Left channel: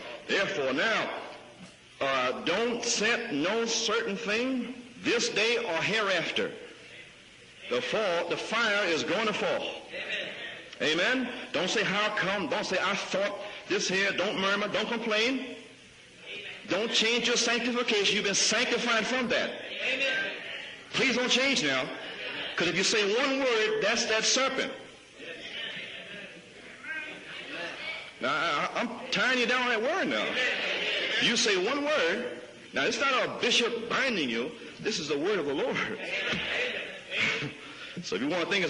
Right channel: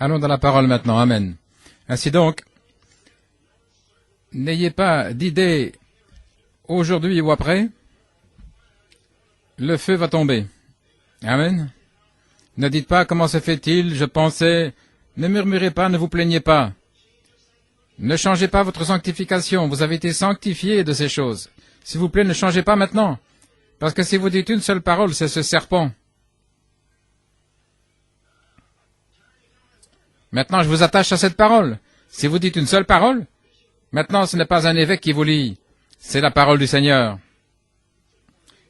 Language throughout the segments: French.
Allons dans la parole maintenant. Amen. Ainsi donc, n'ayez pas d'idée aujourd'hui ou après, le feu va tomber. Amen. Ne dites pas comment se fait-il, je pensais. Ne murmurez pas, ne vous plaignez pas. Ne changez pas votre sanctification. Vous avez été sanctifiés de ces choses. S'il vous plaît, ne changez pas maintenant. Parce que si vous dites une seule parole, c'est ce serpent. Maintenant, je vous attache à cette parole. Si vous dites une seule parole, maintenant, ce n'est pas un évêque qui vous lit. C'est la parole du Seigneur.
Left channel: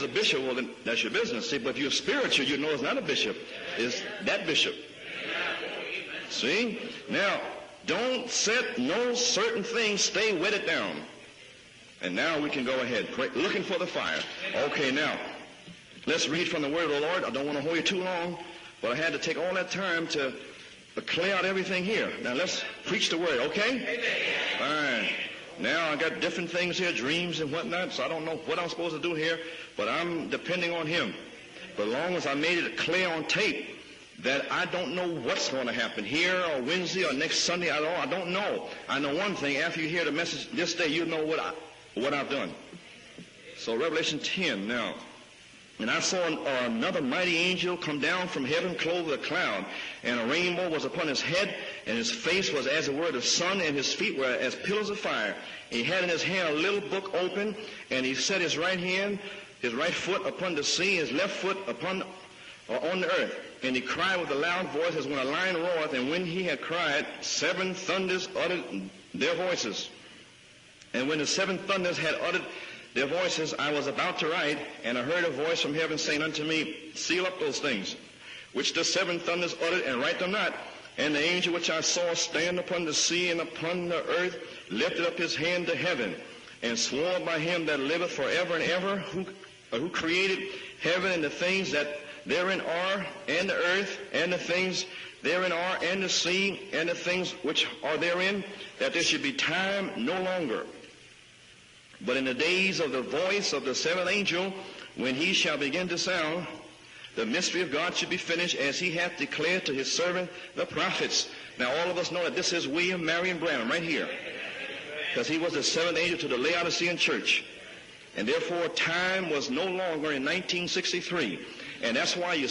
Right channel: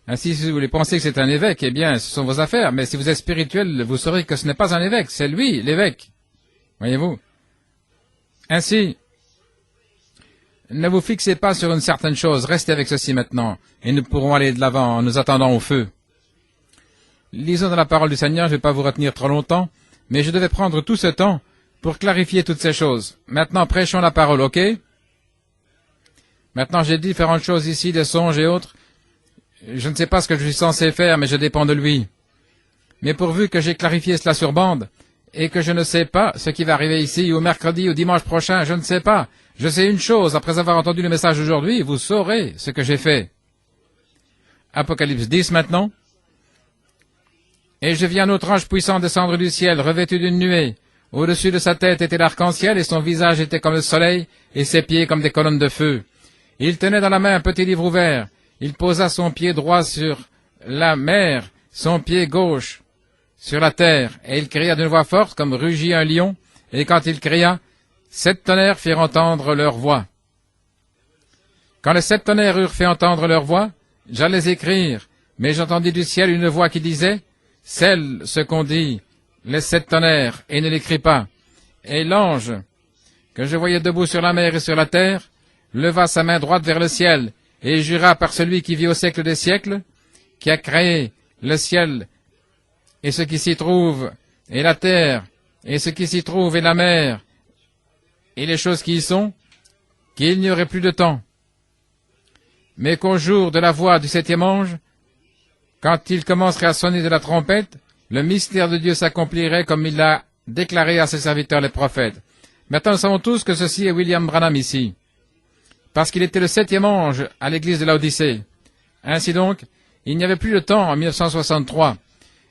Ainsi, si vous voulez penser que c'est un évêque, eh bien, ce sont vos affaires. Mais si vous êtes spirituel, vous saurez que ce n'est pas un évêque, c'est lui, l'évêque. Voyez-vous? Ainsi, ne vous fixez pas sur une certaine chose, restez avec ceci maintenant, et nous pourrons aller de l'avant en nous attendant au feu. Lisons dans la parole du Seigneur, je ne vais pas vous retenir trop longtemps, mais je devais prendre tout ce temps pour clarifier toutes ces choses. Maintenant, prêchons la parole, ok? Maintenant, j'ai différentes choses ici, des songes et autres. Je ne sais pas ce que je suis censé faire, mais je dépends de lui. Mais pourvu que j'ai clarifié cela sur bande, et que je ne sais pas ce qui va arriver ici, au mercredi, ou dimanche prochain, je ne sais pas. Je sais une chose, après avoir entendu le message d'aujourd'hui, vous saurez ce que j'ai fait. Apocalypse 10 maintenant. Et je vis un autre ange puissant descendre du ciel, revêtu d'une nuée. Au-dessus de sa tête était l'arc-en-ciel, et son visage était comme le soleil, et ses pieds comme des colonnes de feu. Il tenait dans la main un petit livre ouvert. Il posa son pied droit sur la mer, son pied gauche sur la terre, et il cria d'une voix forte comme rugit un lion, et quand il cria, 7 tonnerres firent entendre leur voix. Quand les 7 tonnerres eurent fait entendre leur voix, j'allais écrire, mais j'entendis du ciel une voix qui disait, « Scelle ce qu'on dit, les 7 tonnerres, et ne l'écris pas. » Et l'ange, que je voyais debout sur la mer et sur la terre, leva sa main droite vers le ciel, et jura par celui qui vit au siècle des siècles, qui a créé le ciel, et ce qui s'y trouve, et la terre, et ce qui s'y trouve, et la mer, et les choses qui y sont, qu'il n'y aurait plus de temps, mais qu'au jour de la voix du 7e ange, quand il commencerait à sonner de la trompette, le mystère de Dieu s'accomplirait comme il l'a déclaré à ses serviteurs les prophètes. Maintenant, nous savons tous que ceci est William Branham ici, parce qu'il était le 7e ange à l'église de Laodicée. Ainsi donc, il n'y avait plus de temps en 1963.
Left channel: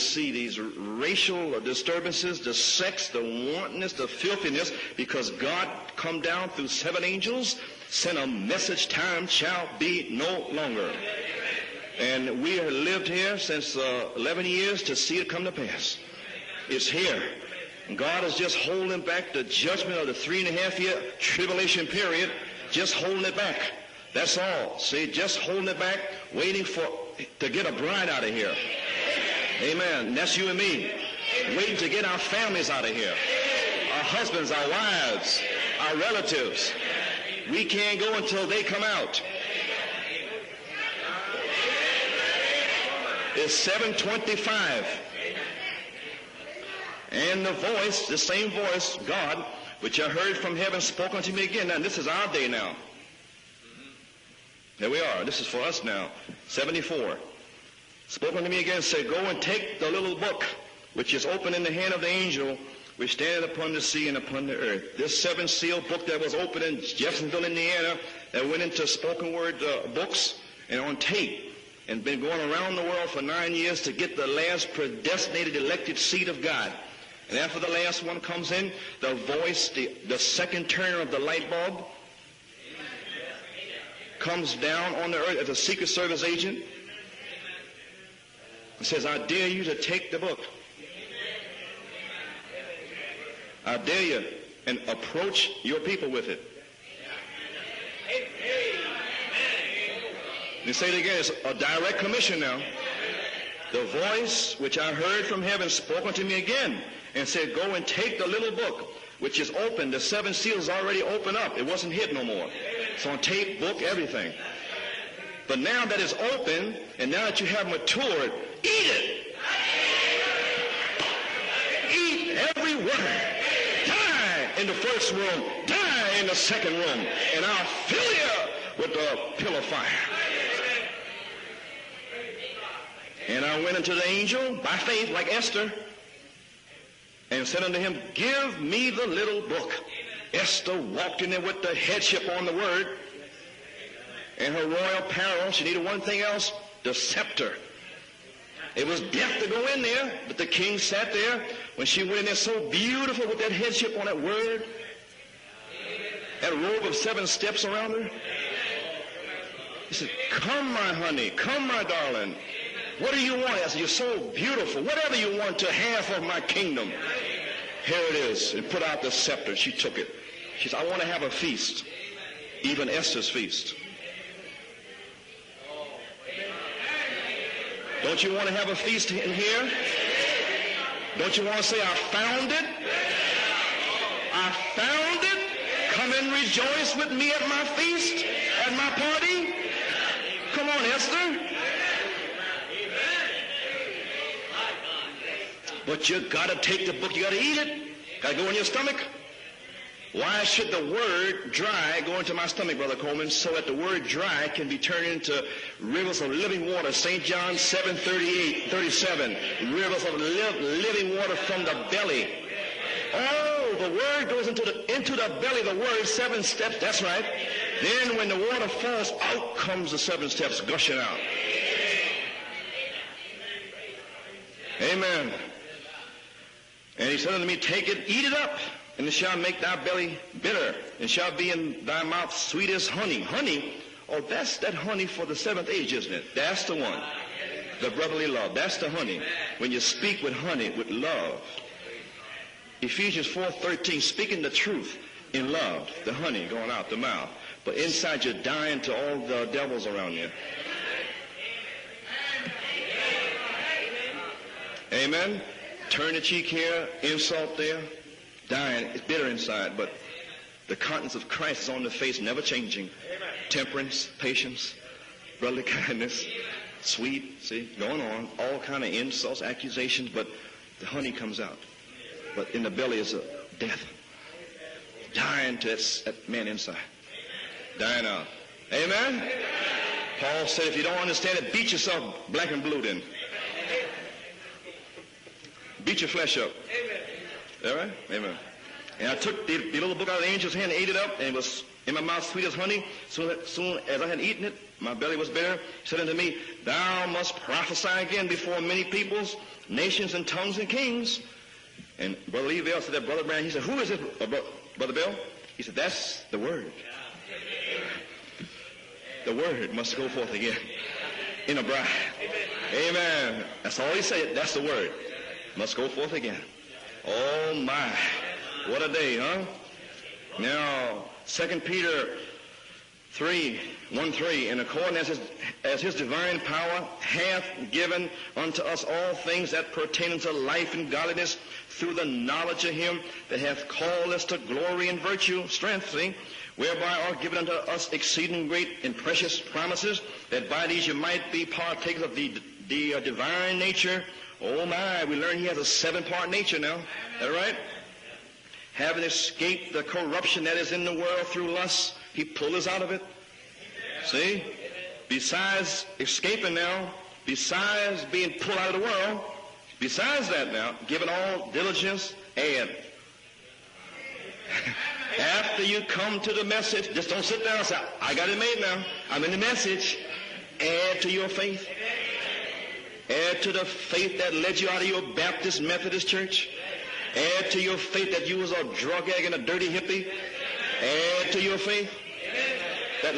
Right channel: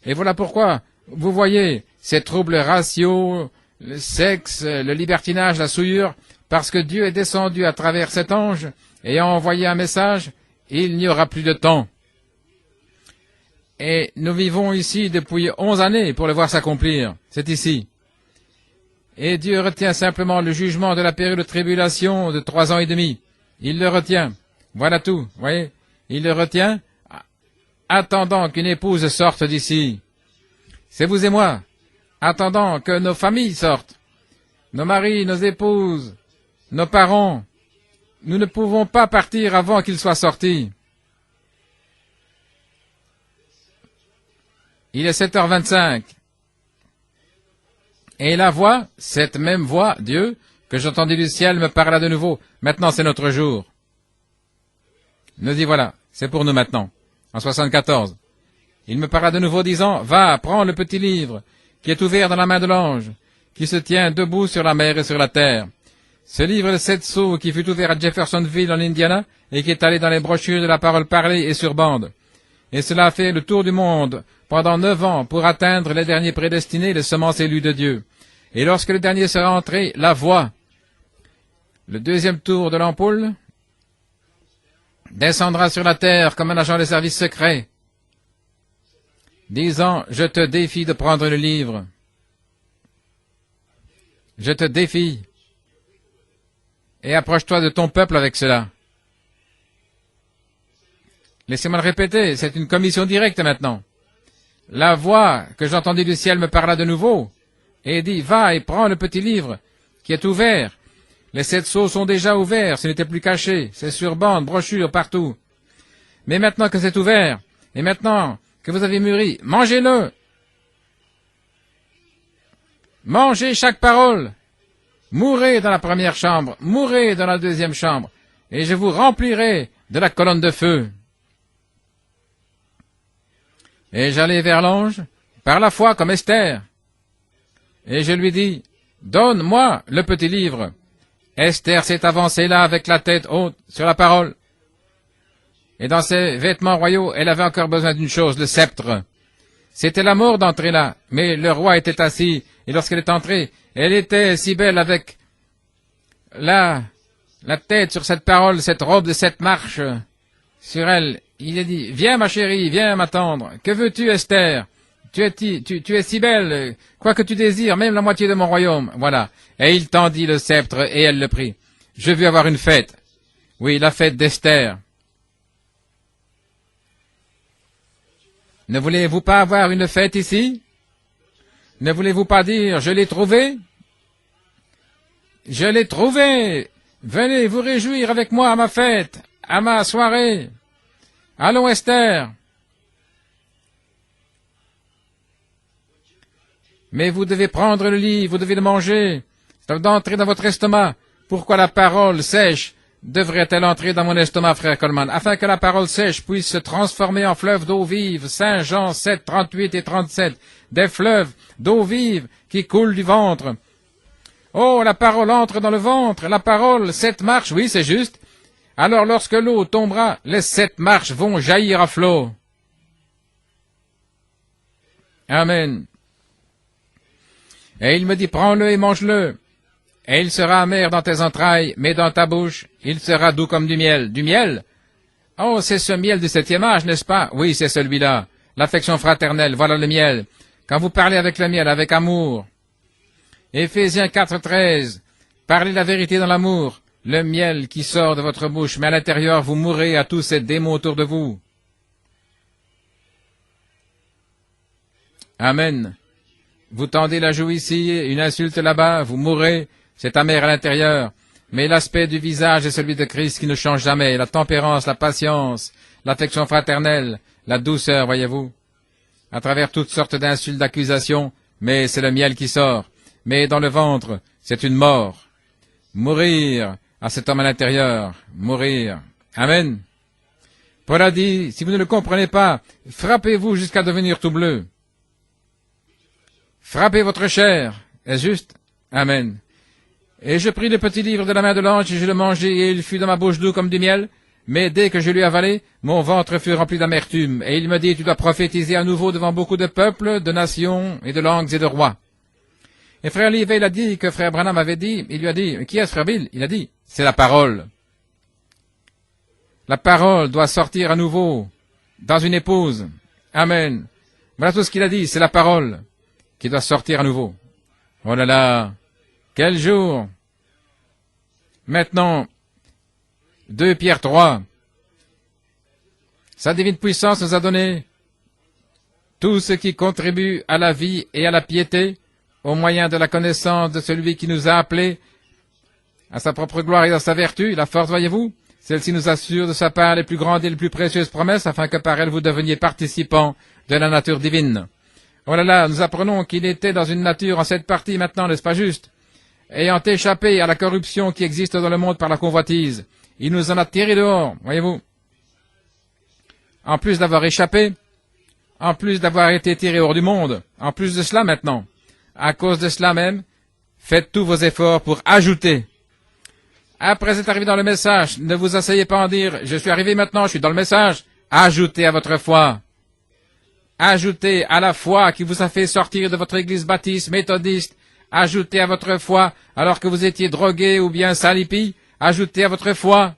Et voilà pourquoi, vous voyez, ces troubles raciaux, le sexe, le libertinage, la souillure, parce que Dieu est descendu à travers cet ange et a envoyé un message, il n'y aura plus de temps. Et nous vivons ici depuis 11 années pour le voir s'accomplir. C'est ici. Et Dieu retient simplement le jugement de la période de tribulation de 3 ans et demi. Il le retient. Voilà tout. Voyez, il le retient. Attendant qu'une épouse sorte d'ici. C'est vous et moi. Attendant que nos familles sortent. Nos maris, nos épouses, nos parents. Nous ne pouvons pas partir avant qu'ils soient sortis. Il est 7h25. Et la voix, cette même voix, Dieu, que j'entendis du ciel, me parla de nouveau. Maintenant, c'est notre jour. Nous y voilà. C'est pour nous maintenant. En 74. Il me parla de nouveau disant, « Va, prends le petit livre qui est ouvert dans la main de l'ange, qui se tient debout sur la mer et sur la terre. » Ce livre de 7 sceaux qui fut ouvert à Jeffersonville, en Indiana, et qui est allé dans les brochures de la parole parlée et sur bande. Et cela a fait le tour du monde pendant 9 ans pour atteindre les derniers prédestinés, les semences élues de Dieu. Et lorsque le dernier sera entré, la voix, le deuxième tour de l'ampoule, descendra sur la terre comme un agent des services secrets, disant, « Je te défie de prendre le livre. Je te défie. Et approche-toi de ton peuple avec cela. » Laissez-moi le répéter, c'est une commission directe maintenant. La voix que j'entendis du ciel me parla de nouveau et dit, « Va et prends le petit livre qui est ouvert. » Les 7 sceaux sont déjà ouverts, ce n'était plus caché, c'est sur bande, brochure, partout. Mais maintenant que c'est ouvert, et maintenant que vous avez mûri, mangez-le. Mangez chaque parole. Mourez dans la première chambre, mourez dans la deuxième chambre, et je vous remplirai de la colonne de feu. Et j'allai vers l'ange, par la foi comme Esther. Et je lui dis, donne-moi le petit livre. Esther s'est avancée là avec la tête haute sur la parole. Et dans ses vêtements royaux, elle avait encore besoin d'une chose, le sceptre. C'était la mort d'entrer là, mais le roi était assis. Et lorsqu'elle est entrée, elle était si belle avec la tête sur cette parole, cette robe de 7 marches sur elle. Il a dit, viens ma chérie, viens m'attendre. Que veux-tu, Esther? Tu es si belle, quoi que tu désires, même la moitié de mon royaume. Voilà. Et il tendit le sceptre et elle le prit. Je veux avoir une fête. Oui, la fête d'Esther. Ne voulez-vous pas avoir une fête ici? Ne voulez-vous pas dire, je l'ai trouvé? Je l'ai trouvé! Venez vous réjouir avec moi à ma fête, à ma soirée. Allons, Esther. Mais vous devez prendre le livre, vous devez le manger. Ça doit entrer dans votre estomac. Pourquoi la parole sèche devrait-elle entrer dans mon estomac, frère Coleman? Afin que la parole sèche puisse se transformer en fleuve d'eau vive. Saint Jean 7, 38 et 37. Des fleuves d'eau vive qui coulent du ventre. Oh, la parole entre dans le ventre. La parole, 7 marches, oui, c'est juste. Alors lorsque l'eau tombera, les 7 marches vont jaillir à flot. Amen. Et il me dit, prends-le et mange-le. Et il sera amer dans tes entrailles, mais dans ta bouche, il sera doux comme du miel. Du miel? Oh, c'est ce miel du 7e âge, n'est-ce pas? Oui, c'est celui-là. L'affection fraternelle, voilà le miel. Quand vous parlez avec le miel, avec amour. Éphésiens 4, 13. Parlez la vérité dans l'amour. Le miel qui sort de votre bouche, mais à l'intérieur, vous mourrez à tous ces démons autour de vous. Amen. Vous tendez la joue ici, une insulte là-bas, vous mourrez. C'est amer à l'intérieur. Mais l'aspect du visage est celui de Christ qui ne change jamais. La tempérance, la patience, l'affection fraternelle, la douceur, voyez-vous. À travers toutes sortes d'insultes, d'accusations. Mais c'est le miel qui sort. Mais dans le ventre, c'est une mort. Mourir à cet homme à l'intérieur. Mourir. Amen. Paul a dit, si vous ne le comprenez pas, frappez-vous jusqu'à devenir tout bleu. Frappez votre chair. Est-ce juste? Amen. Et je pris le petit livre de la main de l'ange, et je le mangeai, et il fut dans ma bouche doux comme du miel. Mais dès que je l'eus avalé, mon ventre fut rempli d'amertume. Et il me dit, tu dois prophétiser à nouveau devant beaucoup de peuples, de nations, et de langues et de rois. Et frère Lee, il a dit que frère Branham avait dit, il lui a dit, qui est frère Bill? Il a dit, c'est la parole. La parole doit sortir à nouveau dans une épouse. Amen. Voilà tout ce qu'il a dit, c'est la parole qui doit sortir à nouveau. Oh là là, quel jour! Maintenant, 2 Pierre 3. Sa divine puissance nous a donné tout ce qui contribue à la vie et à la piété au moyen de la connaissance de celui qui nous a appelés à sa propre gloire et à sa vertu. La force, voyez-vous, celle-ci nous assure de sa part les plus grandes et les plus précieuses promesses afin que par elle vous deveniez participants de la nature divine. Oh là là, nous apprenons qu'il était dans une nature en cette partie maintenant, n'est-ce pas juste? Ayant échappé à la corruption qui existe dans le monde par la convoitise, il nous en a tirés dehors, voyez-vous. En plus d'avoir échappé, en plus d'avoir été tiré hors du monde, en plus de cela maintenant, à cause de cela même, faites tous vos efforts pour ajouter. Après être arrivé dans le message, ne vous asseyez pas en dire, je suis arrivé maintenant, je suis dans le message. Ajoutez à votre foi. Ajoutez à la foi qui vous a fait sortir de votre église baptiste, méthodiste. Ajoutez à votre foi alors que vous étiez drogué ou bien salipi. Ajoutez à votre foi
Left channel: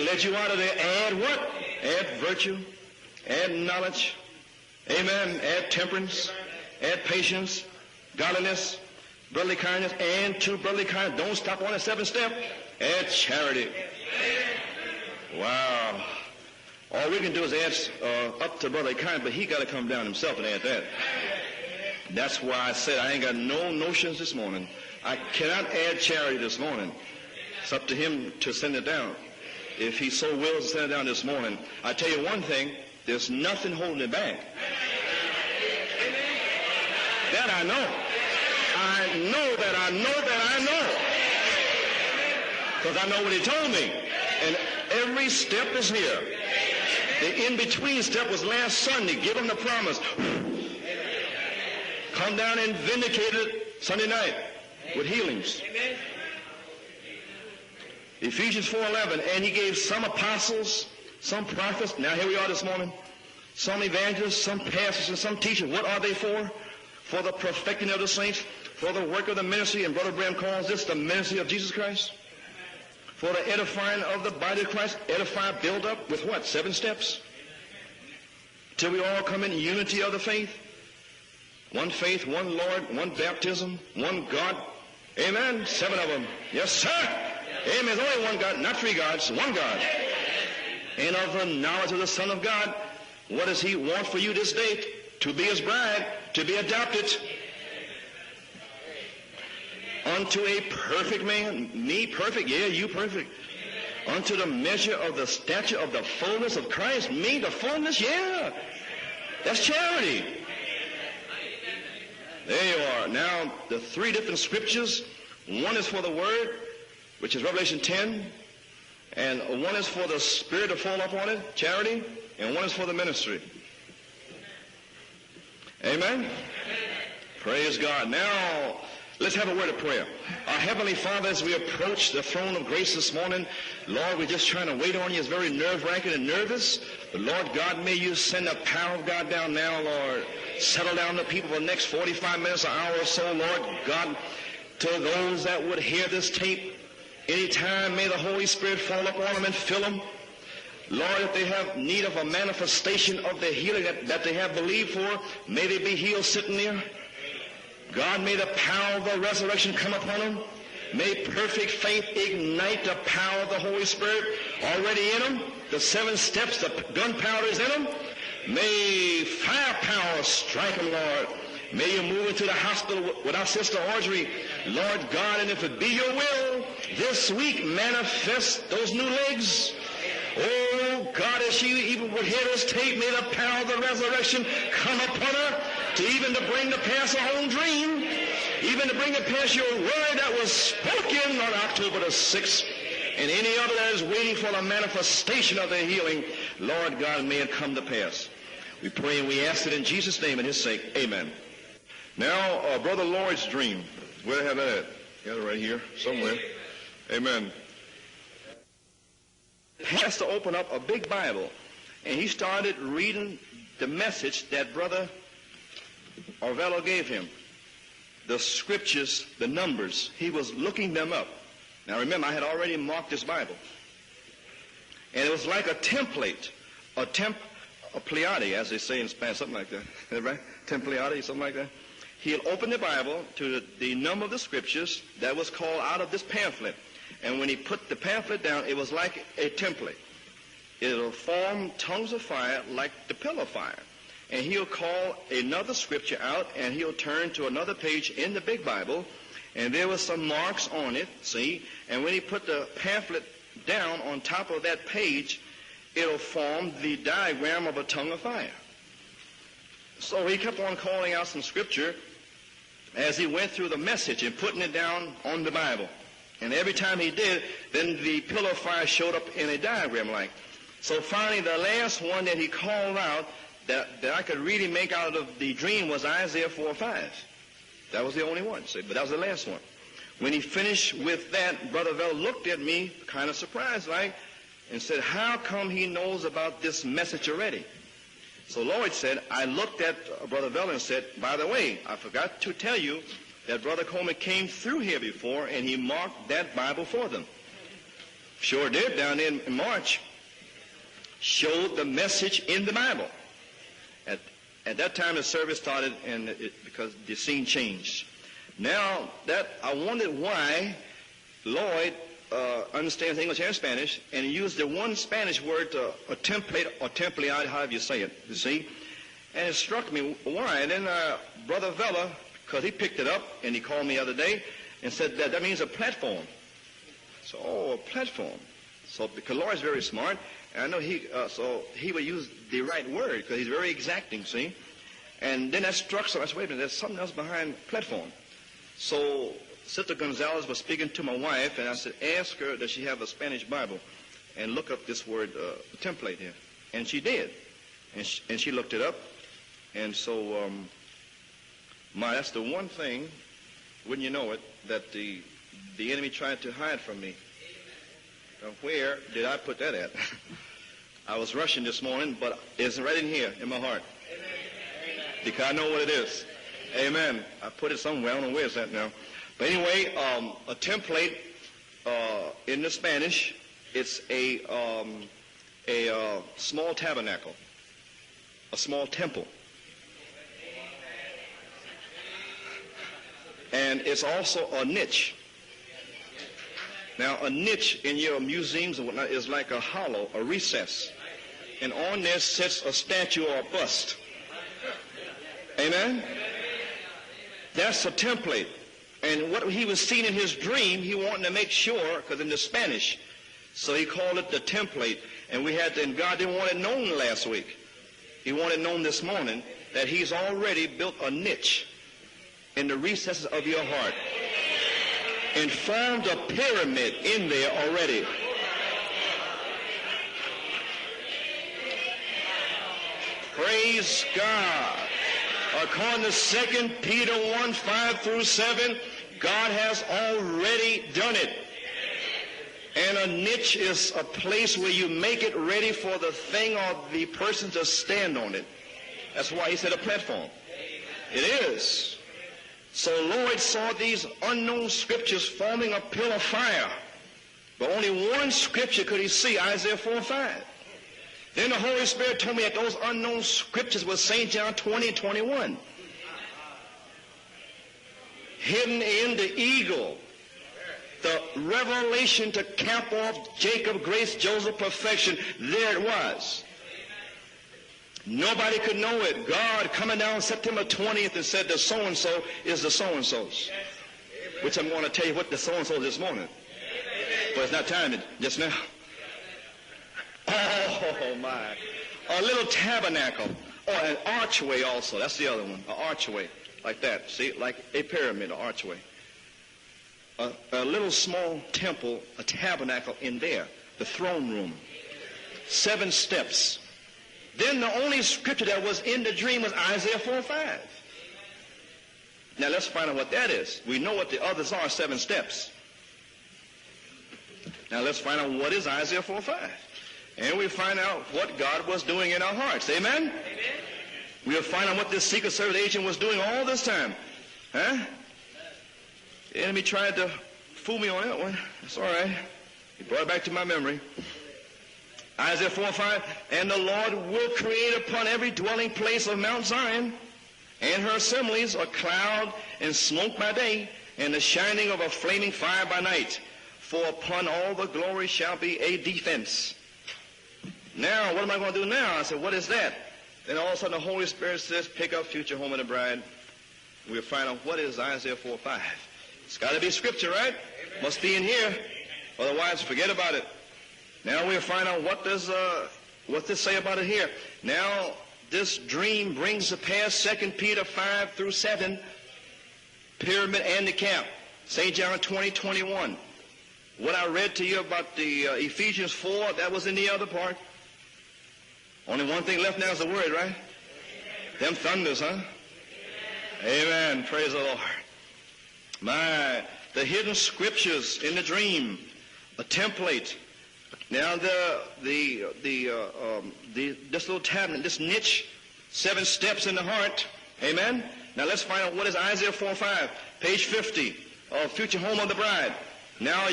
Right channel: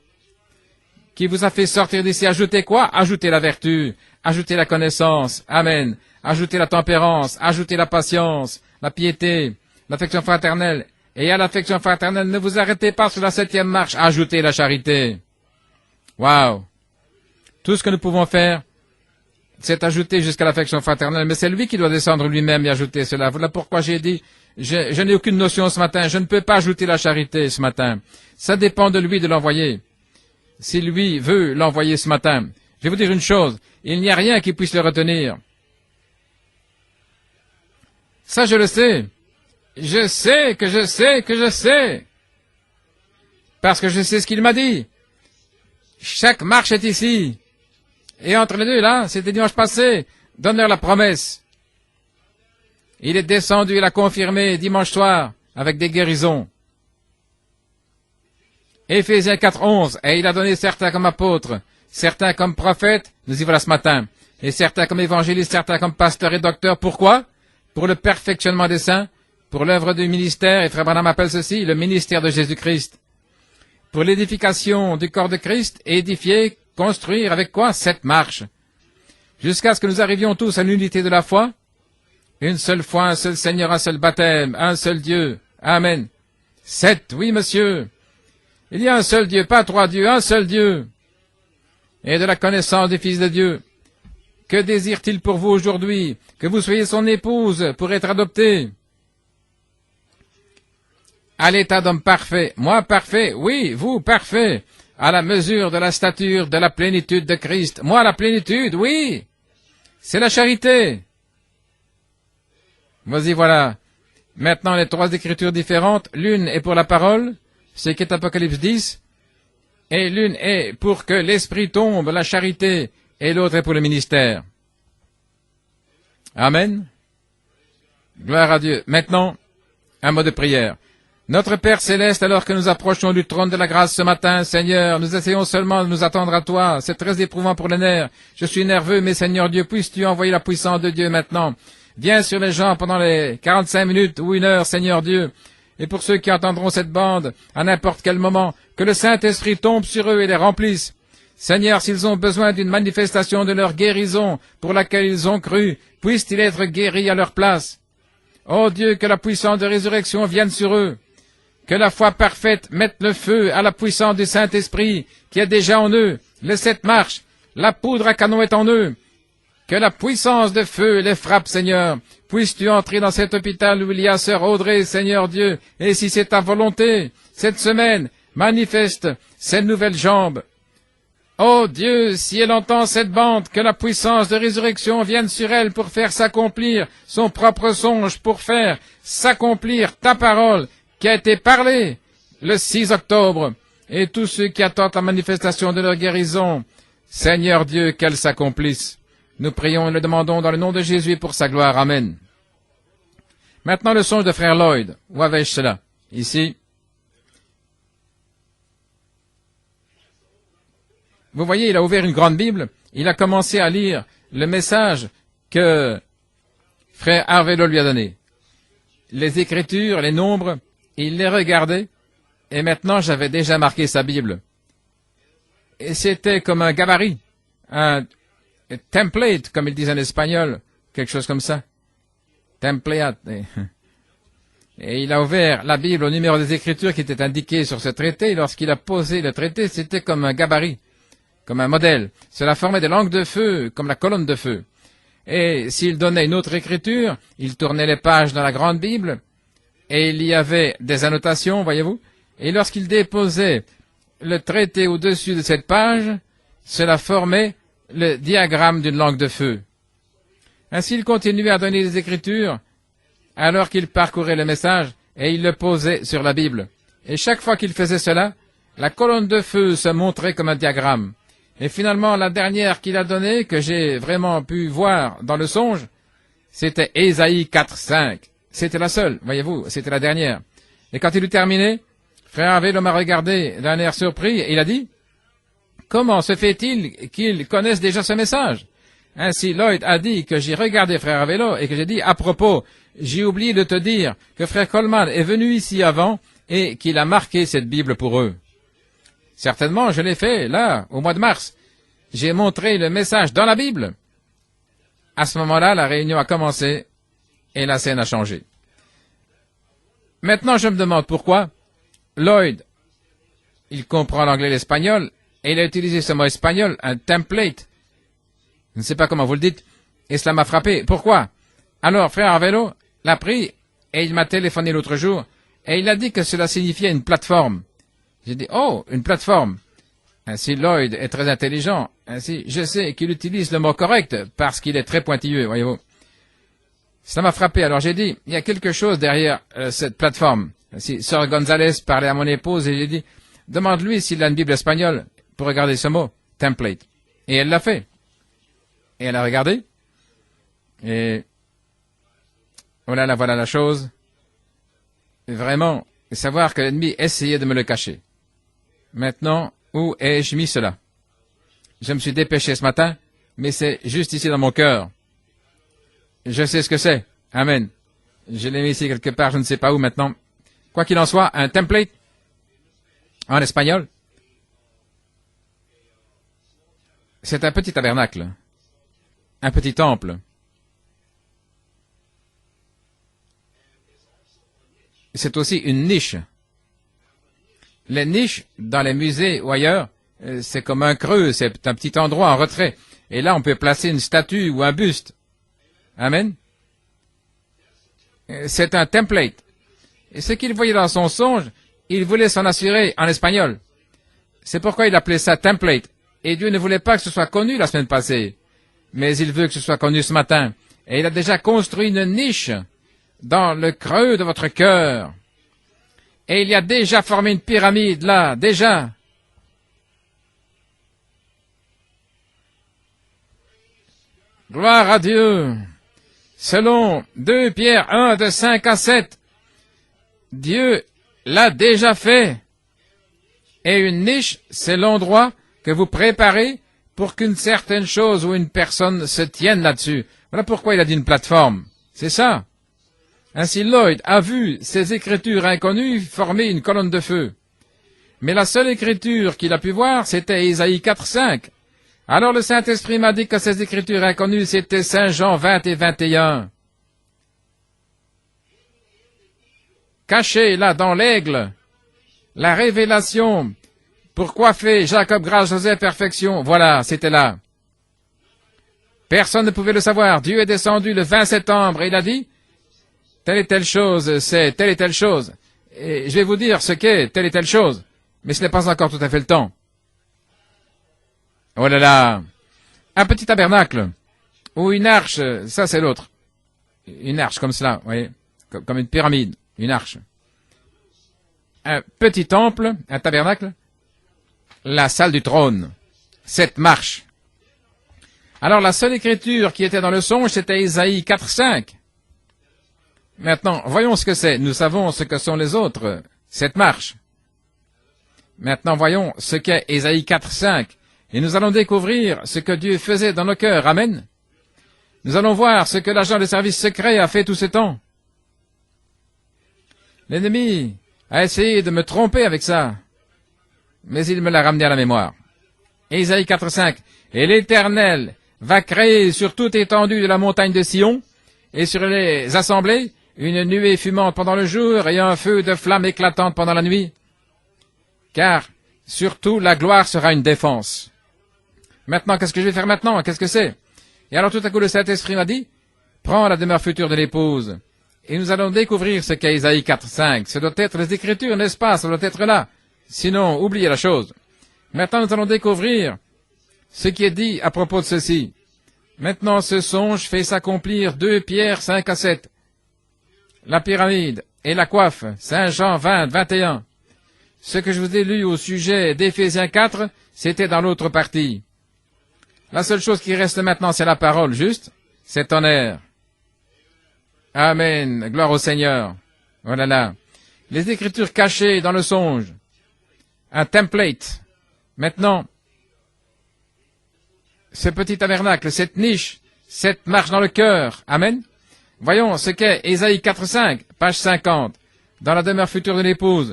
qui vous a fait sortir d'ici. Ajoutez quoi? Ajoutez la vertu. Ajoutez la connaissance. Amen. Ajoutez la tempérance. Ajoutez la patience, la piété, l'affection fraternelle. Et à l'affection fraternelle, ne vous arrêtez pas sur la 7e marche. Ajoutez la charité. Wow. Tout ce que nous pouvons faire, c'est ajouter jusqu'à l'affection fraternelle, mais c'est lui qui doit descendre lui-même et ajouter cela. Voilà pourquoi j'ai dit, je n'ai aucune notion ce matin, je ne peux pas ajouter la charité ce matin. Ça dépend de lui de l'envoyer. Si lui veut l'envoyer ce matin, je vais vous dire une chose, il n'y a rien qui puisse le retenir. Ça, je le sais. Je sais que je sais que je sais. Parce que je sais ce qu'il m'a dit. Chaque marche est ici. Et entre les deux, là, c'était dimanche passé. Donne-leur la promesse. Il est descendu et l'a confirmé dimanche soir avec des guérisons. Éphésiens 4:11, et il a donné certains comme apôtres, certains comme prophètes, nous y voilà ce matin, et certains comme évangélistes, certains comme pasteurs et docteurs. Pourquoi? Pour le perfectionnement des saints, pour l'œuvre du ministère, et Frère Branham appelle ceci le ministère de Jésus-Christ. Pour l'édification du corps de Christ, édifier, construire avec quoi? 7 marches. Jusqu'à ce que nous arrivions tous à l'unité de la foi, une seule foi, un seul Seigneur, un seul baptême, un seul Dieu. Amen. 7, oui monsieur. Il y a un seul Dieu, pas 3 dieux, un seul Dieu. Et de la connaissance du Fils de Dieu. Que désire-t-il pour vous aujourd'hui? Que vous soyez son épouse pour être adopté à l'état d'homme parfait. Moi parfait, oui, vous parfait, à la mesure de la stature de la plénitude de Christ. Moi la plénitude, oui, c'est la charité. Vas-y, voilà. Maintenant, les 3 écritures différentes. L'une est pour la parole, c'est qui est Apocalypse 10. Et l'une est pour que l'Esprit tombe, la charité. Et l'autre est pour le ministère. Amen. Gloire à Dieu. Maintenant, un mot de prière. Notre Père Céleste, alors que nous approchons du trône de la grâce ce matin, Seigneur, nous essayons seulement de nous attendre à toi. C'est très éprouvant pour les nerfs. Je suis nerveux, mais Seigneur Dieu, puisses-tu envoyer la puissance de Dieu maintenant. Viens sur les gens pendant les 45 minutes ou 1 heure, Seigneur Dieu. Et pour ceux qui entendront cette bande, à n'importe quel moment, que le Saint-Esprit tombe sur eux et les remplisse. Seigneur, s'ils ont besoin d'une manifestation de leur guérison pour laquelle ils ont cru, puissent-ils être guéris à leur place. Oh Dieu, que la puissance de résurrection vienne sur eux. Que la foi parfaite mette le feu à la puissance du Saint-Esprit qui est déjà en eux. Le 7 marche, la poudre à canon est en eux. Que la puissance de feu les frappe, Seigneur. Puisses-tu entrer dans cet hôpital où il y a Sœur Audrey, Seigneur Dieu, et si c'est ta volonté, cette semaine, manifeste ces nouvelles jambes. Oh Dieu, si elle entend cette bande, que la puissance de résurrection vienne sur elle pour faire s'accomplir son propre songe, pour faire s'accomplir ta parole qui a été parlée le 6 octobre. Et tous ceux qui attendent la manifestation de leur guérison, Seigneur Dieu, qu'elle s'accomplisse. Nous prions et le demandons dans le nom de Jésus pour sa gloire. Amen. Maintenant le songe de Frère Lloyd. Où avais-je cela? Ici. Vous voyez, il a ouvert une grande Bible. Il a commencé à lire le message que Frère Arvelo lui a donné. Les Écritures, les nombres, il les regardait. Et maintenant, j'avais déjà marqué sa Bible. Et c'était comme un gabarit, un template, comme ils disent en espagnol, quelque chose comme ça. Template. Et il a ouvert la Bible au numéro des Écritures qui était indiqué sur ce traité. Et lorsqu'il a posé le traité, c'était comme un gabarit, comme un modèle. Cela formait des langues de feu, comme la colonne de feu. Et s'il donnait une autre écriture, il tournait les pages dans la grande Bible, et il y avait des annotations, voyez-vous. Et lorsqu'il déposait le traité au-dessus de cette page, cela formait le diagramme d'une langue de feu. Ainsi, il continuait à donner les Écritures alors qu'il parcourait le message et il le posait sur la Bible. Et chaque fois qu'il faisait cela, la colonne de feu se montrait comme un diagramme. Et finalement, la dernière qu'il a donnée, que j'ai vraiment pu voir dans le songe, c'était Ésaïe 4:5. C'était la seule, voyez-vous, c'était la dernière. Et quand il eut terminé, Frère Arvelo m'a regardé d'un air surpris et il a dit, « Comment se fait-il qu'ils connaissent déjà ce message ?» Ainsi, Lloyd a dit que j'ai regardé Frère Arvelo et que j'ai dit, « À propos, j'ai oublié de te dire que Frère Coleman est venu ici avant et qu'il a marqué cette Bible pour eux. » Certainement, je l'ai fait, là, au mois de mars. J'ai montré le message dans la Bible. À ce moment-là, la réunion a commencé et la scène a changé. Maintenant, je me demande pourquoi Lloyd, il comprend l'anglais et l'espagnol, et il a utilisé ce mot espagnol, un template. Je ne sais pas comment vous le dites, et cela m'a frappé. Pourquoi? Alors, Frère Arvelo l'a pris, et il m'a téléphoné l'autre jour, et il a dit que cela signifiait une plateforme. J'ai dit, oh, une plateforme. Ainsi, Lloyd est très intelligent. Ainsi, je sais qu'il utilise le mot correct parce qu'il est très pointilleux, voyez-vous. Ça m'a frappé. Alors j'ai dit, il y a quelque chose derrière cette plateforme. Si Sœur Gonzalez parlait à mon épouse et j'ai dit, demande-lui s'il a une Bible espagnole pour regarder ce mot, template. Et elle l'a fait. Et elle a regardé. Et Voilà la chose. Vraiment, savoir que l'ennemi essayait de me le cacher. Maintenant, où ai-je mis cela? Je me suis dépêché ce matin, mais c'est juste ici dans mon cœur. Je sais ce que c'est. Amen. Je l'ai mis ici quelque part, je ne sais pas où maintenant. Quoi qu'il en soit, un template en espagnol, c'est un petit tabernacle, un petit temple. C'est aussi une niche. Les niches, dans les musées ou ailleurs, c'est comme un creux, c'est un petit endroit en retrait. Et là, on peut placer une statue ou un buste. Amen. C'est un template. Ce qu'il voyait dans son songe, il voulait s'en assurer en espagnol. C'est pourquoi il appelait ça template. Et Dieu ne voulait pas que ce soit connu la semaine passée. Mais il veut que ce soit connu ce matin. Et il a déjà construit une niche dans le creux de votre cœur. Et il y a déjà formé une pyramide là, déjà. Gloire à Dieu. Selon 2 Pierre 1, de 5 à 7, Dieu l'a déjà fait. Et une niche, c'est l'endroit que vous préparez pour qu'une certaine chose ou une personne se tienne là-dessus. Voilà pourquoi il a dit une plateforme. C'est ça. Ainsi, Lloyd a vu ces écritures inconnues former une colonne de feu. Mais la seule écriture qu'il a pu voir, c'était Ésaïe 4:5. Alors le Saint-Esprit m'a dit que ces écritures inconnues, c'était Saint Jean 20 et 21. Caché là dans l'aigle, la révélation. Pourquoi fait Jacob grâce, Joseph perfection? Voilà, c'était là. Personne ne pouvait le savoir. Dieu est descendu le 20 septembre et il a dit, telle et telle chose, c'est telle et telle chose. Et je vais vous dire ce qu'est telle et telle chose. Mais ce n'est pas encore tout à fait le temps. Oh là là. Un petit tabernacle ou une arche, ça c'est l'autre. Une arche comme cela, oui, comme une pyramide, une arche. Un petit temple, un tabernacle, la salle du trône, 7 marches. Alors la seule écriture qui était dans le songe, c'était Ésaïe 4:5. Maintenant, voyons ce que c'est. Nous savons ce que sont les autres, 7 marches. Maintenant, voyons ce qu'est Ésaïe 4:5. Et nous allons découvrir ce que Dieu faisait dans nos cœurs. Amen. Nous allons voir ce que l'agent de service secret a fait tout ce temps. L'ennemi a essayé de me tromper avec ça, mais il me l'a ramené à la mémoire. Ésaïe 4:5. Et l'Éternel va créer sur toute étendue de la montagne de Sion et sur les assemblées une nuée fumante pendant le jour et un feu de flamme éclatante pendant la nuit, car surtout la gloire sera une défense. Maintenant, qu'est-ce que je vais faire maintenant? Qu'est-ce que c'est? Et alors tout à coup le Saint-Esprit m'a dit, prends la demeure future de l'épouse. Et nous allons découvrir ce qu'est Ésaïe 4:5. Ce doit être les Écritures, n'est-ce pas? Ça doit être là. Sinon, oubliez la chose. Maintenant, nous allons découvrir ce qui est dit à propos de ceci. Maintenant, ce songe fait s'accomplir 2 Pierre 5 à 7. La pyramide et la coiffe, Saint Jean 20, 21. Ce que je vous ai lu au sujet d'Éphésiens 4, c'était dans l'autre partie. La seule chose qui reste maintenant, c'est la parole, juste. C'est tonnerre. Amen. Gloire au Seigneur. Voilà là. Les Écritures cachées dans le songe. Un template. Maintenant, ce petit tabernacle, cette niche, cette marche dans le cœur. Amen. Voyons ce qu'est Ésaïe 4:5, page 50, dans la demeure future de l'épouse.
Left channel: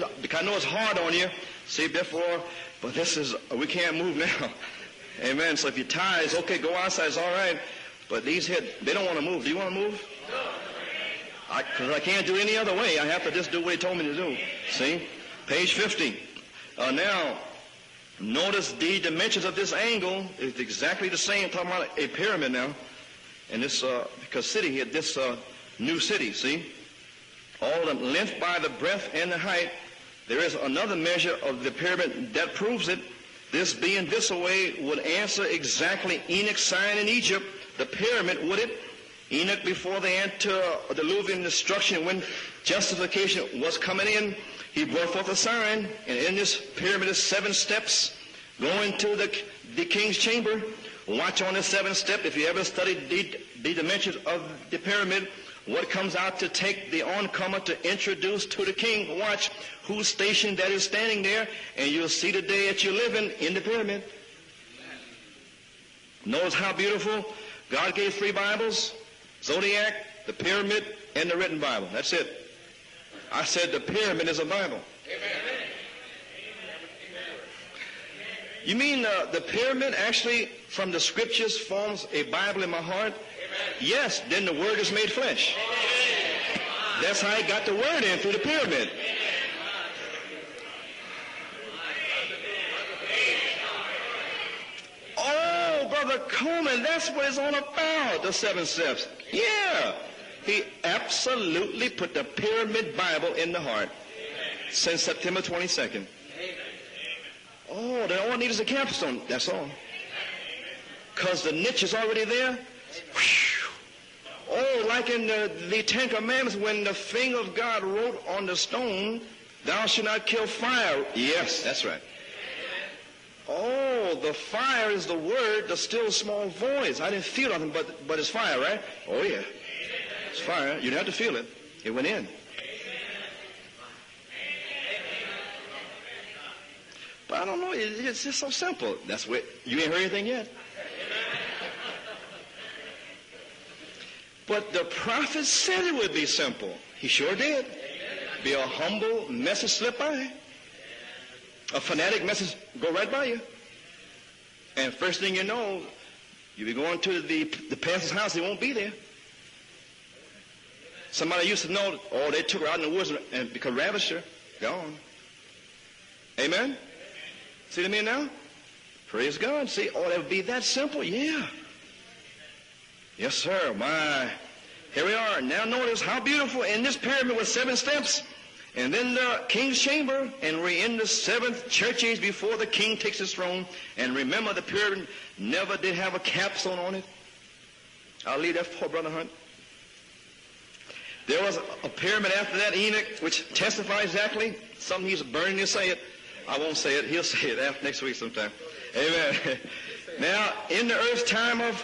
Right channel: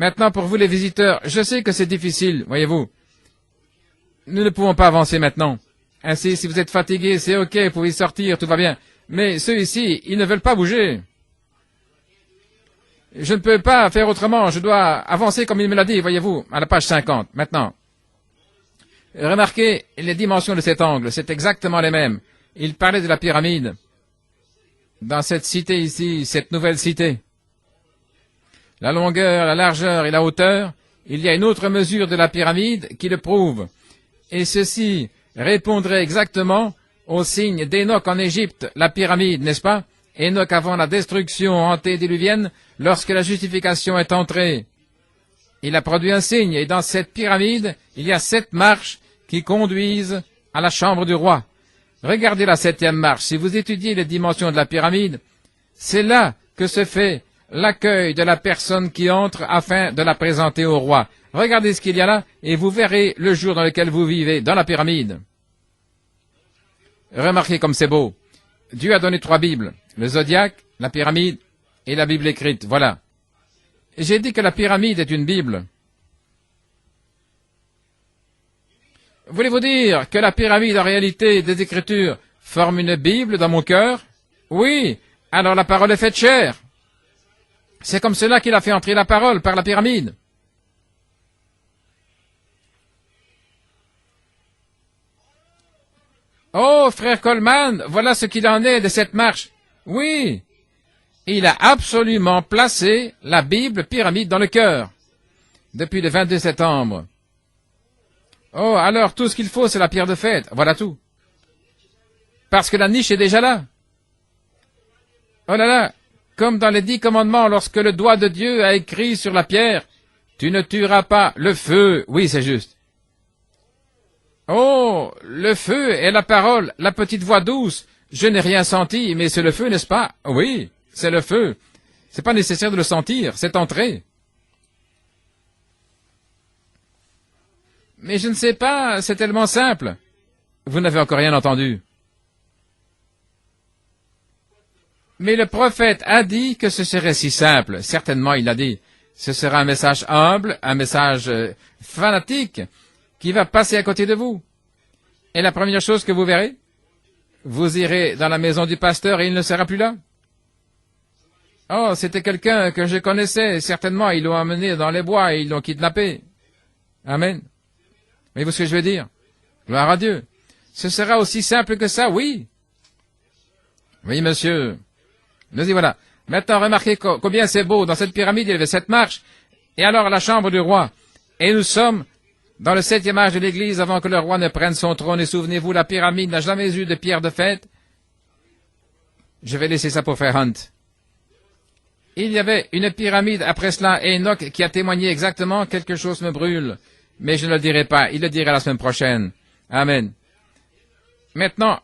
Maintenant, pour vous les visiteurs, je sais que c'est difficile, voyez-vous. Nous ne pouvons pas avancer maintenant. Ainsi, si vous êtes fatigués, c'est OK, vous pouvez sortir, tout va bien. Mais ceux ici, ils ne veulent pas bouger. Je ne peux pas faire autrement, je dois avancer comme il me l'a dit, voyez-vous, à la page 50, maintenant. Et remarquez les dimensions de cet angle, c'est exactement les mêmes. Il parlait de la pyramide dans cette cité ici, cette nouvelle cité. la longueur, la largeur et la hauteur, il y a une autre mesure de la pyramide qui le prouve. Et ceci répondrait exactement au signe d'Enoch en Égypte, la pyramide, n'est-ce pas? Enoch avant la destruction antédiluvienne, lorsque la justification est entrée. Il a produit un signe, et dans cette pyramide, il y a 7 marches qui conduisent à la chambre du roi. Regardez la 7e marche. Si vous étudiez les dimensions de la pyramide, c'est là que se fait l'accueil de la personne qui entre afin de la présenter au roi. Regardez ce qu'il y a là, et vous verrez le jour dans lequel vous vivez, dans la pyramide. Remarquez comme c'est beau. Dieu a donné 3 Bibles, le zodiaque, la pyramide et la Bible écrite. Voilà. J'ai dit que la pyramide est une Bible. Voulez-vous dire que la pyramide, en réalité, des Écritures, forme une Bible dans mon cœur? Oui, alors la parole est faite chair. C'est comme cela qu'il a fait entrer la parole, par la pyramide. Oh, frère Coleman, voilà ce qu'il en est de cette marche. Oui, il a absolument placé la Bible pyramide dans le cœur depuis le 22 septembre. Oh, alors tout ce qu'il faut, c'est la pierre de fête. Voilà tout. Parce que la niche est déjà là. Oh là là, comme dans les 10 commandements, lorsque le doigt de Dieu a écrit sur la pierre, tu ne tueras pas le feu. Oui, c'est juste. Oh, le feu est la parole, la petite voix douce. Je n'ai rien senti, mais c'est le feu, n'est-ce pas? Oui, c'est le feu. C'est pas nécessaire de le sentir, c'est entré. Mais je ne sais pas, c'est tellement simple. Vous n'avez encore rien entendu. Mais le prophète a dit que ce serait si simple. Certainement, il l'a dit. Ce sera un message humble, un message fanatique qui va passer à côté de vous. Et la première chose que vous verrez, vous irez dans la maison du pasteur et il ne sera plus là. Oh, c'était quelqu'un que je connaissais. Certainement, ils l'ont amené dans les bois et ils l'ont kidnappé. Amen. Voyez-vous ce que je veux dire? Gloire à Dieu. Ce sera aussi simple que ça, oui. Oui, monsieur. Nous y voilà. Maintenant, remarquez combien c'est beau. Dans cette pyramide, il y avait 7 marches. Et alors, la chambre du roi. Et nous sommes dans le 7e âge de l'Église avant que le roi ne prenne son trône. Et souvenez-vous, la pyramide n'a jamais eu de pierre de fête. Je vais laisser ça pour Frère Hunt. Il y avait une pyramide après cela, et Enoch qui a témoigné exactement quelque chose me brûle. Mais je ne le dirai pas, il le dira la semaine prochaine. Amen. Maintenant,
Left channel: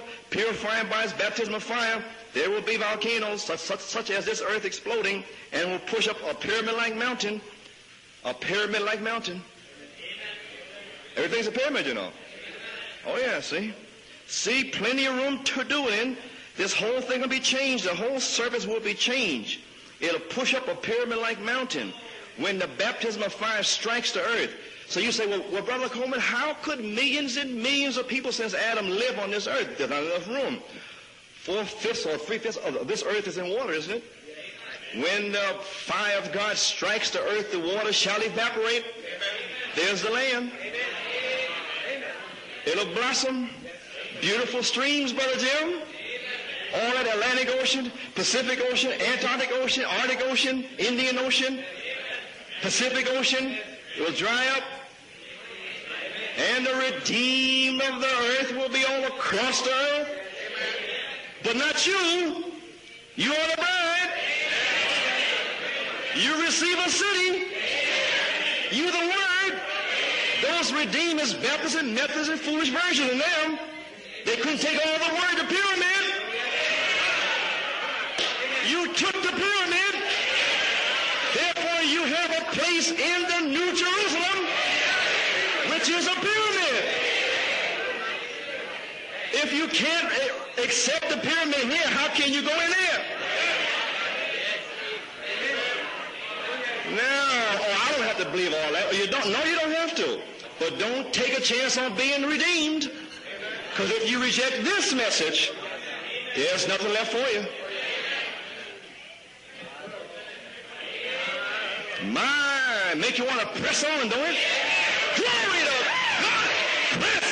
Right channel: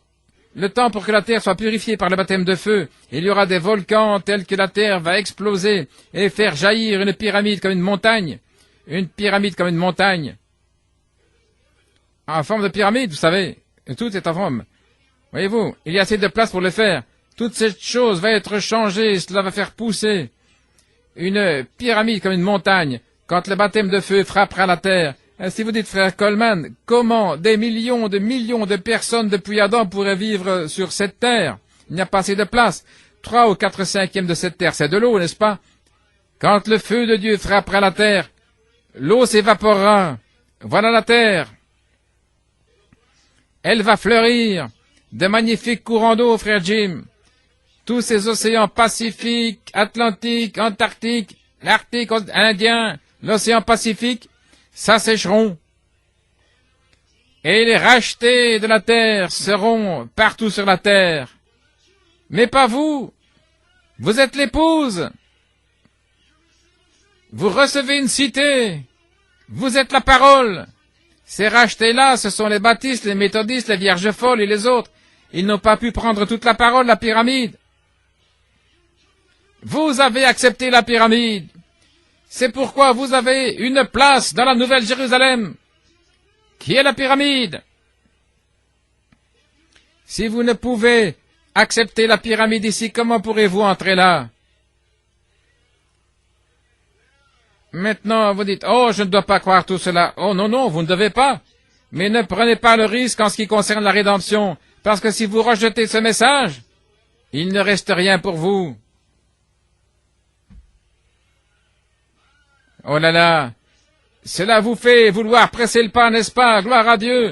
le temps pour que la terre soit purifiée par le baptême de feu, il y aura des volcans tels que la terre va exploser et faire jaillir une pyramide comme une montagne. Une pyramide comme une montagne. En forme de pyramide, vous savez. Et tout est en forme. Voyez-vous, il y a assez de place pour le faire. Toute cette chose va être changée, cela va faire pousser une pyramide comme une montagne quand le baptême de feu frappera la terre. Et si vous dites, frère Coleman, comment des millions de personnes depuis Adam pourraient vivre sur cette terre? Il n'y a pas assez de place. 3 ou 4 cinquièmes de cette terre, c'est de l'eau, n'est-ce pas? Quand le feu de Dieu frappera la terre, l'eau s'évaporera. Voilà la terre. Elle va fleurir. De magnifiques courants d'eau, frère Jim. Tous ces océans Pacifique, Atlantique, Antarctique, l'Arctique, Indien, l'océan Pacifique, s'assécheront. Et les rachetés de la terre seront partout sur la terre. Mais pas vous. Vous êtes l'épouse. Vous recevez une cité. Vous êtes la parole. Ces rachetés-là, ce sont les baptistes, les méthodistes, les vierges folles et les autres. Ils n'ont pas pu prendre toute la parole, la pyramide. Vous avez accepté la pyramide. C'est pourquoi vous avez une place dans la Nouvelle Jérusalem, qui est la pyramide. Si vous ne pouvez accepter la pyramide ici, comment pourrez-vous entrer là? Maintenant, vous dites, oh, je ne dois pas croire tout cela. Oh, non, non, vous ne devez pas. Mais ne prenez pas le risque en ce qui concerne la rédemption, parce que si vous rejetez ce message, il ne reste rien pour vous. Oh là là, cela vous fait vouloir presser le pas, n'est-ce pas? Gloire à Dieu.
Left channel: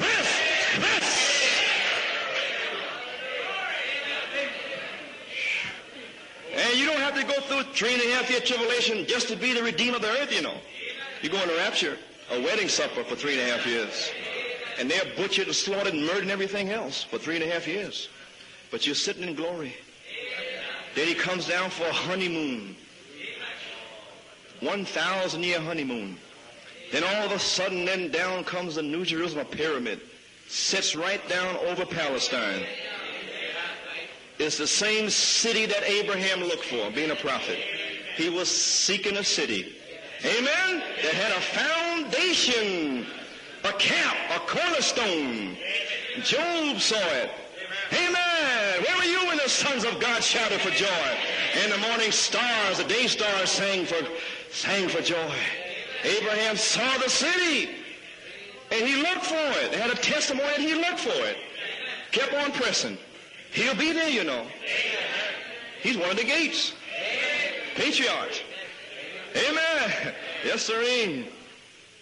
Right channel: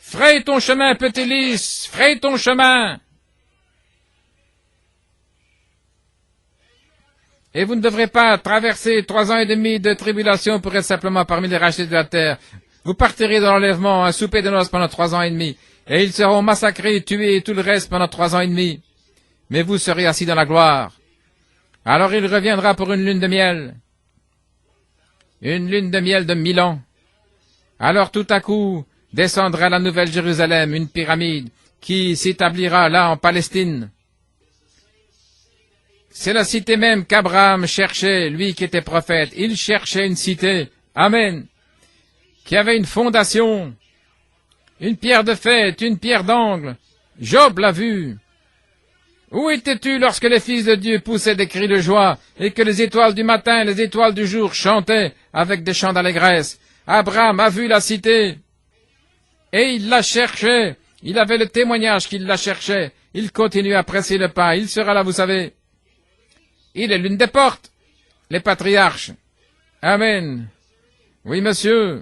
Fraye ton chemin, petit lys, fraye ton chemin. Et vous ne devrez pas traverser 3 ans et demi de tribulation pour être simplement parmi les rachetés de la terre. Vous partirez dans l'enlèvement, un souper de noces pendant 3 ans et demi. Et ils seront massacrés, tués et tout le reste pendant 3 ans et demi. Mais vous serez assis dans la gloire. Alors il reviendra pour une lune de miel. Une lune de miel de 1000 ans. Alors tout à coup, descendra la nouvelle Jérusalem, une pyramide, qui s'établira là en Palestine. C'est la cité même qu'Abraham cherchait, lui qui était prophète. Il cherchait une cité. Amen. Qui avait une fondation, une pierre de fête, une pierre d'angle. Job l'a vu. Où étais-tu lorsque les fils de Dieu poussaient des cris de joie et que les étoiles du matin et les étoiles du jour chantaient avec des chants d'allégresse? Abraham a vu la cité et il la cherchait. Il avait le témoignage qu'il la cherchait. Il continue à presser le pas. Il sera là, vous savez. Il est l'une des portes. Les patriarches. Amen. Oui, monsieur.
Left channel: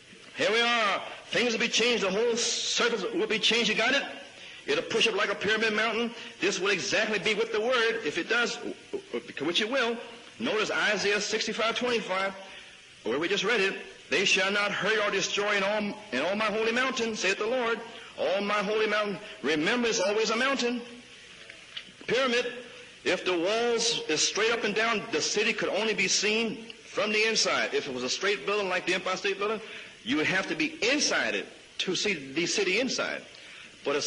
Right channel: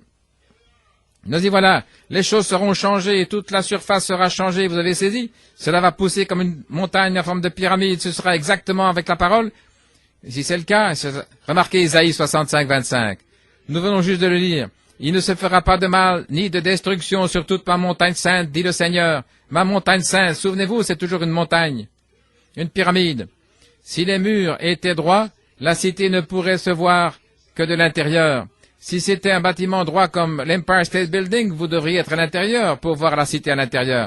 Nous y voilà, les choses seront changées et toute la surface sera changée, vous avez saisi? Cela va pousser comme une montagne en forme de pyramide, ce sera exactement avec la parole? Si c'est le cas, remarquez Isaïe 65, 25. Nous venons juste de le lire. Il ne se fera pas de mal, ni de destruction sur toute ma montagne sainte, dit le Seigneur. Ma montagne sainte, souvenez-vous, c'est toujours une montagne, une pyramide. Si les murs étaient droits, la cité ne pourrait se voir que de l'intérieur. Si c'était un bâtiment droit comme l'Empire State Building, vous devriez être à l'intérieur pour voir la cité à l'intérieur.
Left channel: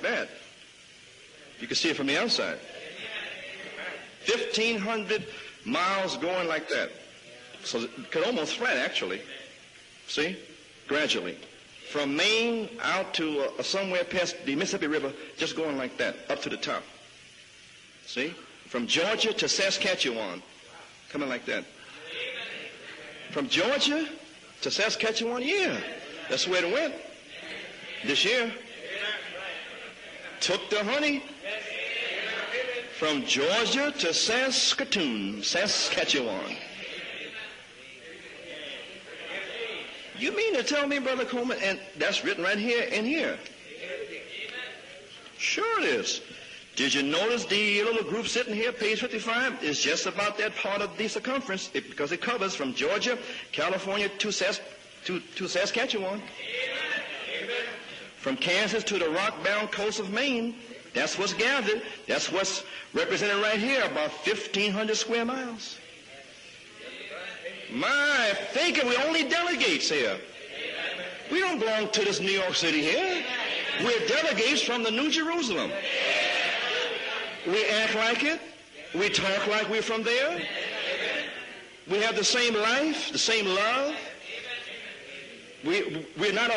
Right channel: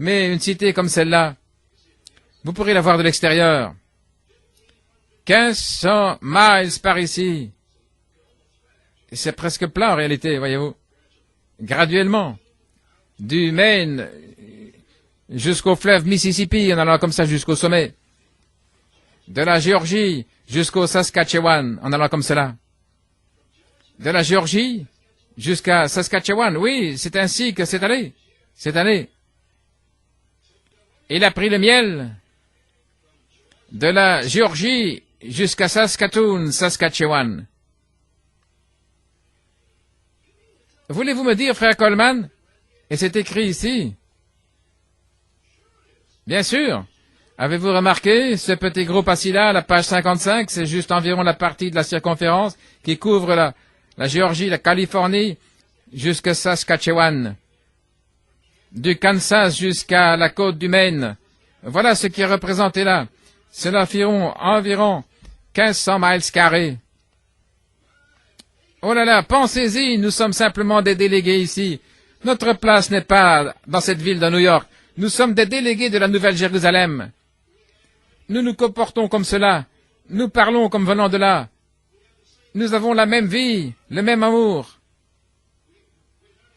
Mais une cité comme celle-là, vous pourrez la voir de l'extérieur. 1500 miles par ici. C'est presque plat en réalité, voyez-vous. Graduellement, du Maine jusqu'au fleuve Mississippi, en allant comme ça jusqu'au sommet. De la Géorgie jusqu'au Saskatchewan, en allant comme cela. De la Géorgie jusqu'à Saskatchewan, oui, c'est ainsi que c'est allé. Cette année, il a pris le miel de la Géorgie jusqu'à Saskatoon, Saskatchewan. Voulez-vous me dire, frère Coleman, et c'est écrit ici, bien sûr. Avez-vous remarqué ce petit groupe assis là, la page 55, c'est juste environ la partie de la circonférence qui couvre la Géorgie, la Californie, jusqu'à Saskatchewan. Du Kansas jusqu'à la côte du Maine. Voilà ce qui est représenté là. Cela environ 1500 miles carrés. Oh là là, pensez-y, nous sommes simplement des délégués ici. Notre place n'est pas dans cette ville de New York. Nous sommes des délégués de la Nouvelle Jérusalem. Nous nous comportons comme cela. Nous parlons comme venant de là. Nous avons la même vie, le même amour.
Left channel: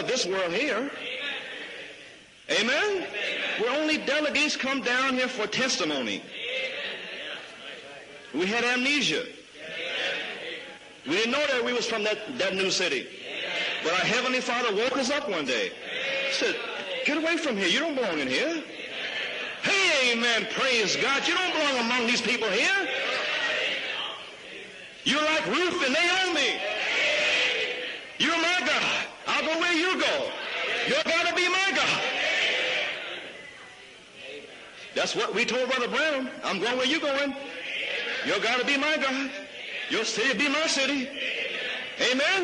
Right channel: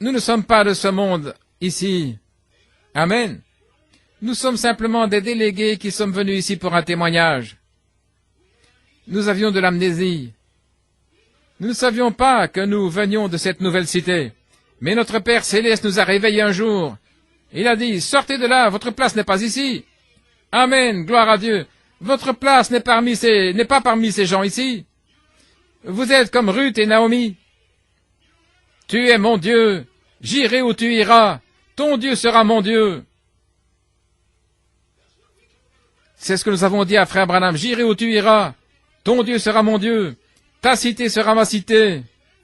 Nous ne sommes pas de ce monde ici. Amen. Nous sommes simplement des délégués qui sommes venus ici pour un témoignage. Nous avions de l'amnésie. Nous ne savions pas que nous venions de cette nouvelle cité. Mais notre Père Céleste nous a réveillés un jour. Il a dit, sortez de là, votre place n'est pas ici. Amen, gloire à Dieu. Votre place n'est pas parmi ces gens ici. Vous êtes comme Ruth et Naomi. Tu es mon Dieu. J'irai où tu iras. Ton Dieu sera mon Dieu. C'est ce que nous avons dit à Frère Branham. J'irai où tu iras. Ton Dieu sera mon Dieu. Ta cité sera ma cité.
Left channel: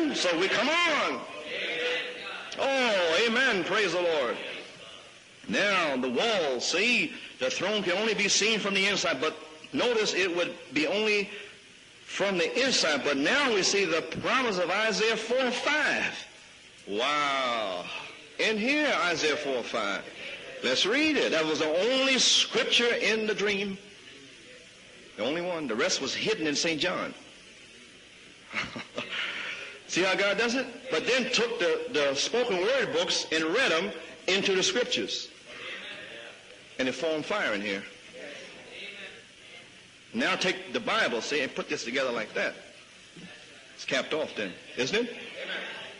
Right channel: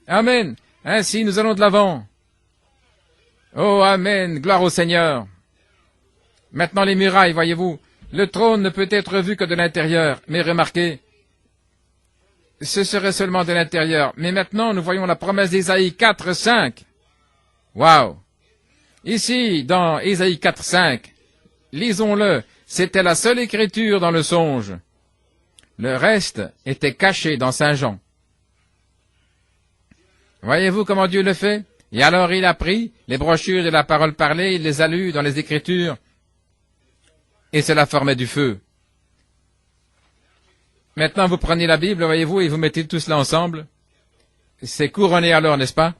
Amen. Ainsi, nous allons de l'avant. Oh, Amen. Gloire au Seigneur. Maintenant, les murailles, voyez-vous. Le trône ne peut être vu que de l'intérieur. Mais remarquez, ce serait seulement de l'intérieur. Mais maintenant, nous voyons la promesse d'Ésaïe 4, 5. Wow. Ici, dans Ésaïe 4, 5, lisons-le. C'était la seule écriture dans le songe. Le reste était caché dans Saint Jean. Voyez-vous comment Dieu le fait? Et alors il a pris les brochures de la parole parlée, il les a lues dans les Écritures, et cela formait du feu. Maintenant, vous prenez la Bible, voyez-vous, et vous mettez tout cela ensemble. C'est couronné alors, n'est-ce pas?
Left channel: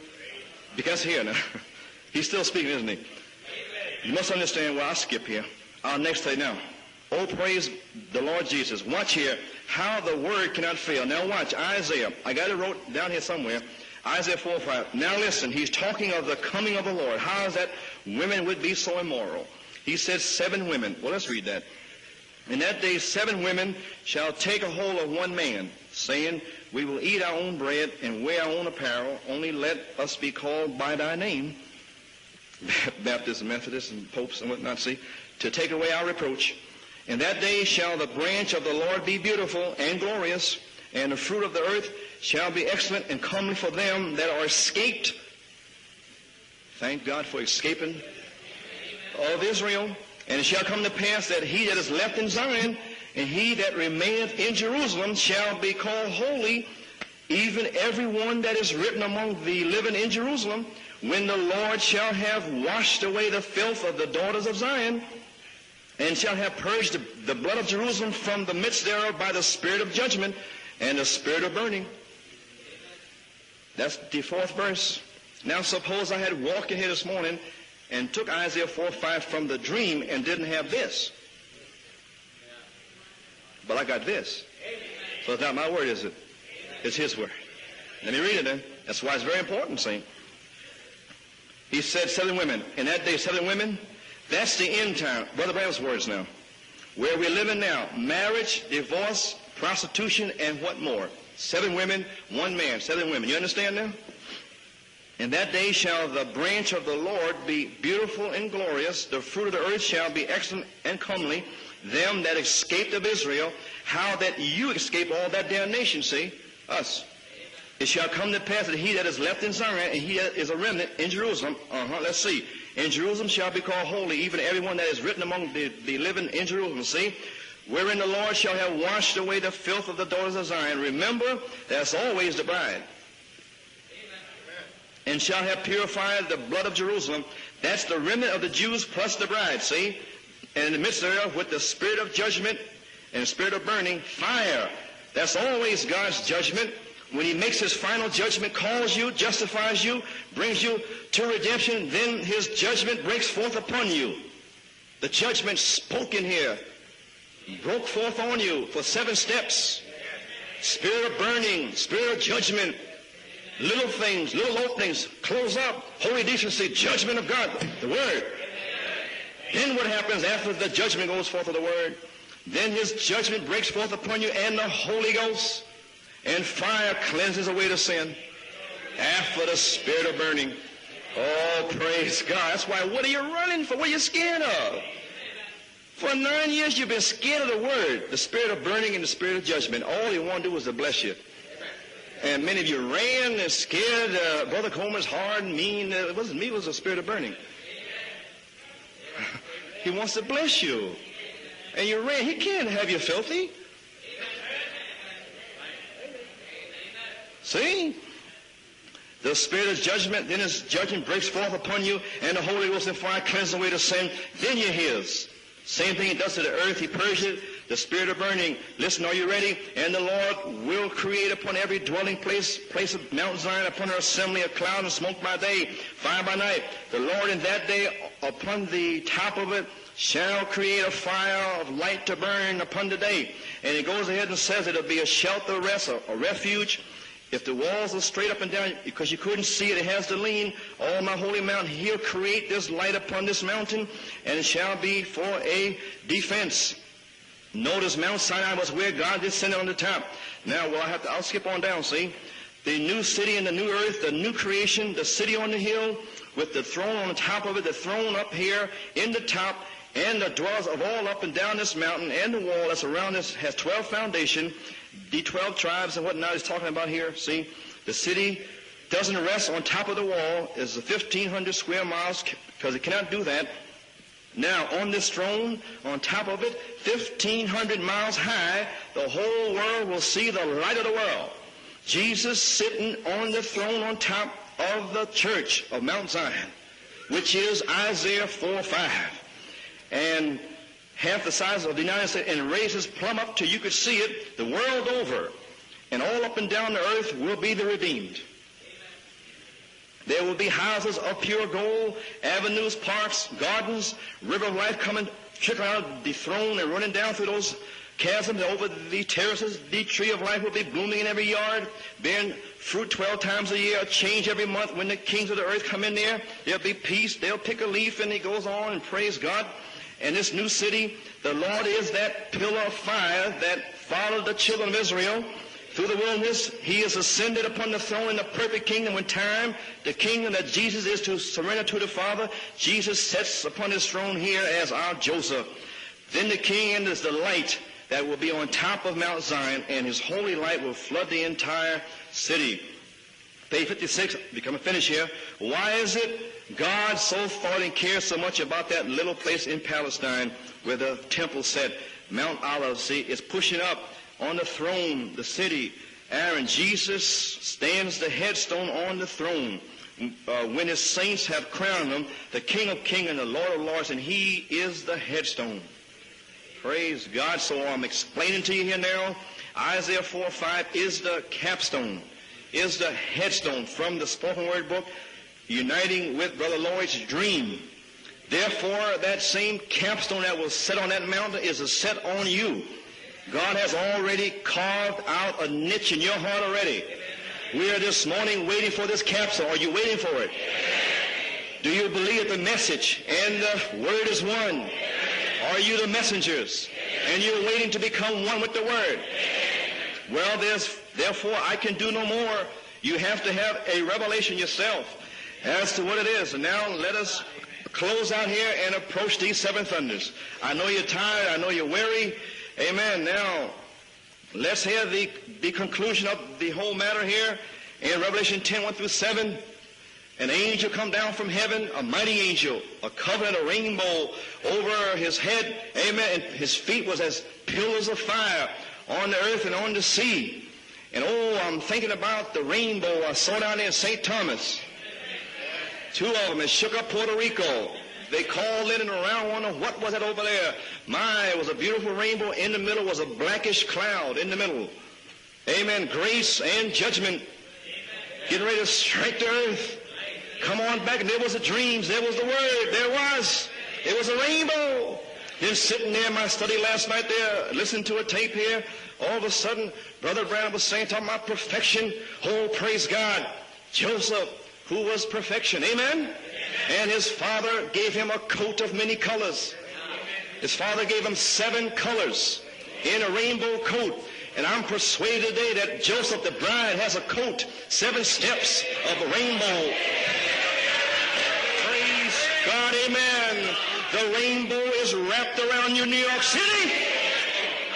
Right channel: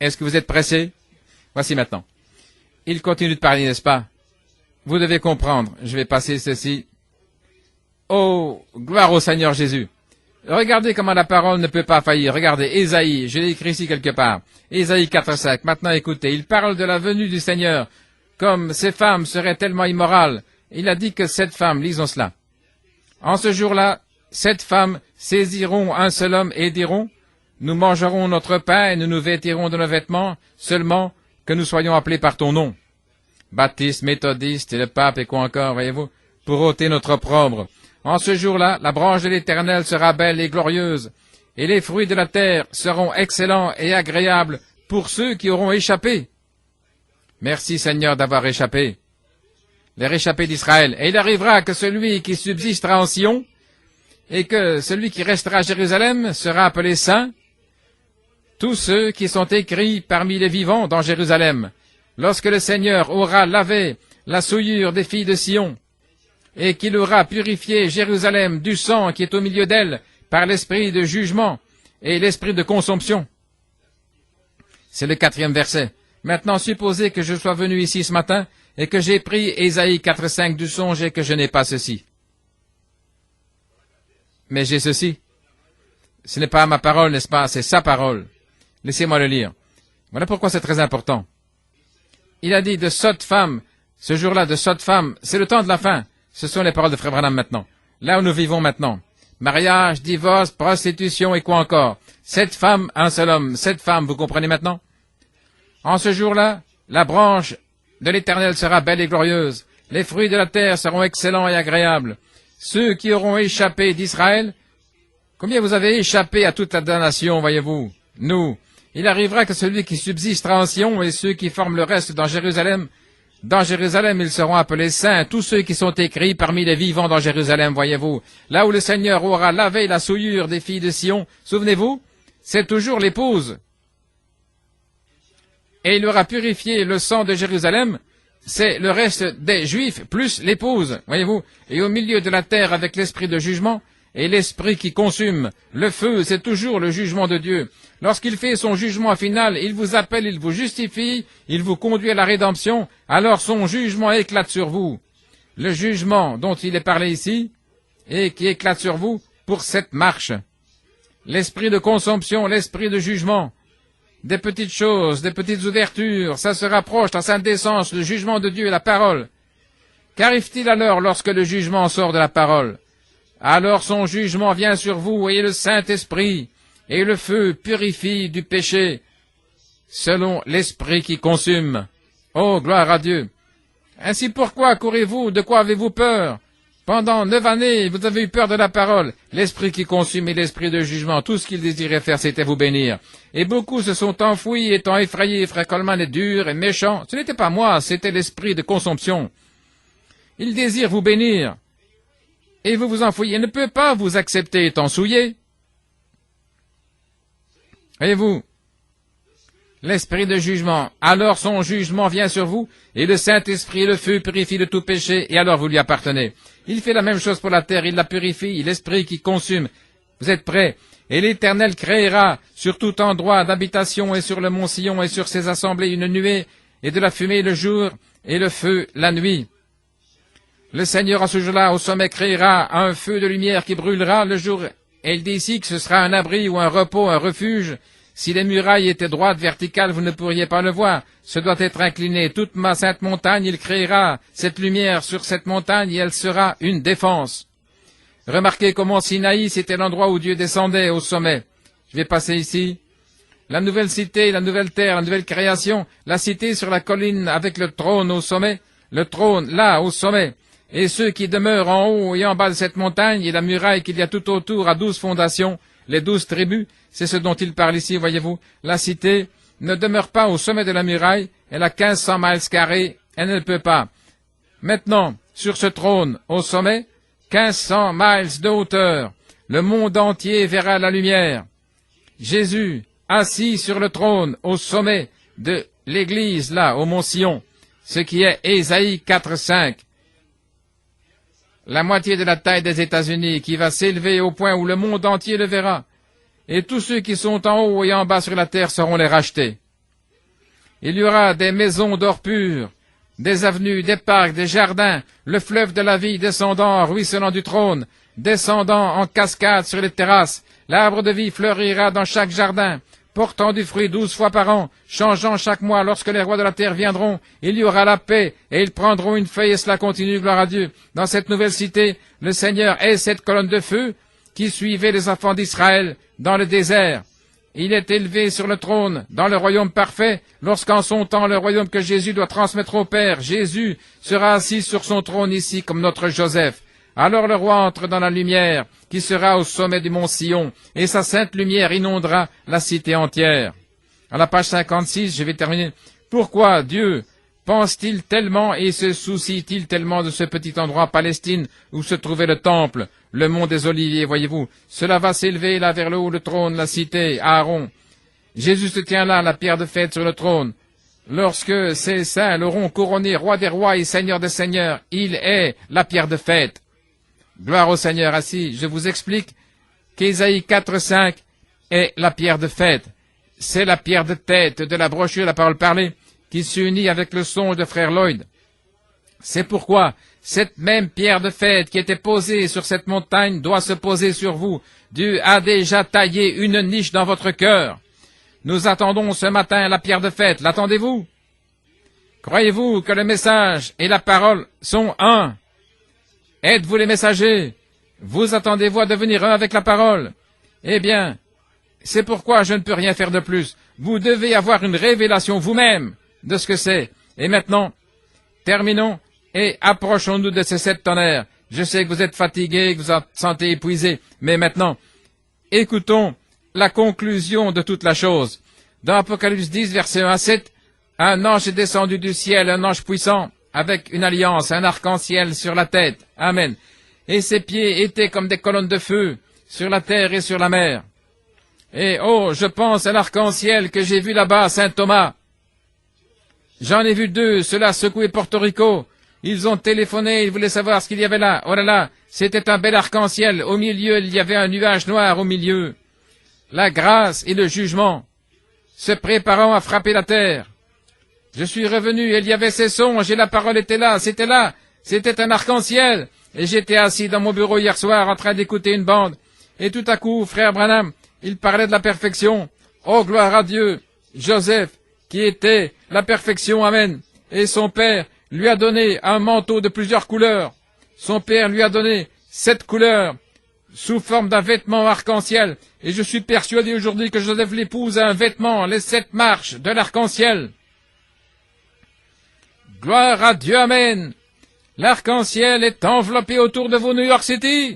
Est-ce que vous êtes pressé? Voici maintenant. Il continue de parler, n'est-ce pas? Vous devez comprendre. Je vais passer ceci. Oh, gloire au Seigneur Jésus. Regardez comment la parole ne peut pas faillir. Regardez, Ésaïe, je l'ai écrit ici quelque part. Ésaïe 4, 5. Maintenant, écoutez, il parle de la venue du Seigneur. Comme ces femmes seraient tellement immorales. Il a dit que cette femme, lisons cela. En ce jour-là, 7 femmes saisiront un seul homme et diront, nous mangerons notre pain et nous nous vêtirons de nos vêtements, seulement que nous soyons appelés par ton nom. Baptistes, méthodistes et le pape et quoi encore, voyez-vous, pour ôter notre opprobre. En ce jour-là, la branche de l'Éternel sera belle et glorieuse, et les fruits de la terre seront excellents et agréables pour ceux qui auront échappé. Merci Seigneur d'avoir échappé, les réchappés d'Israël. Et il arrivera que celui qui subsistera en Sion et que celui qui restera à Jérusalem sera appelé saint, tous ceux qui sont écrits parmi les vivants dans Jérusalem. Lorsque le Seigneur aura lavé la souillure des filles de Sion, et qu'il aura purifié Jérusalem du sang qui est au milieu d'elle par l'esprit de jugement et l'esprit de consomption. C'est le 4e verset. Maintenant, supposez que je sois venu ici ce matin et que j'ai pris Ésaïe 4:5 du songe et que je n'ai pas ceci. Mais j'ai ceci. Ce n'est pas ma parole, n'est-ce pas? C'est sa parole. Laissez-moi le lire. Voilà pourquoi c'est très important. Il a dit de sottes femmes. Ce jour-là, de sottes femmes, c'est le temps de la fin. Ce sont les paroles de Frère Branham maintenant. Là où nous vivons maintenant. Mariage, divorce, prostitution et quoi encore. 7 femmes, un seul homme. 7 femmes, vous comprenez maintenant? En ce jour-là, la branche de l'Éternel sera belle et glorieuse. Les fruits de la terre seront excellents et agréables. Ceux qui auront échappé d'Israël, combien vous avez échappé à toute la damnation, voyez-vous? Nous, il arrivera que celui qui subsistera en Sion et ceux qui forment le reste dans Jérusalem, ils seront appelés saints, tous ceux qui sont écrits parmi les vivants dans Jérusalem, voyez-vous. Là où le Seigneur aura lavé la souillure des filles de Sion, souvenez-vous, c'est toujours l'épouse. Et il aura purifié le sang de Jérusalem, c'est le reste des Juifs, plus l'épouse, voyez-vous, et au milieu de la terre avec l'esprit de jugement, et l'esprit qui consume. Le feu, c'est toujours le jugement de Dieu. Lorsqu'il fait son jugement final, il vous appelle, il vous justifie, il vous conduit à la rédemption, alors son jugement éclate sur vous. Le jugement dont il est parlé ici, et qui éclate sur vous pour cette marche. L'esprit de consomption, l'esprit de jugement, des petites choses, des petites ouvertures, ça se rapproche, la sainte décence, le jugement de Dieu et la parole. Qu'arrive-t-il alors lorsque le jugement sort de la parole? Alors son jugement vient sur vous et le Saint-Esprit et le feu purifie du péché selon l'esprit qui consume. Oh, gloire à Dieu! Ainsi pourquoi courez-vous? De quoi avez-vous peur? Pendant 9 années, vous avez eu peur de la parole. L'esprit qui consume et l'esprit de jugement, tout ce qu'il désirait faire, c'était vous bénir. Et beaucoup se sont enfouis, étant effrayés. Frère Coleman est dur et méchant. Ce n'était pas moi, c'était l'esprit de consomption. Il désire vous bénir. Et vous vous enfouillez. Il ne peut pas vous accepter étant souillé. Voyez-vous? L'esprit de jugement. Alors son jugement vient sur vous, et le Saint-Esprit, le feu, purifie de tout péché, et alors vous lui appartenez. Il fait la même chose pour la terre, il la purifie, l'Esprit qui consume. Vous êtes prêts? Et l'Éternel créera sur tout endroit d'habitation et sur le mont Sion et sur ses assemblées une nuée, et de la fumée le jour, et le feu la nuit. Le Seigneur, à ce jour-là, au sommet, créera un feu de lumière qui brûlera le jour. Et il dit ici que ce sera un abri ou un repos, un refuge. Si les murailles étaient droites, verticales, vous ne pourriez pas le voir. Ce doit être incliné. Toute ma sainte montagne, il créera cette lumière sur cette montagne et elle sera une défense. Remarquez comment Sinaï, c'était l'endroit où Dieu descendait au sommet. J'ai passé ici. La nouvelle cité, la nouvelle terre, la nouvelle création, la cité sur la colline avec le trône au sommet. Le trône, là, au sommet, et ceux qui demeurent en haut et en bas de cette montagne, et la muraille qu'il y a tout autour à 12 fondations, les 12 tribus, c'est ce dont il parle ici, voyez-vous. La cité ne demeure pas au sommet de la muraille, elle a 1500 miles carrés, elle ne peut pas. Maintenant, sur ce trône, au sommet, 1500 miles de hauteur, le monde entier verra la lumière. Jésus, assis sur le trône, au sommet de l'église, là, au mont Sion, ce qui est Ésaïe 4:5. La moitié de la taille des États-Unis, qui va s'élever au point où le monde entier le verra. Et tous ceux qui sont en haut et en bas sur la terre seront les rachetés. Il y aura des maisons d'or pur, des avenues, des parcs, des jardins, le fleuve de la vie descendant, ruisselant du trône, descendant en cascade sur les terrasses. L'arbre de vie fleurira dans chaque jardin, portant du fruit 12 fois par an, changeant chaque mois. Lorsque les rois de la terre viendront, il y aura la paix, et ils prendront une feuille, et cela continue, gloire à Dieu. Dans cette nouvelle cité, le Seigneur est cette colonne de feu qui suivait les enfants d'Israël dans le désert. Il est élevé sur le trône, dans le royaume parfait, lorsqu'en son temps, le royaume que Jésus doit transmettre au Père, Jésus sera assis sur son trône ici, comme notre Joseph. Alors le roi entre dans la lumière, qui sera au sommet du mont Sion, et sa sainte lumière inondera la cité entière. À la page 56, je vais terminer. Pourquoi Dieu pense-t-il tellement et se soucie-t-il tellement de ce petit endroit Palestine où se trouvait le temple, le mont des Oliviers, voyez-vous? Cela va s'élever là vers le haut, le trône, la cité, Aaron. Jésus se tient là, la pierre de fête sur le trône. Lorsque ces saints l'auront couronné roi des rois et seigneur des seigneurs, il est la pierre de fête. Gloire au Seigneur assis. Je vous explique qu'Ésaïe 4:5 est la pierre de fête. C'est la pierre de tête de la brochure, la parole parlée, qui s'unit avec le son de frère Lloyd. C'est pourquoi cette même pierre de fête qui était posée sur cette montagne doit se poser sur vous. Dieu a déjà taillé une niche dans votre cœur. Nous attendons ce matin la pierre de fête. L'attendez-vous? Croyez-vous que le message et la parole sont un? Êtes-vous les messagers? Vous attendez-vous à devenir un avec la parole? Eh bien, c'est pourquoi je ne peux rien faire de plus. Vous devez avoir une révélation vous-même de ce que c'est. Et maintenant, terminons et approchons-nous de ces 7 tonnerres. Je sais que vous êtes fatigués, que vous vous sentez épuisés, mais maintenant, écoutons la conclusion de toute la chose. Dans Apocalypse 10, verset 1 à 7, un ange est descendu du ciel, un ange puissant, avec une alliance, un arc-en-ciel sur la tête. Amen. Et ses pieds étaient comme des colonnes de feu sur la terre et sur la mer. Et oh, je pense à l'arc-en-ciel que j'ai vu là-bas à Saint-Thomas. J'en ai vu 2, ceux-là secouaient Porto Rico. Ils ont téléphoné, ils voulaient savoir ce qu'il y avait là. Oh là là, c'était un bel arc-en-ciel. Au milieu, il y avait un nuage noir au milieu. La grâce et le jugement se préparant à frapper la terre. Je suis revenu, et il y avait ces songes, et la parole était là, c'était là. C'était un arc-en-ciel. Et j'étais assis dans mon bureau hier soir en train d'écouter une bande. Et tout à coup, frère Branham, il parlait de la perfection. Oh, gloire à Dieu. Joseph, qui était la perfection, amen. Et son père lui a donné un manteau de plusieurs couleurs. Son père lui a donné 7 couleurs sous forme d'un vêtement arc-en-ciel. Et je suis persuadé aujourd'hui que Joseph l'épouse a un vêtement, les 7 marches de l'arc-en-ciel. Gloire à Dieu, amen. L'arc-en-ciel est enveloppé autour de vous, New York City.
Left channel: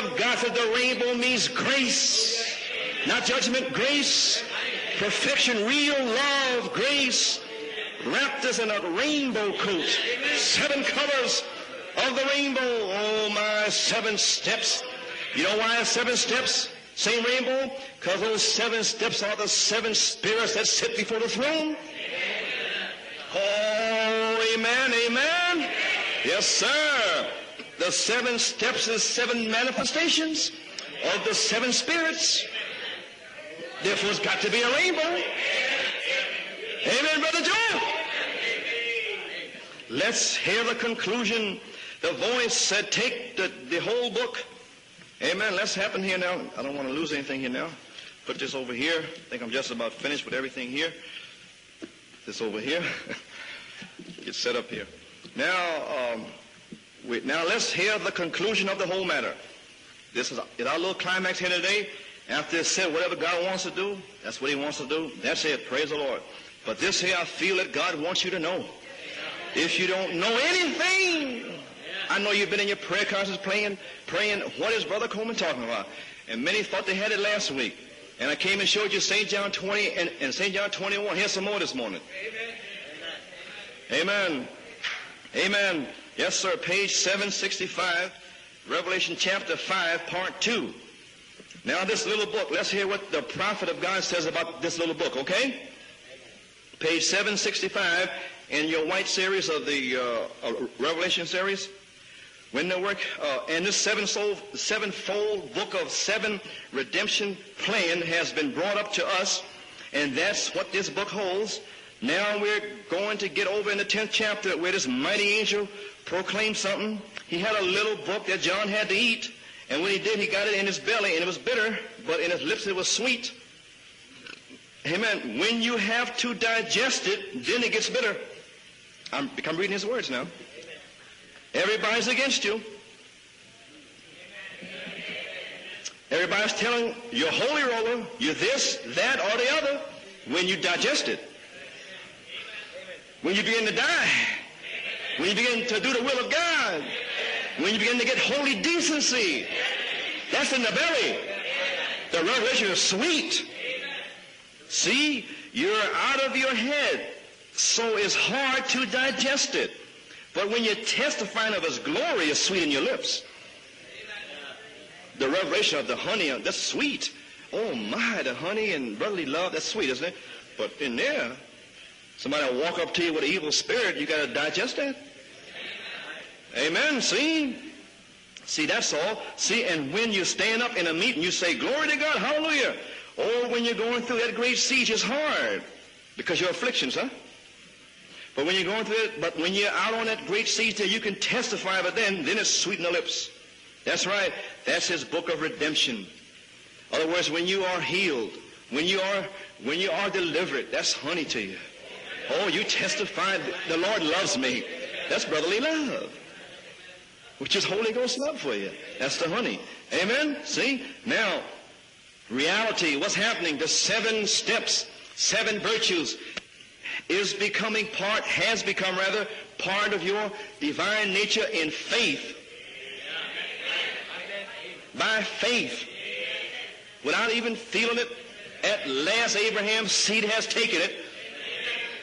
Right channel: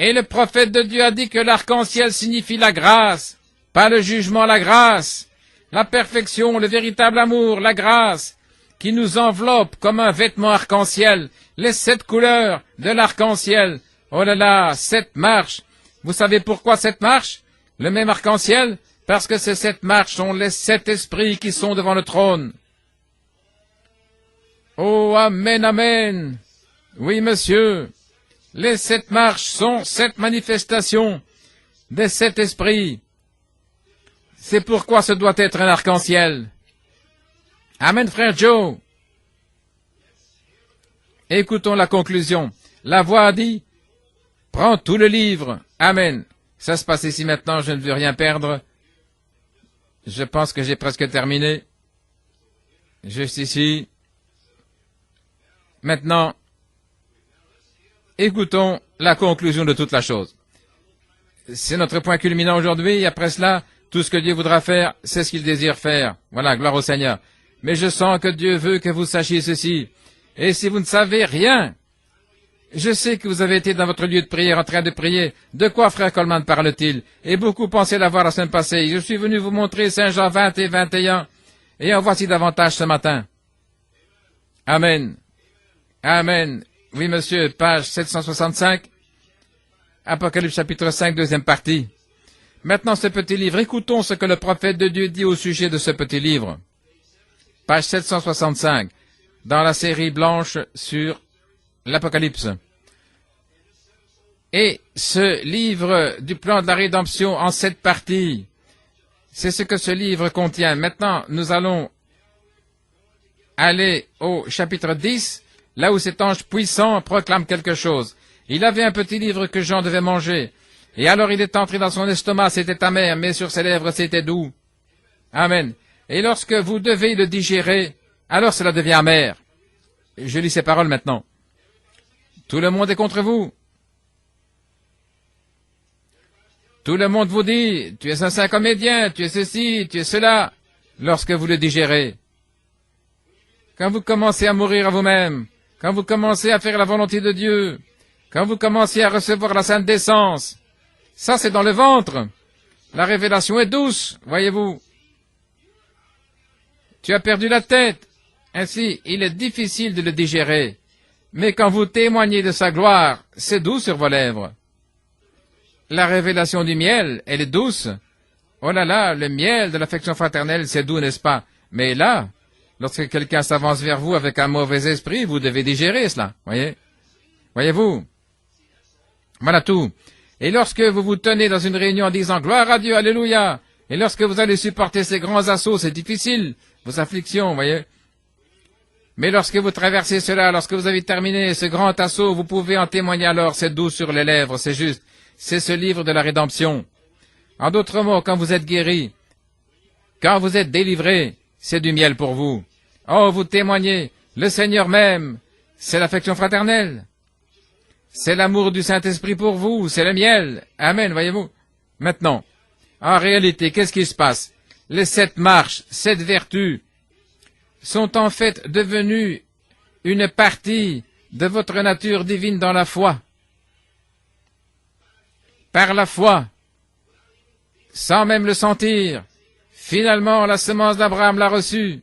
Et le prophète de Dieu a dit que l'arc-en-ciel signifie la grâce, pas le jugement, la grâce, la perfection, le véritable amour, la grâce, qui nous enveloppe comme un vêtement arc-en-ciel, les 7 couleurs de l'arc-en-ciel. Oh là là, 7 marches. Vous savez pourquoi 7 marches? Le même arc-en-ciel? Parce que ces 7 marches sont les 7 esprits qui sont devant le trône. Oh, amen, amen. Oui, monsieur. Les 7 marches sont 7 manifestations des 7 esprits. C'est pourquoi ce doit être un arc-en-ciel. Amen, frère Joe. Écoutons la conclusion. La voix a dit, prends tout le livre. Amen. Ça se passe ici maintenant, je ne veux rien perdre. Je pense que j'ai presque terminé. Juste ici. Maintenant, écoutons la conclusion de toute la chose. C'est notre point culminant aujourd'hui. Après cela, tout ce que Dieu voudra faire, c'est ce qu'il désire faire. Voilà, gloire au Seigneur. Mais je sens que Dieu veut que vous sachiez ceci. Et si vous ne savez rien, je sais que vous avez été dans votre lieu de prière en train de prier. De quoi frère Coleman parle-t-il? Et beaucoup pensaient l'avoir la semaine passée. Je suis venu vous montrer Saint Jean 20 et 21. Et en voici davantage ce matin. Amen. Amen. Amen. Yes, sir. Oui, Page monsieur, page 765, 765, Revelation chapter 5, Apocalypse part 2. chapitre 5, deuxième partie. Now, this little book, let's Maintenant, hear ce what the petit livre, prophet of écoutons God ce que says le about prophète this de little Dieu book, dit au okay? sujet de ce petit livre. Page 765, Page in 765, your white series dans of la the, série blanche sur Revelation series. l'Apocalypse. When they work, and this Et sevenfold ce book livre of du seven plan de la rédemption en 7 plan has parties, been brought up to us, c'est ce que ce and livre that's contient. what this Maintenant, book nous holds. allons Now we're going to get over to aller the 10th au chapter, where chapitre this mighty 10, angel là où cet ange proclaims puissant something. proclame He had a quelque little chose. book that John Il avait un had to petit eat, livre que Jean and when devait he manger. got it in his belly, Et alors it il was est entré bitter, dans son but in estomac, his lips it c'était was amer, sweet. mais sur ses lèvres, c'était doux. Amen. When Amen. you have Et to lorsque vous digest devez it, le then it digérer, gets bitter. alors cela devient amer. I'm reading his words now. Je lis ces paroles maintenant. Everybody's against you. Tout le monde est contre vous. Everybody's telling Tout le monde you're vous holy dit, roller, tu es un you're saint this, comédien, that, tu es or the ceci, other. tu es cela. When you digest it, Lorsque vous le digérez, when you begin to quand vous die, commencez à mourir à vous-même, quand vous commencez à faire la volonté de Dieu, when you begin to get quand holy vous commencez à decency, recevoir la sainte décence, that's in the belly. ça c'est dans le ventre. Revelation is sweet. La révélation est douce, voyez-vous. See, you're out of your head. Tu as perdu la tête. So it's hard Ainsi, to il est digest it. difficile de le But when you digérer. testify Mais of quand his vous glory, témoignez de it's sa sweet in your gloire, lips. c'est doux sur vos lèvres. The revelation of the La honey, révélation that's du sweet. miel, elle est douce. My, the honey Oh là and là, brotherly le love miel is de sweet, l'affection isn't it? fraternelle, But c'est in doux, n'est-ce there, pas? Mais là, somebody walk up lorsque to you with quelqu'un evil s'avance spirit, vers you vous gotta avec un digest mauvais that. esprit, vous devez digérer cela. Voyez? Amen. See? Voyez-vous? See, that's all. Voilà See, tout. and when you stand Et lorsque up in a vous vous meeting, you tenez say, dans une "Glory to réunion en God, disant hallelujah." gloire à Dieu, alléluia, Or when you're going et lorsque through vous the allez great supporter sieges ces hard, grands assauts, c'est because difficile, your afflictions, vos afflictions, voyez. But when you're going through it, Mais lorsque when vous you're out traversez on that cela, great lorsque siege, vous avez you can terminé ce testify grand then, assaut, then vous it's pouvez sweet en on the témoigner lips. alors, c'est doux That's sur les right. lèvres, c'est That's juste. his book of C'est ce redemption. livre de la rédemption. In other words, when you En are d'autres mots, healed, quand vous êtes guéri, when you are quand vous delivered, êtes that's délivré, sweet to you. c'est du miel pour vous. you testify Oh, vous that the témoignez, Lord loves le me. Seigneur m'aime, That's brotherly love, c'est l'affection fraternelle, which is Holy Ghost love c'est for l'amour you. du That's the Saint-Esprit honey. pour vous, c'est le Amen. miel. See? Amen, Now, voyez-vous. Maintenant, reality, what's en happening? réalité, The qu'est-ce qui se seven passe? steps, Les 7 seven marches, virtues 7 vertus is becoming sont part, en has fait become devenues rather, part of une your partie divine nature de votre in nature faith. divine dans la foi, By faith, par la foi, without even feeling it, sans même le sentir. at last Abraham's Finalement, seed la has taken semence it. d'Abraham l'a reçue.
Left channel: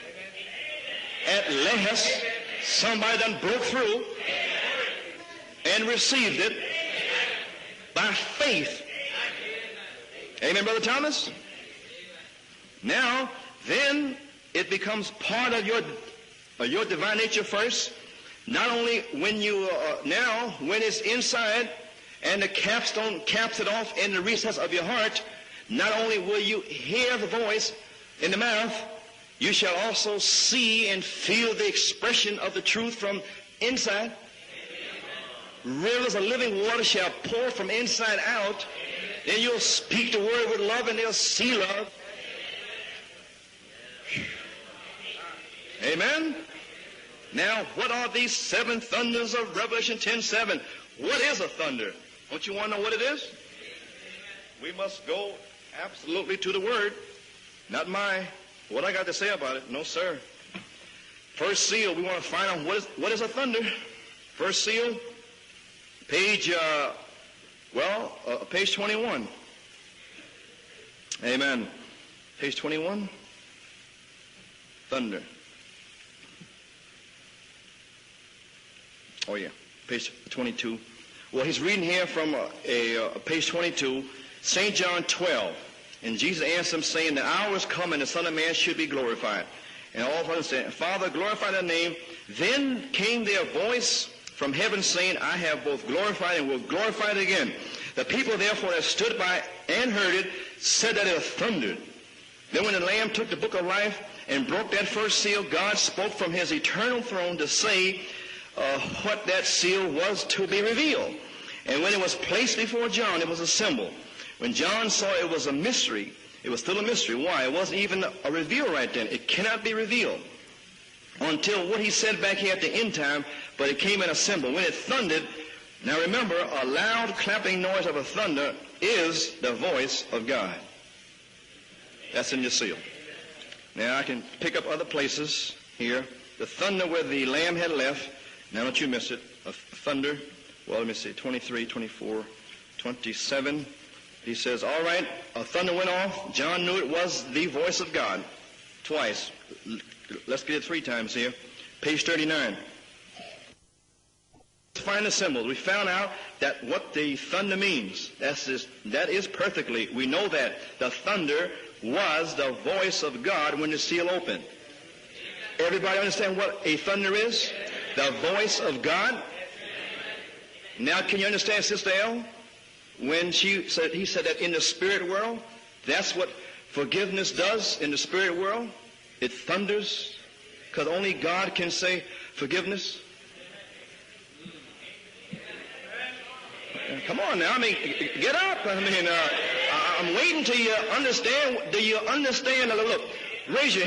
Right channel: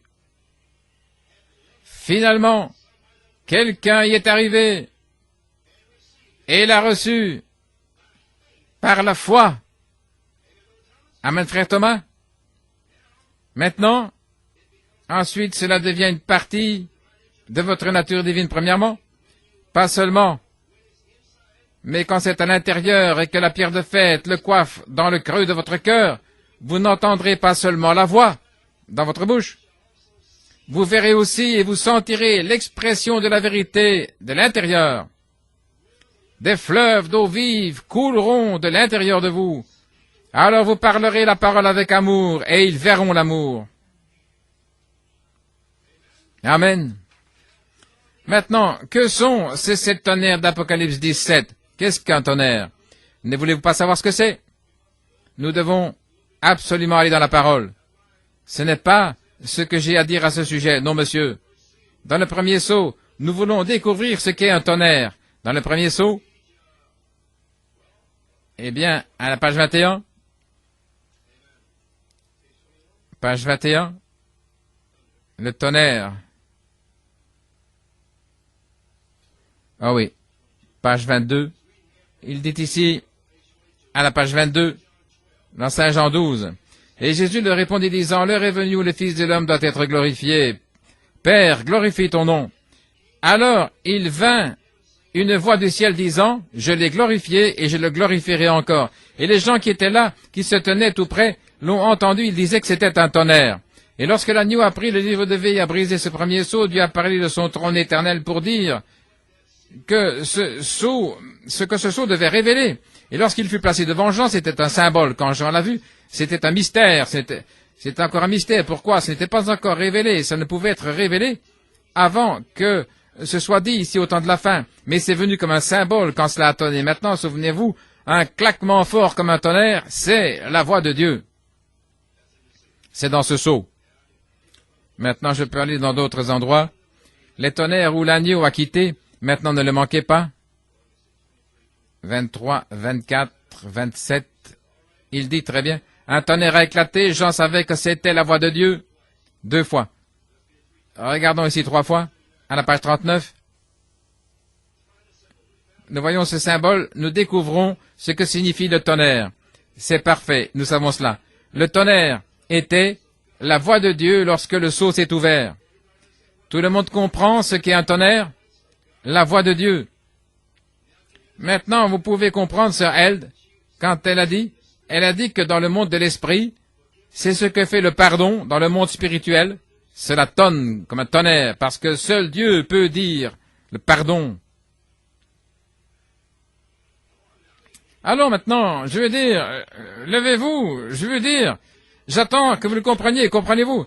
At last, Finalement, somebody done broke quelqu'un y est arrivé through and received it et l'a reçue by faith. par la foi. Amen, Brother Thomas? Amen, frère Thomas. Now, Maintenant, then, it becomes ensuite, part of cela your- devient une partie your divine nature de first. votre nature divine, Not premièrement, only when you pas are seulement, now, when it's inside, mais quand c'est and à the l'intérieur et que la pierre de fête le coiffe dans le creux de votre cœur, vous n'entendrez pas seulement la voix dans votre you bouche, shall also see vous and verrez aussi feel et the vous expression sentirez of the l'expression truth de la from vérité inside. de l'intérieur. Rivers of living Des water fleuves shall d'eau pour from vive inside couleront out. de l'intérieur de Then vous. you'll speak the word Alors of vous life and parlerez la see parole it. avec amour et ils verront l'amour. Amen. Amen. Now, what are these Maintenant, seven que thunders sont of ces 7 Revelation tonnerres 10:7? d'Apocalypse What is a 17? thunder? Qu'est-ce qu'un tonnerre? You wanna know what it is? Ne voulez-vous pas savoir ce que c'est? We must go Nous devons absolutely to the absolument word, aller dans la parole. not my Ce n'est what I pas have to say about ce it. que No, j'ai à sir. dire à ce sujet. Non, monsieur. First seal, we want Dans le to find premier out saut, what is a nous voulons thunder. découvrir ce qu'est un First seal, tonnerre. Dans le premier saut, Page, eh page bien, 21. à la page 21, Amen. Page 21, page 21, thunder. le tonnerre. Oh yeah. Ah oui, Page 22. page Well, 22, he's reading here from, il dit ici, page 22, à la page 22, St. John 12. dans Saint Jean 12. Et Jésus leur répondit disant, l'heure est venue où le Fils de l'homme doit être glorifié. Père, glorifie ton nom. Alors il vint une voix du ciel disant, je l'ai glorifié et je le glorifierai encore. Et les gens qui étaient là, qui se tenaient tout près, l'ont entendu, ils disaient que c'était un tonnerre. Et lorsque l'agneau a pris le livre de vie et a brisé ce premier sceau, Dieu a parlé de son trône éternel pour dire que ce que ce sceau devait révéler. Et lorsqu'il fut passé devant Jean, c'était un symbole. Quand Jean l'a vu, c'était un mystère. C'était encore un mystère. Pourquoi? Ce n'était pas encore révélé. Ça ne pouvait être révélé avant que ce soit dit ici au temps de la fin. Mais c'est venu comme un symbole quand cela a tonné. Maintenant, souvenez-vous, un claquement fort comme un tonnerre, c'est la voix de Dieu. C'est dans ce sceau. Maintenant, je peux aller dans d'autres endroits. Les tonnerres où l'agneau a quitté, maintenant ne le manquez pas. Well, let me see, 23, 24. 23, 24, 27. He says, all right. Il dit A très bien. thunder went off. Un tonnerre a éclaté, Jean savait que c'était la voix de Dieu. Twice. 2 fois. Let's get it 3 times. Regardons ici 3 fois. À la page 39. Find the symbols. We found Nous out voyons ce that symbole, what the nous découvrons thunder means. ce que That's signifie it. le tonnerre. That is perfectly. C'est We know parfait, that nous savons the cela. thunder Le tonnerre was the était voice of God la when voix you de see Dieu open. lorsque le seau s'est ouvert. Everybody understand what Tout le a monde thunder comprend is? ce qu'est un tonnerre, The voice of God. la voix de Dieu. Now, can you understand, Maintenant, Sister vous Elle? pouvez comprendre, sœur Elle, When she said- quand he elle a said dit, in the spirit elle a dit world, que dans le monde de that's l'esprit, what forgiveness c'est ce que does fait in le the pardon spirit dans le world. monde spirituel. It thunders. Cela tonne comme un tonnerre, parce que seul Dieu peut dire le pardon. Come on now, I mean, Alors get maintenant, up. je veux dire, levez-vous, je veux dire, j'attends que vous le compreniez, comprenez-vous?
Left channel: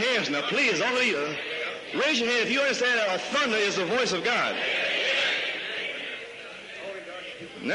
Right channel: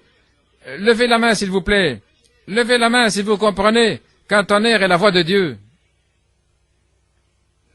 Levez la main, s'il vous plaît. Levez la main si vous comprenez qu'un tonnerre est la voix de Dieu. Now,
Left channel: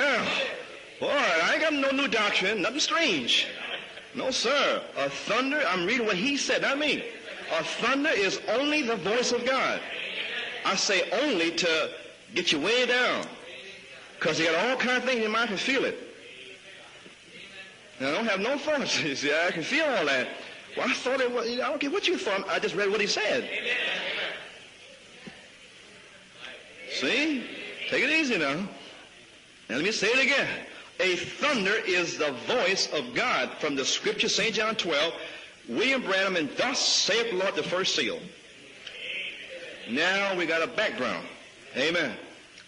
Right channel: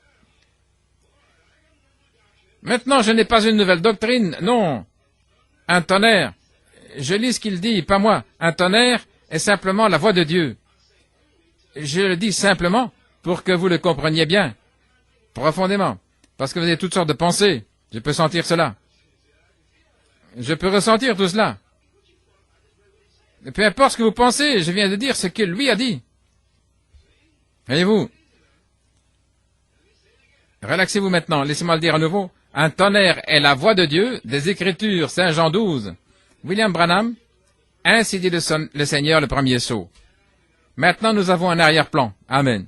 boy, I ain't got no new doctrine. Nothing Maintenant, je n'ai pas strange. une nouvelle doctrine, non. A thunder, Un I'm reading tonnerre. what he said, not me. Je lis ce qu'il A dit, pas moi. thunder is Un only tonnerre the voice est of simplement la voix de Dieu. God. I say only to Je le dis get you simplement way down. pour que vous le compreniez Because bien, you got all kinds of things in your mind to profondément. feel it. Parce que vous avez toutes sortes de pensées. Je peux And I sentir have no cela. problems. See, I can feel all that. Je peux ressentir tout cela. I don't care what you from. I just read what he said. Et peu importe ce que vous pensez, je viens de dire ce que lui a dit. See? Voyez-vous, Take it easy now. And let me say it again. relaxez-vous maintenant, laissez-moi le dire à nouveau. Un tonnerre est la voix de Dieu, des Écritures, Saint Jean 12. William Branham, ainsi dit le Seigneur, le premier sceau. Maintenant, nous avons un arrière-plan. Amen.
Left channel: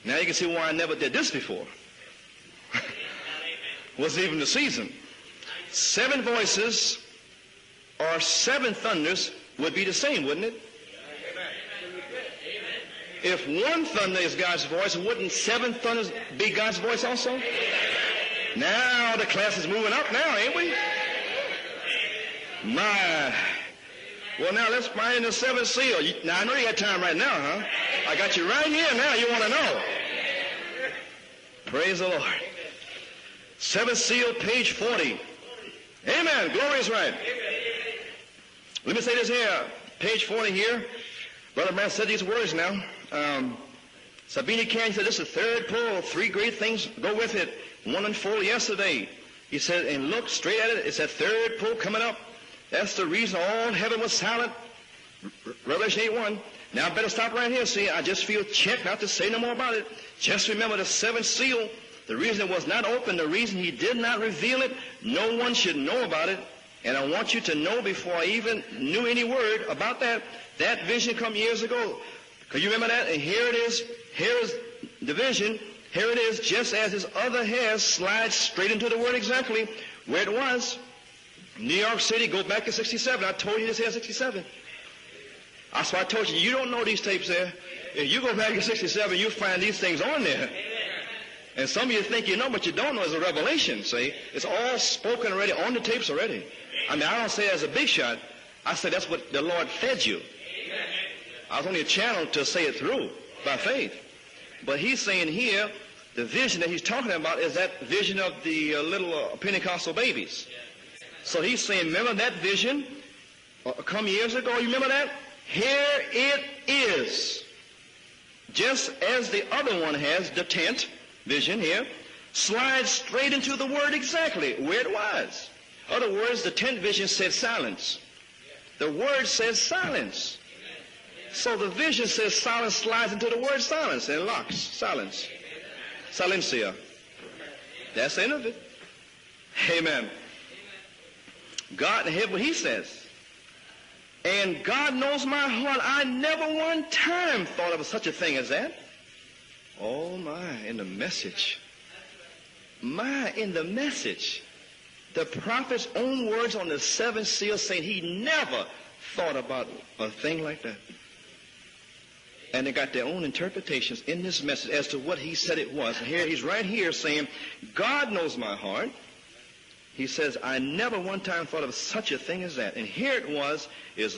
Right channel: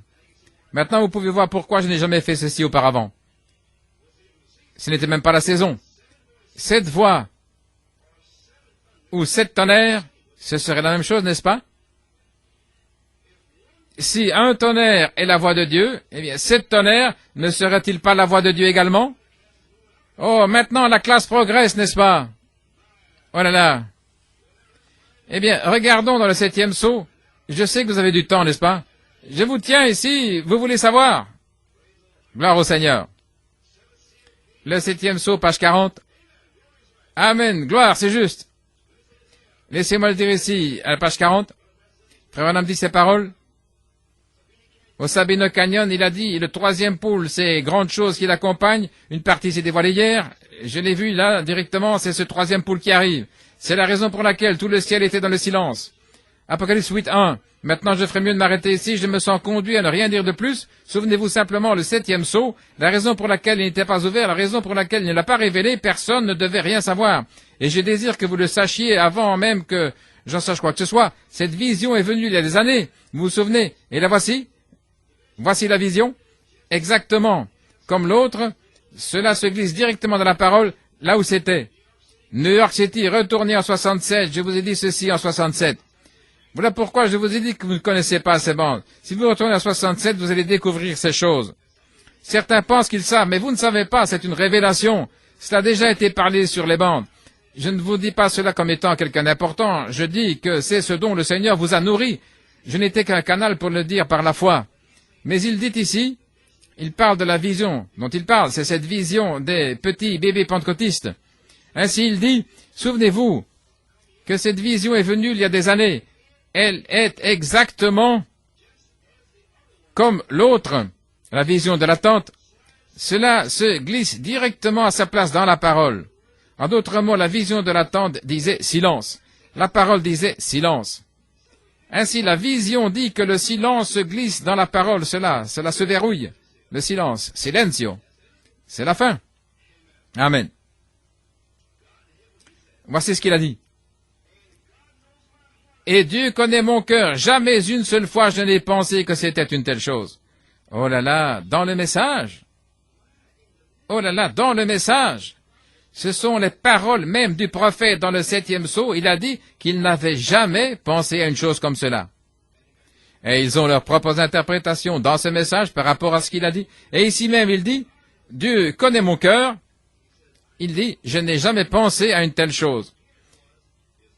Maintenant, vous pouvez voir pourquoi je n'ai jamais fait ceci auparavant. Ce n'était même pas la saison. 7 voix ou 7 tonnerres, ce serait la même chose, n'est-ce pas? Si un tonnerre est la voix de Dieu, eh bien, 7 tonnerres, ne serait-il pas la voix de Dieu également? Oh, maintenant la classe progresse, n'est-ce pas? Oh là là. Eh bien, regardons dans le 7e sceau. Je sais que vous avez du temps, n'est-ce pas? Je vous tiens ici, vous voulez savoir? Gloire au Seigneur. Le 7e sceau, page 40. Amen, gloire, c'est juste. Laissez-moi le dire ici, à la page 40. Frère Branham dit ces paroles. Au Sabino Canyon, il a dit, le 3e pôle, c'est grande chose qui l'accompagne. Une partie s'est dévoilée hier. Je l'ai vu là, directement, c'est ce 3e pôle qui arrive. C'est la raison pour laquelle tout le ciel était dans le silence. Apocalypse 8.1. Maintenant, je ferais mieux de m'arrêter ici. Je me sens conduit à ne rien dire de plus. Souvenez-vous simplement le 7e sceau. La raison pour laquelle il n'était pas ouvert, la raison pour laquelle il ne l'a pas révélé, personne ne devait rien savoir. Et je désire que vous le sachiez avant même que j'en sache quoi que ce soit. Cette vision est venue il y a des années. Vous vous souvenez? Et la voici. Voici la vision. Exactement comme l'autre, cela se glisse directement dans la parole, là où c'était. New York City, retournez en 67. Je vous ai dit ceci en 67. Voilà pourquoi je vous ai dit que vous ne connaissez pas ces bandes. Si vous retournez en 67, vous allez découvrir ces choses. Certains pensent qu'ils savent, mais vous ne savez pas, c'est une révélation. Cela a déjà été parlé sur les bandes. Je ne vous dis pas cela comme étant quelqu'un d'important. Je dis que c'est ce dont le Seigneur vous a nourri. Je n'étais qu'un canal pour le dire par la foi. Mais il dit ici, il parle de la vision dont il parle, c'est cette vision des petits bébés pentecôtistes. Ainsi il dit, souvenez-vous que cette vision est venue il y a des années. Elle est exactement comme l'autre, la vision de la tente. Cela se glisse directement à sa place dans la parole. En d'autres mots, la vision de la tente disait silence. La parole disait silence. Ainsi, la vision dit que le silence se glisse dans la parole. Cela se verrouille. Le silence, silencio. C'est la fin. Amen. Voici ce qu'il a dit. Et Dieu connaît mon cœur. Jamais une seule fois je n'ai pensé que c'était une telle chose. Oh là là, dans le message. Oh là là, dans le message. Ce sont les paroles même du prophète dans le 7e sceau. Il a dit qu'il n'avait jamais pensé à une chose comme cela. Et ils ont leurs propres interprétations dans ce message par rapport à ce qu'il a dit. Et ici même, il dit, Dieu connaît mon cœur. Il dit, je n'ai jamais pensé à une telle chose.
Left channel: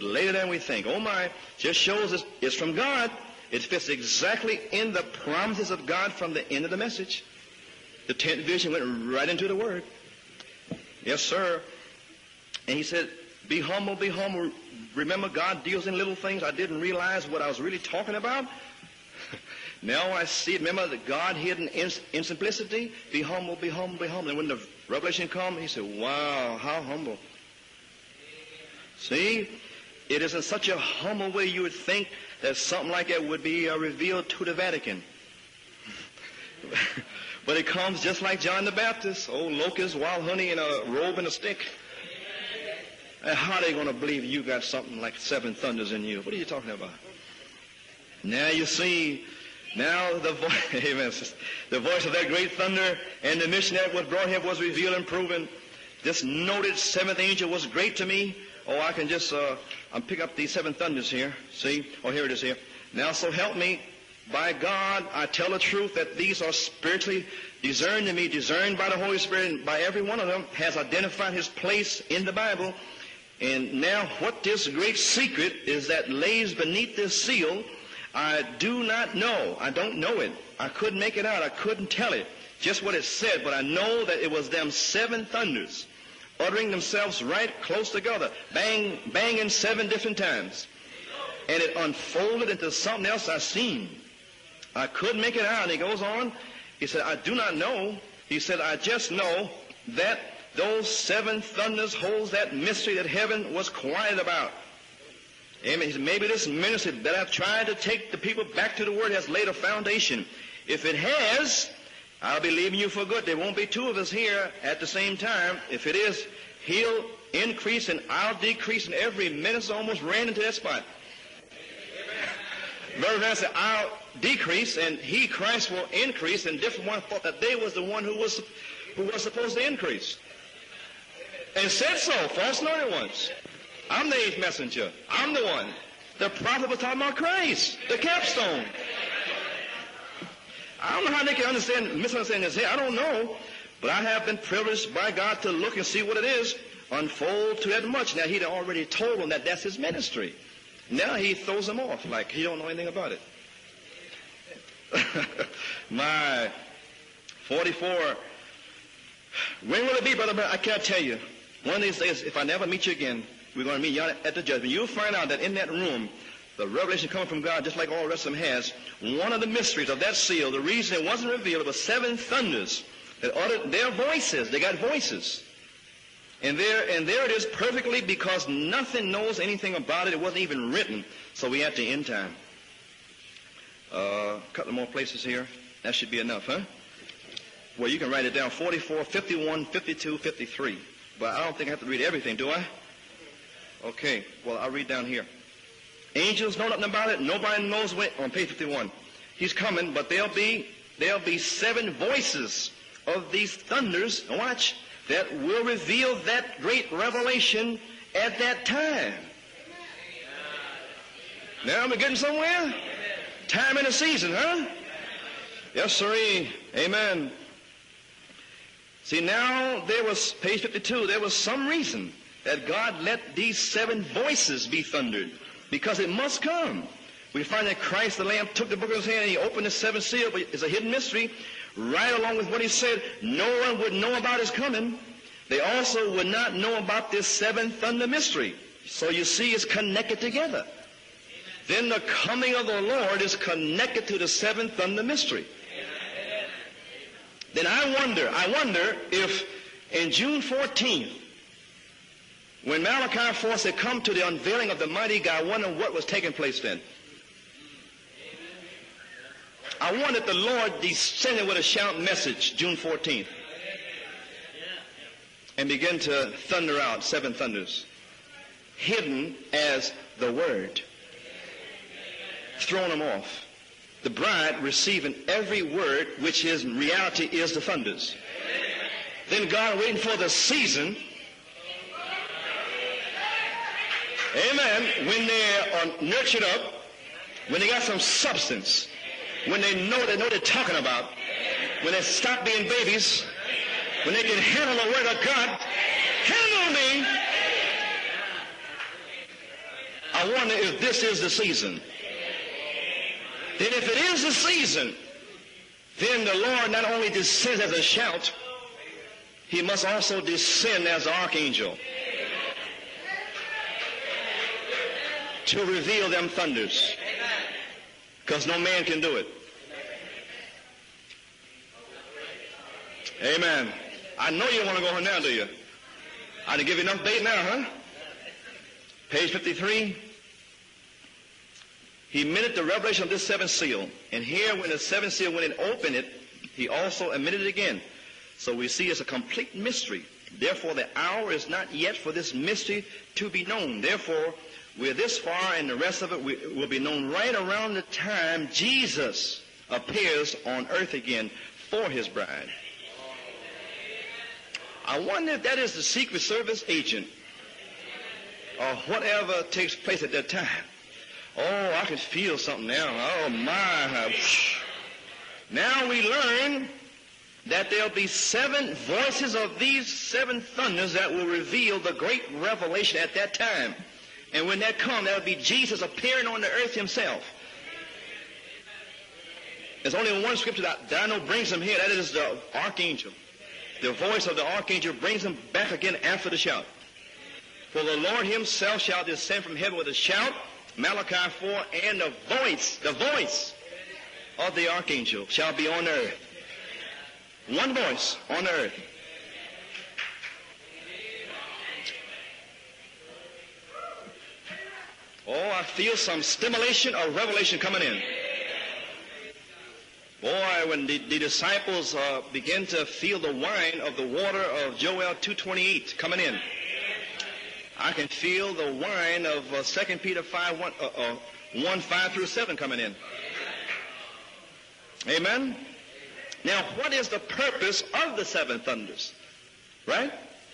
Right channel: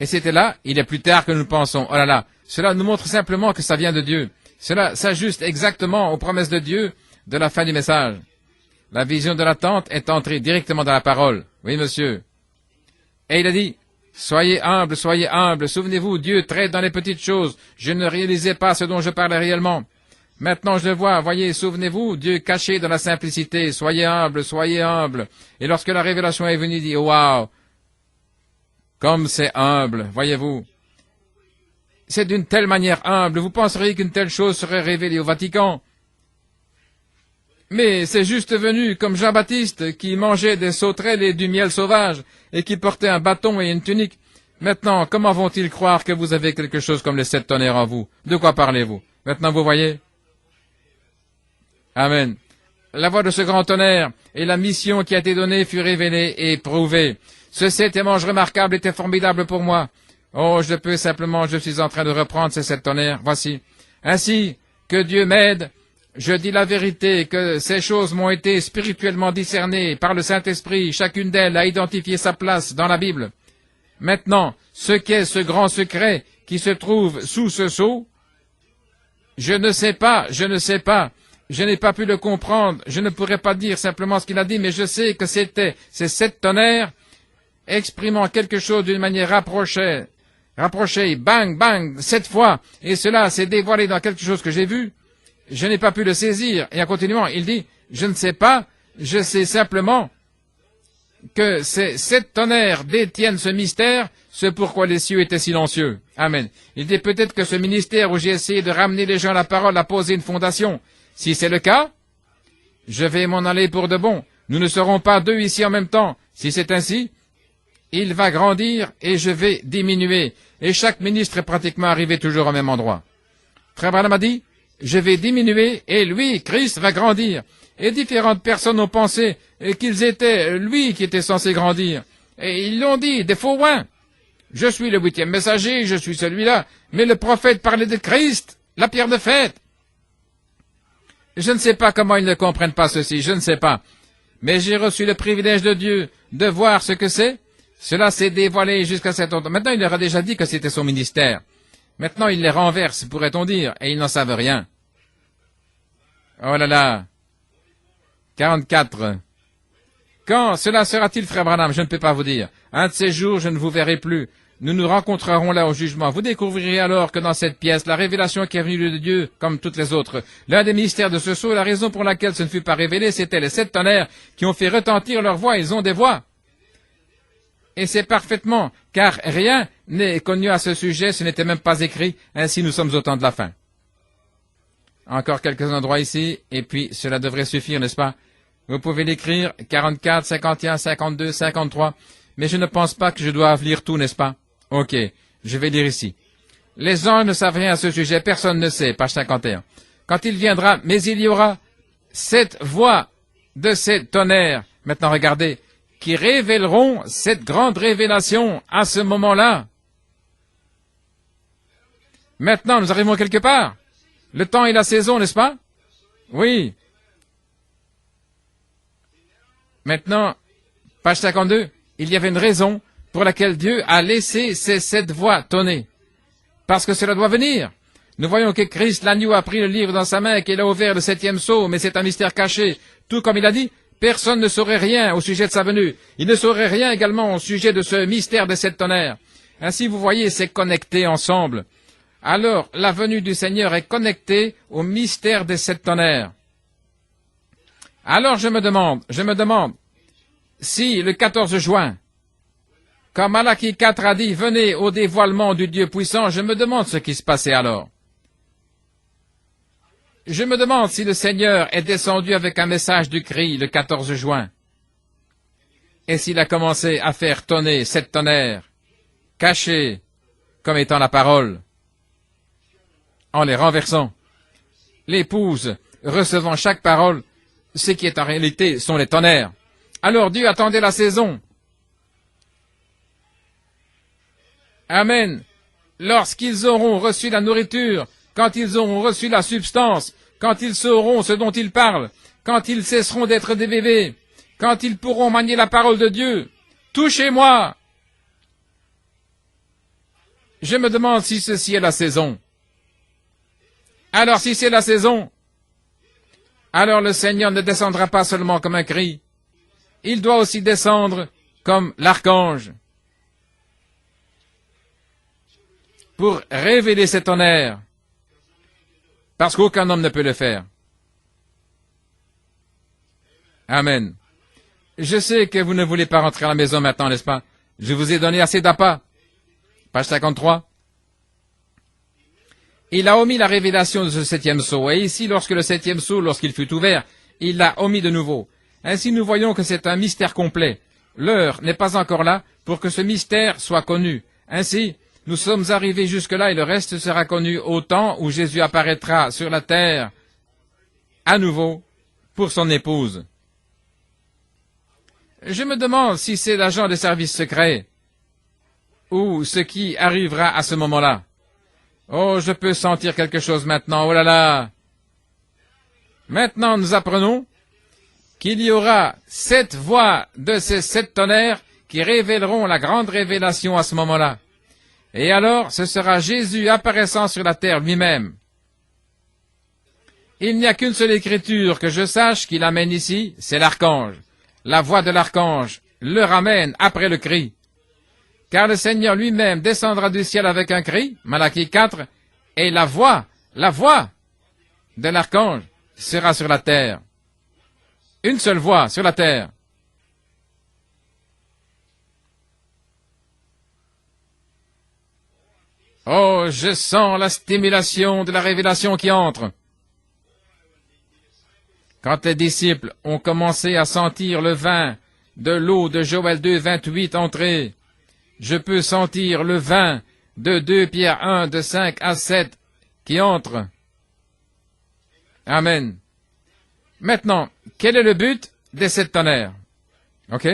Et c'était là, il est plus tard que nous pensons. Oh là là, cela nous montre simplement que ça vient de Dieu. Cela s'ajuste exactement aux promesses de Dieu de la fin du message. La vision de la tente est entrée directement dans la parole. Oui, monsieur. Et il a dit, soyez humbles, souvenez-vous, Dieu traite dans les petites choses. Je ne réalisais pas ce dont je parlais réellement. Maintenant je le vois, voyez, souvenez-vous, Dieu caché dans la simplicité, soyez humbles. Et lorsque la révélation est venue, il dit, waouh, comme c'est humble, voyez-vous. C'est d'une telle manière humble, vous penseriez qu'une telle chose serait révélée au Vatican. Mais c'est juste venu comme Jean-Baptiste qui mangeait des sauterelles et du miel sauvage et qui portait un bâton et une tunique. Maintenant, comment vont-ils croire que vous avez quelque chose comme les 7 tonnerres en vous? De quoi parlez-vous? Maintenant, vous voyez? Amen. La voix de ce grand tonnerre et la mission qui a été donnée fut révélée et éprouvée. Ce 7 manche remarquable était formidable pour moi. Oh, je suis en train de reprendre ces 7 tonnerres. Voici. Ainsi, que Dieu m'aide, je dis la vérité, que ces choses m'ont été spirituellement discernées par le Saint-Esprit, chacune d'elles a identifié sa place dans la Bible. Maintenant, ce qu'est ce grand secret qui se trouve sous ce sceau, je ne sais pas, je n'ai pas pu le comprendre, je ne pourrais pas dire simplement ce qu'il a dit, mais je sais que c'était ces 7 tonnerres exprimant quelque chose d'une manière rapprochée, bang, bang, 7 fois, et cela s'est dévoilé dans quelque chose que j'ai vu, je n'ai pas pu le saisir. Et en continuant, il dit, je ne sais pas, je sais simplement que ces 7 tonnerres détiennent ce mystère, c'est pourquoi les cieux étaient silencieux. Amen. Il dit peut-être que ce ministère où j'ai essayé de ramener les gens à la parole a posé une fondation. Si c'est le cas, je vais m'en aller pour de bon. Nous ne serons pas 2 ici en même temps. Si c'est ainsi, il va grandir et je vais diminuer. Et chaque ministre est pratiquement arrivé toujours au même endroit. Frère Branham a dit, je vais diminuer et lui, Christ, va grandir. Et différentes personnes ont pensé et qu'ils étaient lui qui était censé grandir. Et ils l'ont dit, des faux oins. Je suis le 8e messager, je suis celui-là. Mais le prophète parlait de Christ, la pierre de fête. Je ne sais pas comment ils ne comprennent pas ceci, je ne sais pas. Mais j'ai reçu le privilège de Dieu de voir ce que c'est. Cela s'est dévoilé jusqu'à cet endroit. Maintenant, il leur a déjà dit que c'était son ministère. Maintenant, il les renverse, pourrait-on dire, et ils n'en savent rien. Oh là là. 44. Quand cela sera-t-il, frère Branham? Je ne peux pas vous dire. Un de ces jours, je ne vous verrai plus. Nous nous rencontrerons là au jugement. Vous découvrirez alors que dans cette pièce, la révélation qui est venue de Dieu, comme toutes les autres, l'un des mystères de ce sceau, la raison pour laquelle ce ne fut pas révélé, c'était les 7 tonnerres qui ont fait retentir leur voix. Ils ont des voix. Et c'est parfaitement, car rien n'est connu à ce sujet, ce n'était même pas écrit. Ainsi, nous sommes au temps de la fin. Encore quelques endroits ici, et puis cela devrait suffire, n'est-ce pas? Vous pouvez l'écrire, 44, 51, 52, 53, mais je ne pense pas que je dois lire tout, n'est-ce pas? Ok, je vais lire ici. Les anges ne savent rien à ce sujet, personne ne sait, page 51. Quand il viendra, mais il y aura 7 voix de ces tonnerres, maintenant regardez, qui révéleront cette grande révélation à ce moment-là. Maintenant, nous arrivons quelque part. Le temps et la saison, n'est-ce pas? Oui. Maintenant, page 52, il y avait une raison pour laquelle Dieu a laissé ces 7 voix tonner. Parce que cela doit venir. Nous voyons que Christ, l'agneau, a pris le livre dans sa main et qu'il a ouvert le 7e sceau, mais c'est un mystère caché. Tout comme il a dit, personne ne saurait rien au sujet de sa venue. Il ne saurait rien également au sujet de ce mystère des 7 tonnerres. Ainsi, vous voyez, c'est connecté ensemble. Alors, la venue du Seigneur est connectée au mystère des 7 tonnerres. Alors je me demande, si le 14 juin, quand Malachie 4 a dit « Venez au dévoilement du Dieu puissant », je me demande ce qui se passait alors. Je me demande si le Seigneur est descendu avec un message du cri le 14 juin, et s'il a commencé à faire tonner 7 tonnerres, cachés comme étant la parole, en les renversant. L'épouse, recevant chaque parole, ce qui est en réalité sont les tonnerres. Alors Dieu attendait la saison. Amen. Lorsqu'ils auront reçu la nourriture, quand ils auront reçu la substance, quand ils sauront ce dont ils parlent, quand ils cesseront d'être des bébés, quand ils pourront manier la parole de Dieu, touchez-moi. Je me demande si ceci est la saison. Alors si c'est la saison, alors le Seigneur ne descendra pas seulement comme un cri, il doit aussi descendre comme l'archange pour révéler ces tonnerres, parce qu'aucun homme ne peut le faire. Amen. Je sais que vous ne voulez pas rentrer à la maison maintenant, n'est-ce pas? Je vous ai donné assez d'appât. Page 53. Il a omis la révélation de ce septième sceau. Et ici, lorsque le septième sceau, lorsqu'il fut ouvert, il l'a omis de nouveau. Ainsi, nous voyons que c'est un mystère complet. L'heure n'est pas encore là pour que ce mystère soit connu. Ainsi, nous sommes arrivés jusque-là et le reste sera connu au temps où Jésus apparaîtra sur la terre à nouveau pour son épouse. Et je me demande si c'est l'agent des services secrets ou ce qui arrivera à ce moment-là. Oh, je peux sentir quelque chose maintenant. Oh là là! Maintenant, nous apprenons qu'il y aura 7 voix de ces 7 tonnerres qui révéleront la grande révélation à ce moment-là. Et alors, ce sera Jésus apparaissant sur la terre lui-même. Il n'y a qu'une seule écriture que je sache qu'il amène ici, c'est l'archange. La voix de l'archange le ramène après le cri. Car le Seigneur lui-même descendra du ciel avec un cri, Malachie 4, et la voix de l'archange sera sur la terre. Une seule voix sur la terre. Oh, je sens la stimulation de la révélation qui entre. Quand les disciples ont commencé à sentir le vin de l'eau de Joël 2, 28 entrer, je peux sentir le vin de 2 Pierre 1, de 5 à 7 qui entre. Amen. Maintenant, quel est le but des 7 tonnerres? OK?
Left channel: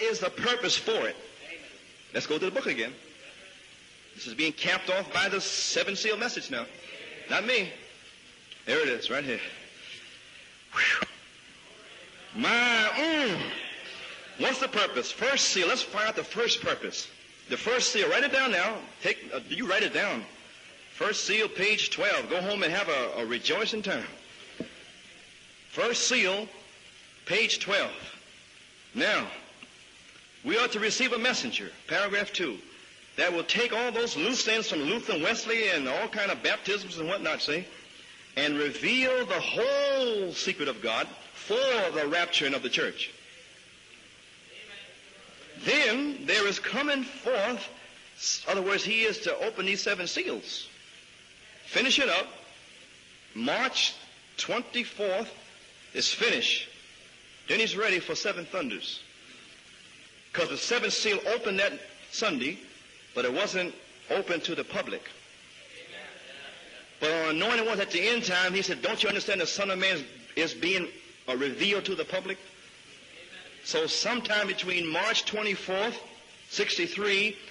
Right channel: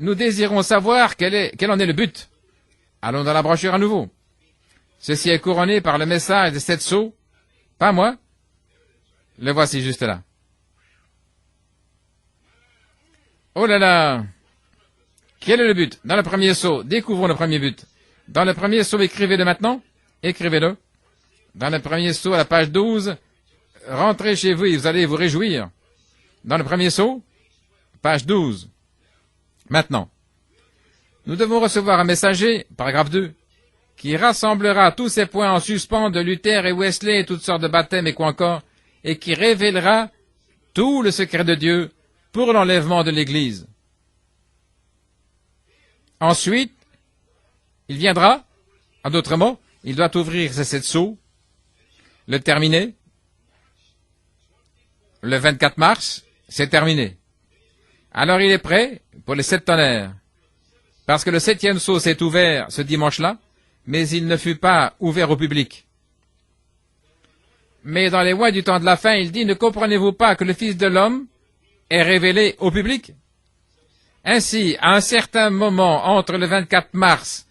Nous désirons savoir quel en est le but. Allons dans la brochure à nouveau. Ceci est couronné par le message des 7 sceaux. Pas moi. Le voici juste là. Oh là là! Quel est le but? Dans le premier sceau, découvrons le premier but. Dans le premier sceau, écrivez-le maintenant. Écrivez-le. Dans le premier sceau, à la page 12, rentrez chez vous et vous allez vous réjouir. Dans le premier sceau, page 12. Maintenant, nous devons recevoir un messager, paragraphe 2, qui rassemblera tous ces points en suspens de Luther et Wesley et toutes sortes de baptêmes et quoi encore, et qui révélera tout le secret de Dieu pour l'enlèvement de l'Église. Ensuite, il viendra, en d'autres mots, il doit ouvrir ces 7 sceaux, le terminer. Le 24 mars, c'est terminé. Alors il est prêt pour les 7 tonnerres. Parce que le 7e sceau s'est ouvert ce dimanche-là, mais il ne fut pas ouvert au public. Mais dans les mois du temps de la fin, il dit, ne comprenez-vous pas que le Fils de l'homme est révélé au public? Ainsi, à un certain moment, entre le 24 mars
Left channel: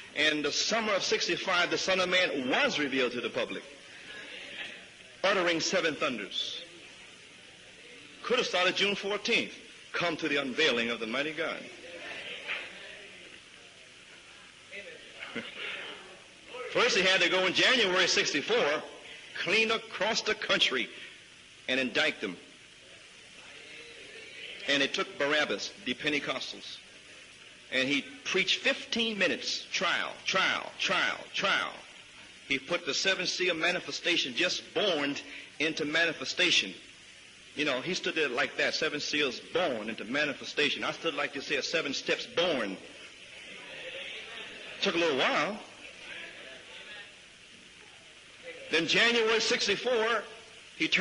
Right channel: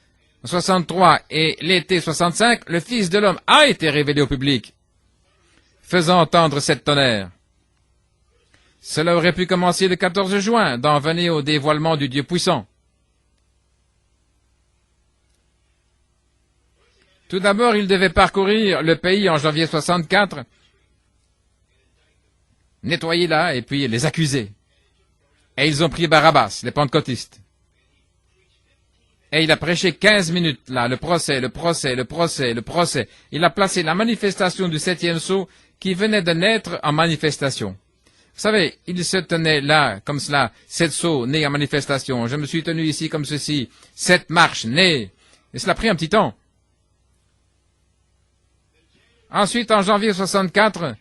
63 et l'été 65, le Fils de l'homme a été révélé au public, faisant entendre 7 tonnerres. Cela aurait pu commencer le 14 juin, d'en venir au dévoilement du Dieu puissant. Tout d'abord, il devait parcourir le pays en janvier 64, nettoyer là et puis les accuser. Et ils ont pris Barabbas, les pentecôtistes. Et il a prêché 15 minutes là, le procès. Il a placé la manifestation du 7e sceau qui venait de naître en manifestation. Vous savez, il se tenait là, comme cela, 7 sceaux nés en manifestation. Je me suis tenu ici comme ceci, 7 marches nées. Mais cela a pris un petit temps. Ensuite, en janvier 64,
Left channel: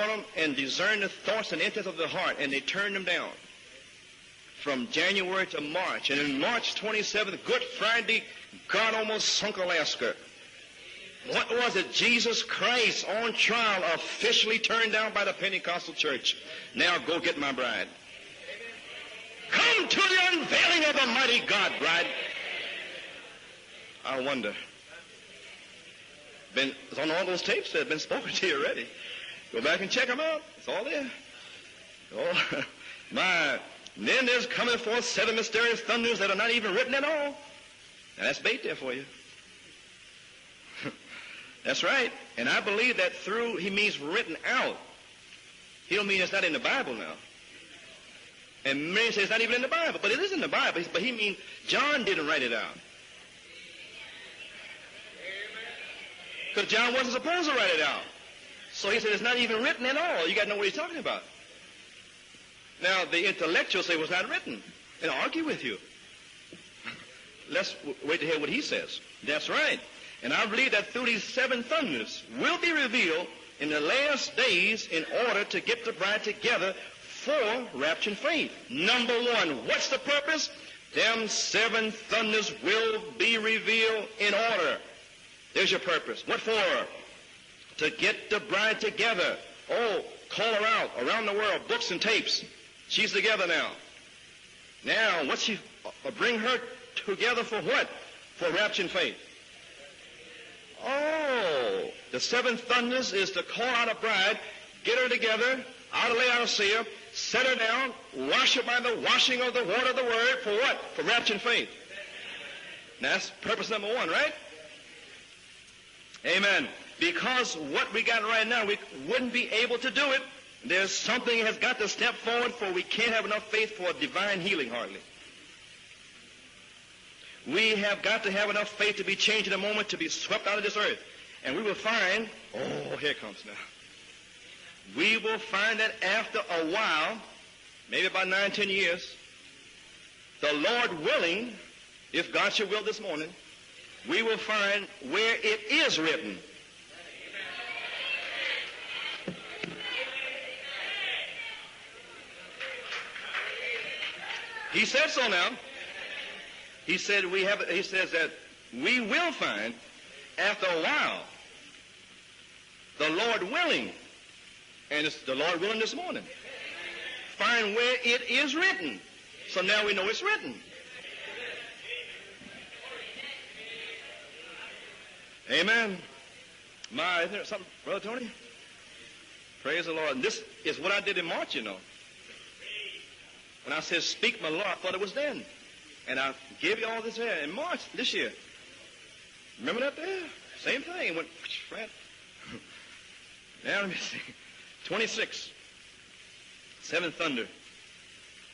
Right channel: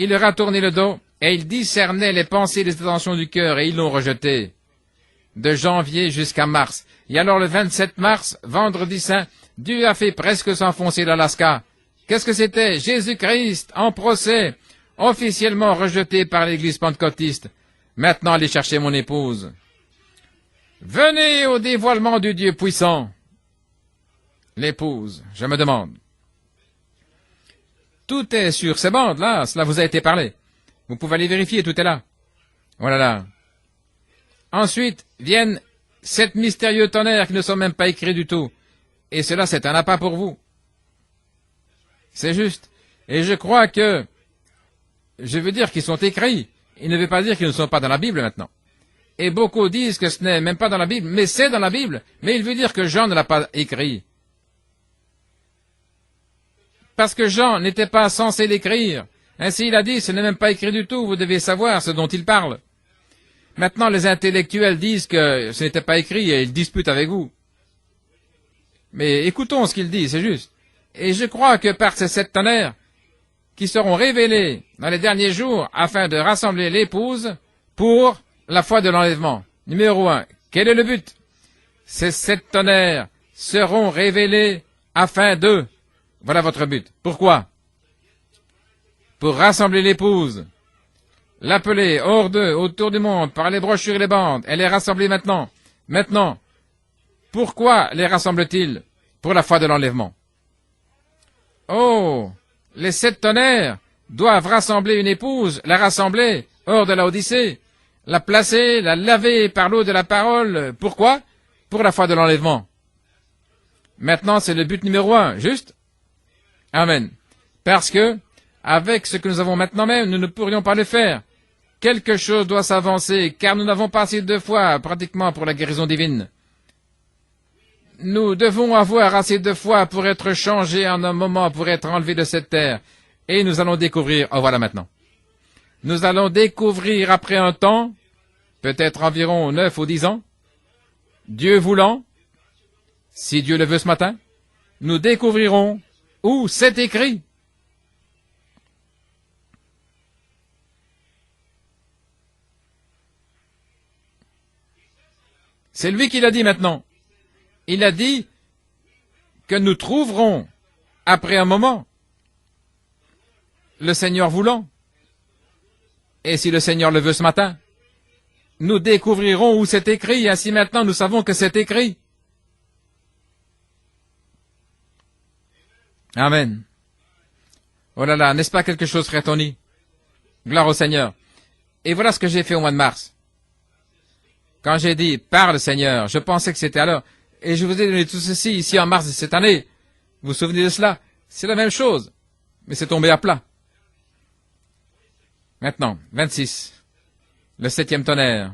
il leur a tourné le dos et il discernait les pensées et les intentions du cœur et ils l'ont rejeté de janvier jusqu'à mars. Et alors le 27 mars, vendredi saint, Dieu a fait presque s'enfoncer l'Alaska. Qu'est-ce que c'était? Jésus-Christ en procès, officiellement rejeté par l'Église pentecôtiste. Maintenant, allez chercher mon épouse. Venez au dévoilement du Dieu puissant. L'épouse, je me demande. Tout est sur ces bandes-là, cela vous a été parlé. Vous pouvez aller vérifier, tout est là. Voilà là. Ensuite viennent 7 mystérieux tonnerres qui ne sont même pas écrits du tout. Et cela, c'est un appât pour vous. C'est juste. Et je crois que Je veux dire qu'ils sont écrits. Il ne veut pas dire qu'ils ne sont pas dans la Bible maintenant. Et beaucoup disent que ce n'est même pas dans la Bible, mais c'est dans la Bible. Mais il veut dire que Jean ne l'a pas écrit. Parce que Jean n'était pas censé l'écrire. Ainsi, il a dit, ce n'est même pas écrit du tout, vous devez savoir ce dont il parle. Maintenant, les intellectuels disent que ce n'était pas écrit et ils disputent avec vous. Mais écoutons ce qu'il dit, c'est juste. Et je crois que par ces 7 tonnerres qui seront révélés dans les derniers jours afin de rassembler l'épouse pour la foi de l'enlèvement. Numéro 1. Quel est le but? Ces 7 tonnerres seront révélés afin de... Voilà votre but. Pourquoi? Pour rassembler l'épouse, l'appeler hors d'eux, autour du monde, par les brochures et les bandes. Elle est rassemblée maintenant. Maintenant, pourquoi les rassemble-t-il? Pour la foi de l'enlèvement. Oh, les 7 tonnerres doivent rassembler une épouse, la rassembler hors de la Odyssée, la placer, la laver par l'eau de la parole. Pourquoi? Pour la foi de l'enlèvement. Maintenant, c'est le but numéro 1, juste? Amen. Parce que, avec ce que nous avons maintenant même, nous ne pourrions pas le faire. Quelque chose doit s'avancer, car nous n'avons pas assez de foi, pratiquement, pour la guérison divine. Nous devons avoir assez de foi pour être changés en un moment, pour être enlevés de cette terre. Et nous allons découvrir, oh voilà maintenant. Nous allons découvrir après un temps, peut-être environ 9 ou 10 ans, Dieu voulant, si Dieu le veut ce matin, nous découvrirons où c'est écrit. C'est lui qui l'a dit maintenant. Il a dit que nous trouverons, après un moment, le Seigneur voulant. Et si le Seigneur le veut ce matin, nous découvrirons où c'est écrit. Ainsi maintenant, nous savons que c'est écrit. Amen. Oh là là, n'est-ce pas quelque chose, frère Tony? Gloire au Seigneur. Et voilà ce que j'ai fait au mois de mars. Quand j'ai dit « Parle, Seigneur », je pensais que c'était alors. Et je vous ai donné tout ceci ici en mars de cette année. Vous vous souvenez de cela? C'est la même chose. Mais c'est tombé à plat. Maintenant, 26. Le 7e tonnerre.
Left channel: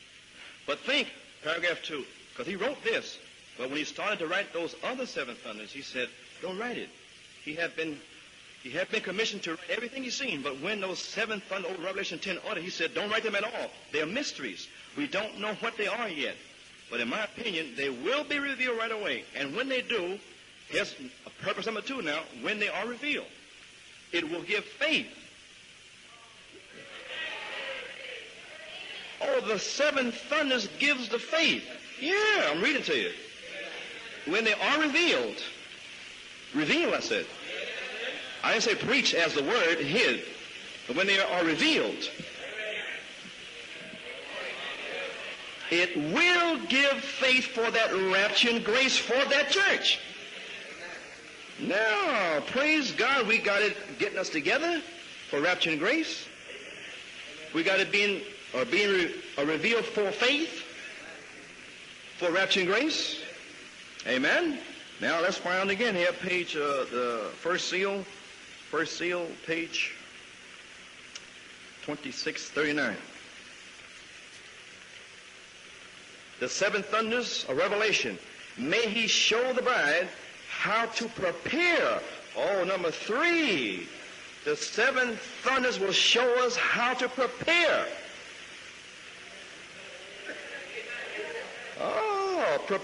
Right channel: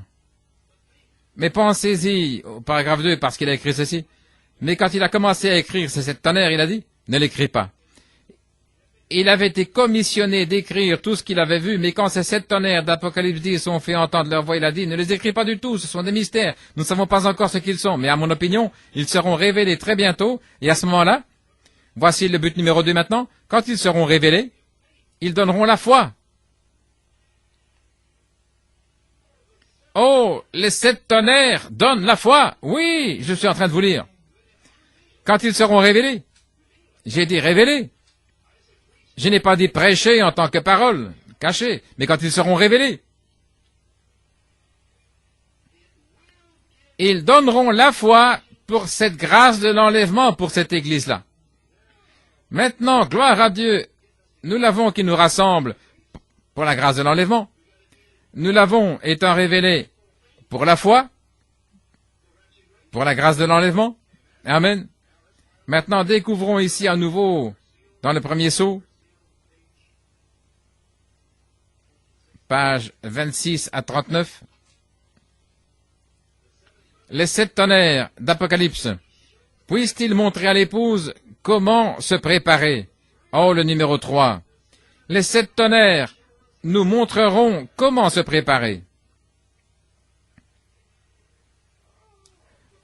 Mais pensez-y au paragraphe 2 parce qu'il a écrit ceci. Mais quand il a commencé à écrire ces 7 tonnerres, il a dit « Ne l'écris pas ». Il avait été commissionné d'écrire tout ce qu'il avait vu, mais quand ces 7 tonnerres d'Apocalypse 10 ont fait entendre leur voix, il a dit, ne les écris pas du tout, ce sont des mystères, nous ne savons pas encore ce qu'ils sont, mais à mon opinion, ils seront révélés très bientôt, et à ce moment-là, voici le but numéro 2 maintenant, quand ils seront révélés, ils donneront la foi. Oh, les 7 tonnerres donnent la foi. Oui, je suis en train de vous lire. Quand ils seront révélés, j'ai dit révélés. Je n'ai pas dit prêcher en tant que parole, cachée, mais quand ils seront révélés, ils donneront la foi pour cette grâce de l'enlèvement pour cette Église-là. Maintenant, gloire à Dieu, nous l'avons qui nous rassemble pour la grâce de l'enlèvement. Nous l'avons étant révélé pour la foi, pour la grâce de l'enlèvement. Amen. Maintenant, découvrons ici à nouveau, dans le premier sceau, page 26 à 39, les 7 tonnerres d'Apocalypse. Puisse-t-il montrer à l'épouse comment se préparer? Oh, le numéro 3. Les 7 tonnerres nous montreront comment se préparer.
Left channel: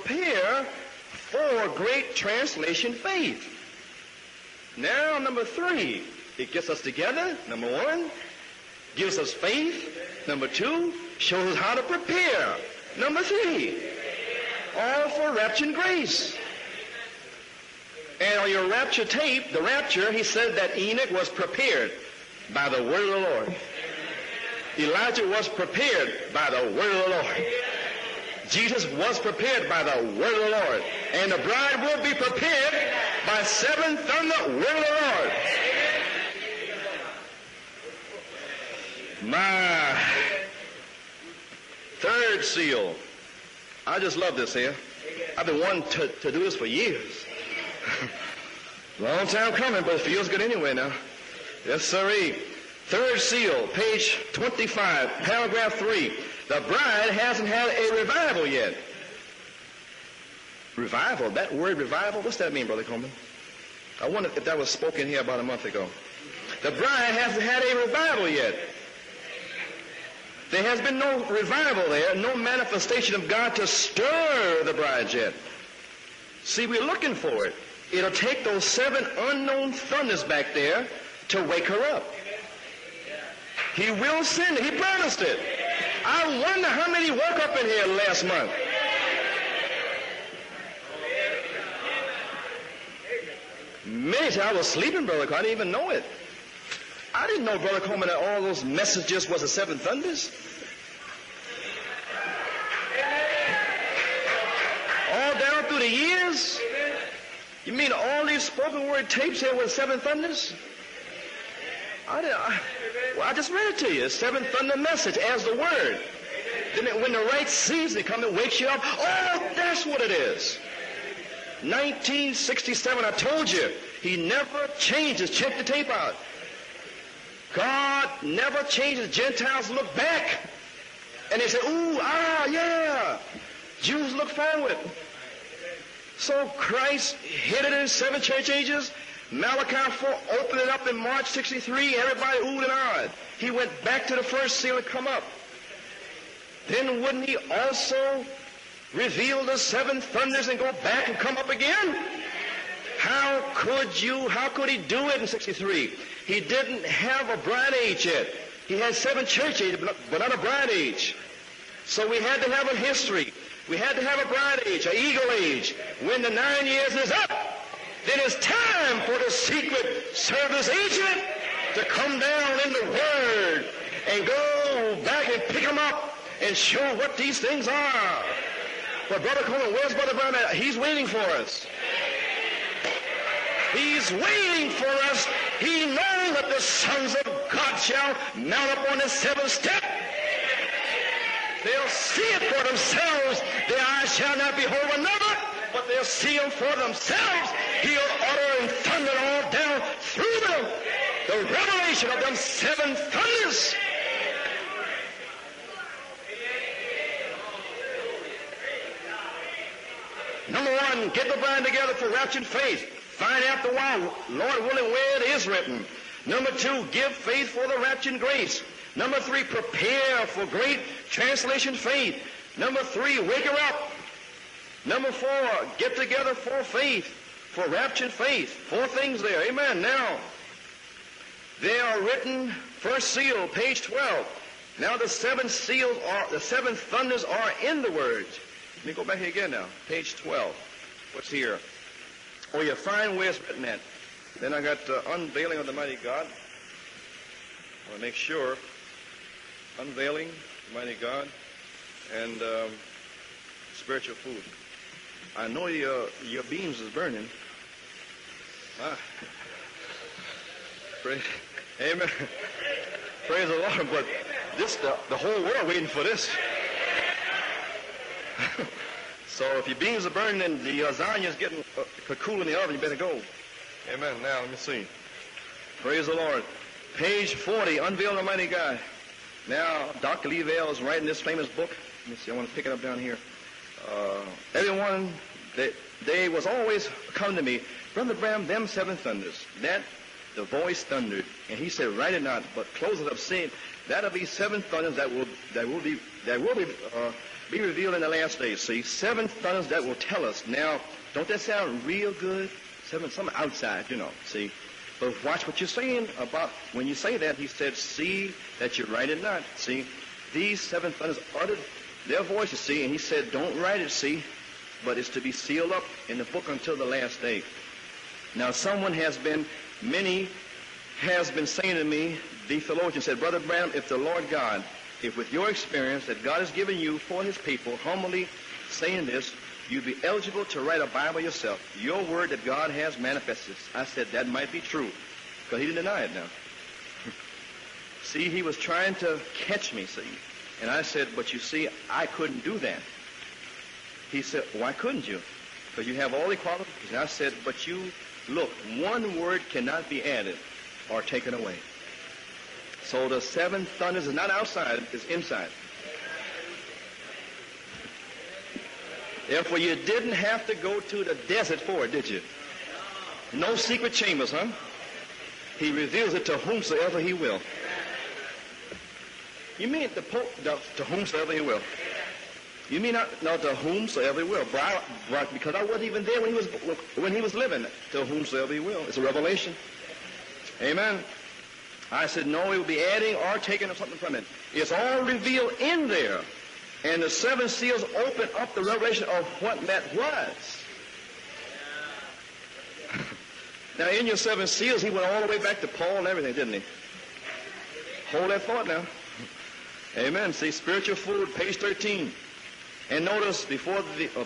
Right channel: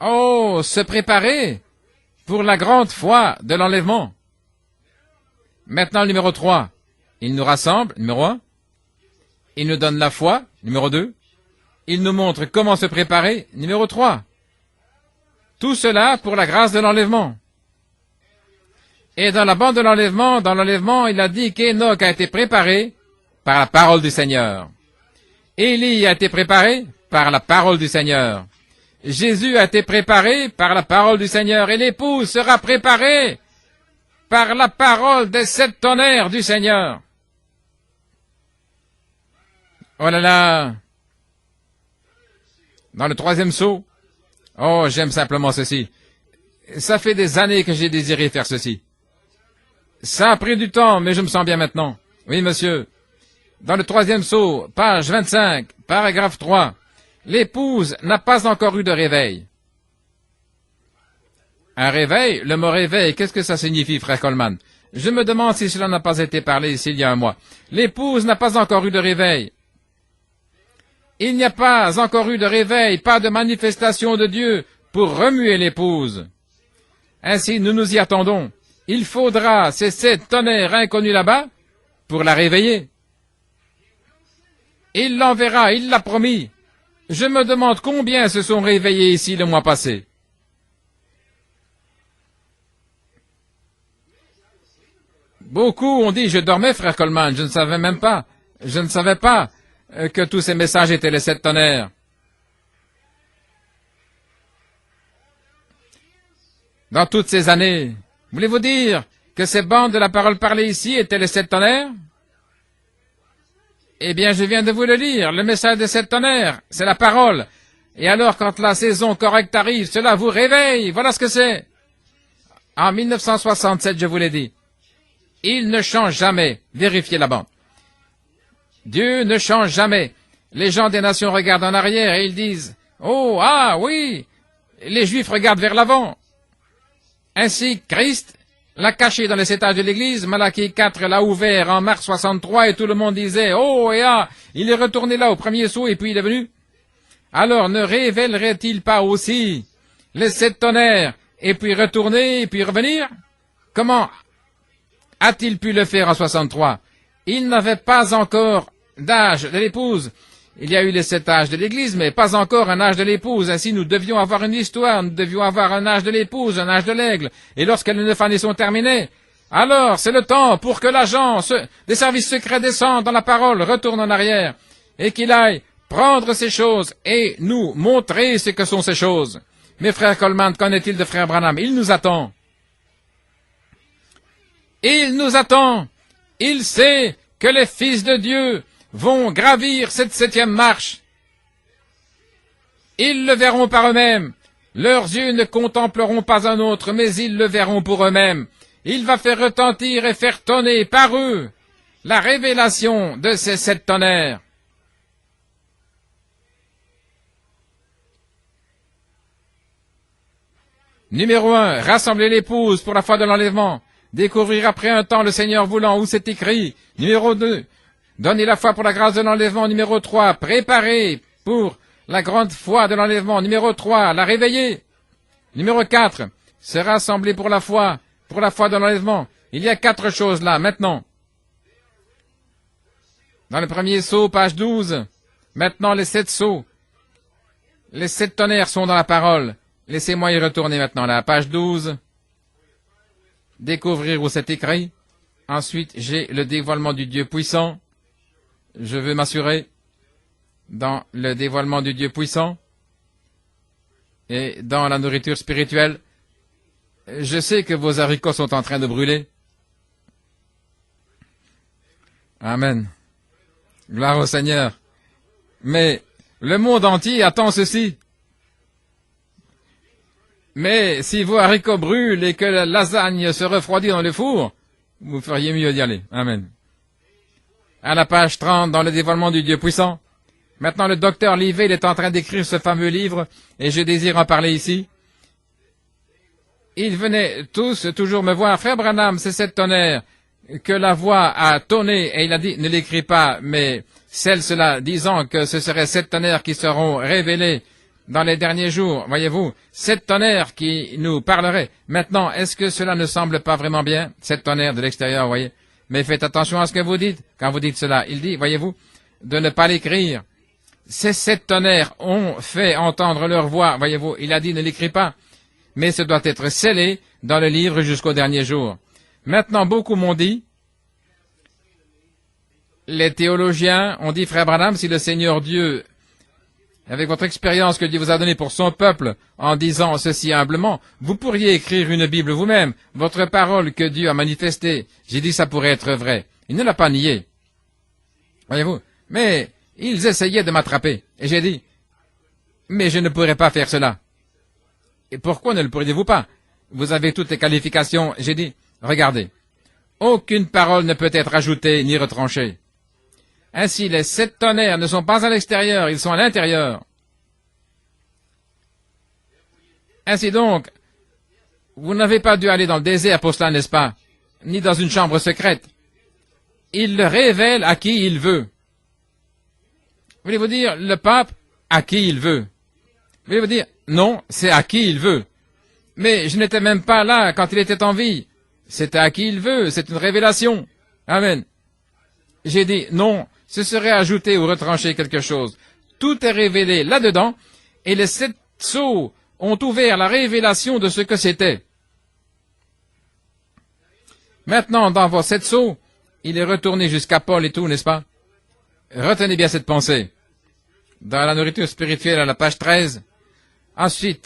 Oh, se préparer pour la grande foi de l'enlèvement. Maintenant, le numéro 3. Il nous rassemble, numéro 1. Il nous donne la foi, numéro 2. Il nous montre comment se préparer, numéro 3. Tout cela pour la grâce de l'enlèvement. Et dans la bande de l'enlèvement, il a dit qu'Enoch a été préparé par la parole du Seigneur. Élie a été préparé par la parole du Seigneur. Jésus a été préparé par la parole du Seigneur. Et l'épouse sera préparée par la parole des 7 tonnerres du Seigneur. Oh là là! Dans le 3e sceau, oh, j'aime simplement ceci. Ça fait des années que j'ai désiré faire ceci. Ça a pris du temps, mais je me sens bien maintenant. Oui, monsieur. Dans le troisième sceau, page 25, paragraphe 3, l'épouse n'a pas encore eu de réveil. Un réveil, le mot réveil, qu'est-ce que ça signifie, frère Coleman? Je me demande si cela n'a pas été parlé ici il y a un mois. L'épouse n'a pas encore eu de réveil. Il n'y a pas encore eu de réveil, pas de manifestation de Dieu pour remuer l'épouse. Ainsi, nous nous y attendons. Il faudra ces 7 tonnerres inconnus là-bas pour la réveiller. Il l'enverra, il l'a promis. Je me demande combien se sont réveillés ici le mois passé. Beaucoup ont dit, je dormais, frère Coleman, je ne savais même pas. Je ne savais pas que tous ces messages étaient les 7 tonnerres. Dans toutes ces années, voulez-vous dire que ces bandes de la parole parlée ici étaient les 7 tonnerres? Eh bien, je viens de vous le lire, le message des 7 tonnerres, c'est la parole. Et alors, quand la saison correcte arrive, cela vous réveille, voilà ce que c'est. En 1967, je vous l'ai dit, il ne change jamais. Vérifiez la bande. Dieu ne change jamais. Les gens des nations regardent en arrière et ils disent, oh, ah, oui. Les Juifs regardent vers l'avant. Ainsi, Christ l'a caché dans les 7 âges de l'Église. Malachie 4 l'a ouvert en mars 63 et tout le monde disait, oh, et ah, il est retourné là au premier saut et puis il est venu. Alors ne révélerait-il pas aussi les 7 tonnerres et puis retourner et puis revenir? Comment a-t-il pu le faire en 63? Il n'avait pas encore d'âge de l'épouse. Il y a eu les 7 âges de l'Église, mais pas encore un âge de l'épouse. Ainsi, nous devions avoir une histoire, nous devions avoir un âge de l'épouse, un âge de l'aigle. Et lorsque les 9 années sont terminées, alors c'est le temps pour que l'agent, le service secret descende dans la parole, retourne en arrière, et qu'il aille prendre ces choses et nous montrer ce que sont ces choses. Mais frère Coleman, qu'en est-il de frère Branham? Il nous attend. Il nous attend. Il sait que les fils de Dieu vont gravir cette 7e marche. Ils le verront par eux-mêmes. Leurs yeux ne contempleront pas un autre, mais ils le verront pour eux-mêmes. Il va faire retentir et faire tonner par eux la révélation de ces 7 tonnerres. Numéro 1, rassembler l'épouse pour la foi de l'enlèvement. Découvrir après un temps le Seigneur voulant où c'est écrit. Numéro 2, donner la foi pour la grâce de l'enlèvement. Numéro 3, préparer pour la grande foi de l'enlèvement. Numéro 3, la réveiller. Numéro 4, se rassembler pour la foi de l'enlèvement. Il y a 4 choses là, maintenant. Dans le premier sceau, page 12. Maintenant, les 7 sceaux. Les 7 tonnerres sont dans la parole. Laissez-moi y retourner maintenant, là, page 12. Découvrir où c'est écrit. Ensuite, j'ai le dévoilement du Dieu puissant. Je veux m'assurer dans le dévoilement du Dieu puissant et dans la nourriture spirituelle. Je sais que vos haricots sont en train de brûler. Amen. Gloire au Seigneur. Mais le monde entier attend ceci. Mais si vos haricots brûlent et que la lasagne se refroidit dans le four, vous feriez mieux d'y aller. Amen. À la page 30, dans le dévoilement du Dieu puissant. Maintenant, le docteur Livell est en train d'écrire ce fameux livre et je désire en parler ici. Ils venaient tous toujours me voir. Frère Branham, c'est 7 tonnerres. Que la voix a tonné, et il a dit, ne l'écris pas, mais cela disant que ce seraient 7 tonnerres qui seront révélés dans les derniers jours, voyez-vous, 7 tonnerres qui nous parleraient. Maintenant, est-ce que cela ne semble pas vraiment bien, 7 tonnerres de l'extérieur, voyez? Mais faites attention à ce que vous dites, quand vous dites cela. Il dit, voyez-vous, de ne pas l'écrire. Ces 7 tonnerres ont fait entendre leur voix, voyez-vous, il a dit, ne l'écris pas, mais ce doit être scellé dans le livre jusqu'au dernier jour. Maintenant, beaucoup m'ont dit, les théologiens ont dit, frère Branham, si le Seigneur Dieu, avec votre expérience que Dieu vous a donnée pour son peuple, en disant ceci humblement, vous pourriez écrire une Bible vous-même, votre parole que Dieu a manifestée. J'ai dit, ça pourrait être vrai. Il ne l'a pas nié. Voyez-vous? Mais ils essayaient de m'attraper. Et j'ai dit, mais je ne pourrais pas faire cela. Et pourquoi ne le pourriez-vous pas? Vous avez toutes les qualifications. J'ai dit, regardez, aucune parole ne peut être ajoutée ni retranchée. Ainsi, les 7 tonnerres ne sont pas à l'extérieur, ils sont à l'intérieur. Ainsi donc, vous n'avez pas dû aller dans le désert pour cela, n'est-ce pas? Ni dans une chambre secrète. Il le révèle à qui il veut. Voulez-vous dire le pape à qui il veut? Voulez-vous dire non, c'est à qui il veut. Mais je n'étais même pas là quand il était en vie. C'était à qui il veut, c'est une révélation. Amen. J'ai dit non, ce serait ajouter ou retrancher quelque chose. Tout est révélé là-dedans et les 7 sceaux ont ouvert la révélation de ce que c'était. Maintenant, dans vos 7 sceaux, il est retourné jusqu'à Paul et tout, n'est-ce pas? Retenez bien cette pensée. Dans la nourriture spirituelle à la page 13, ensuite,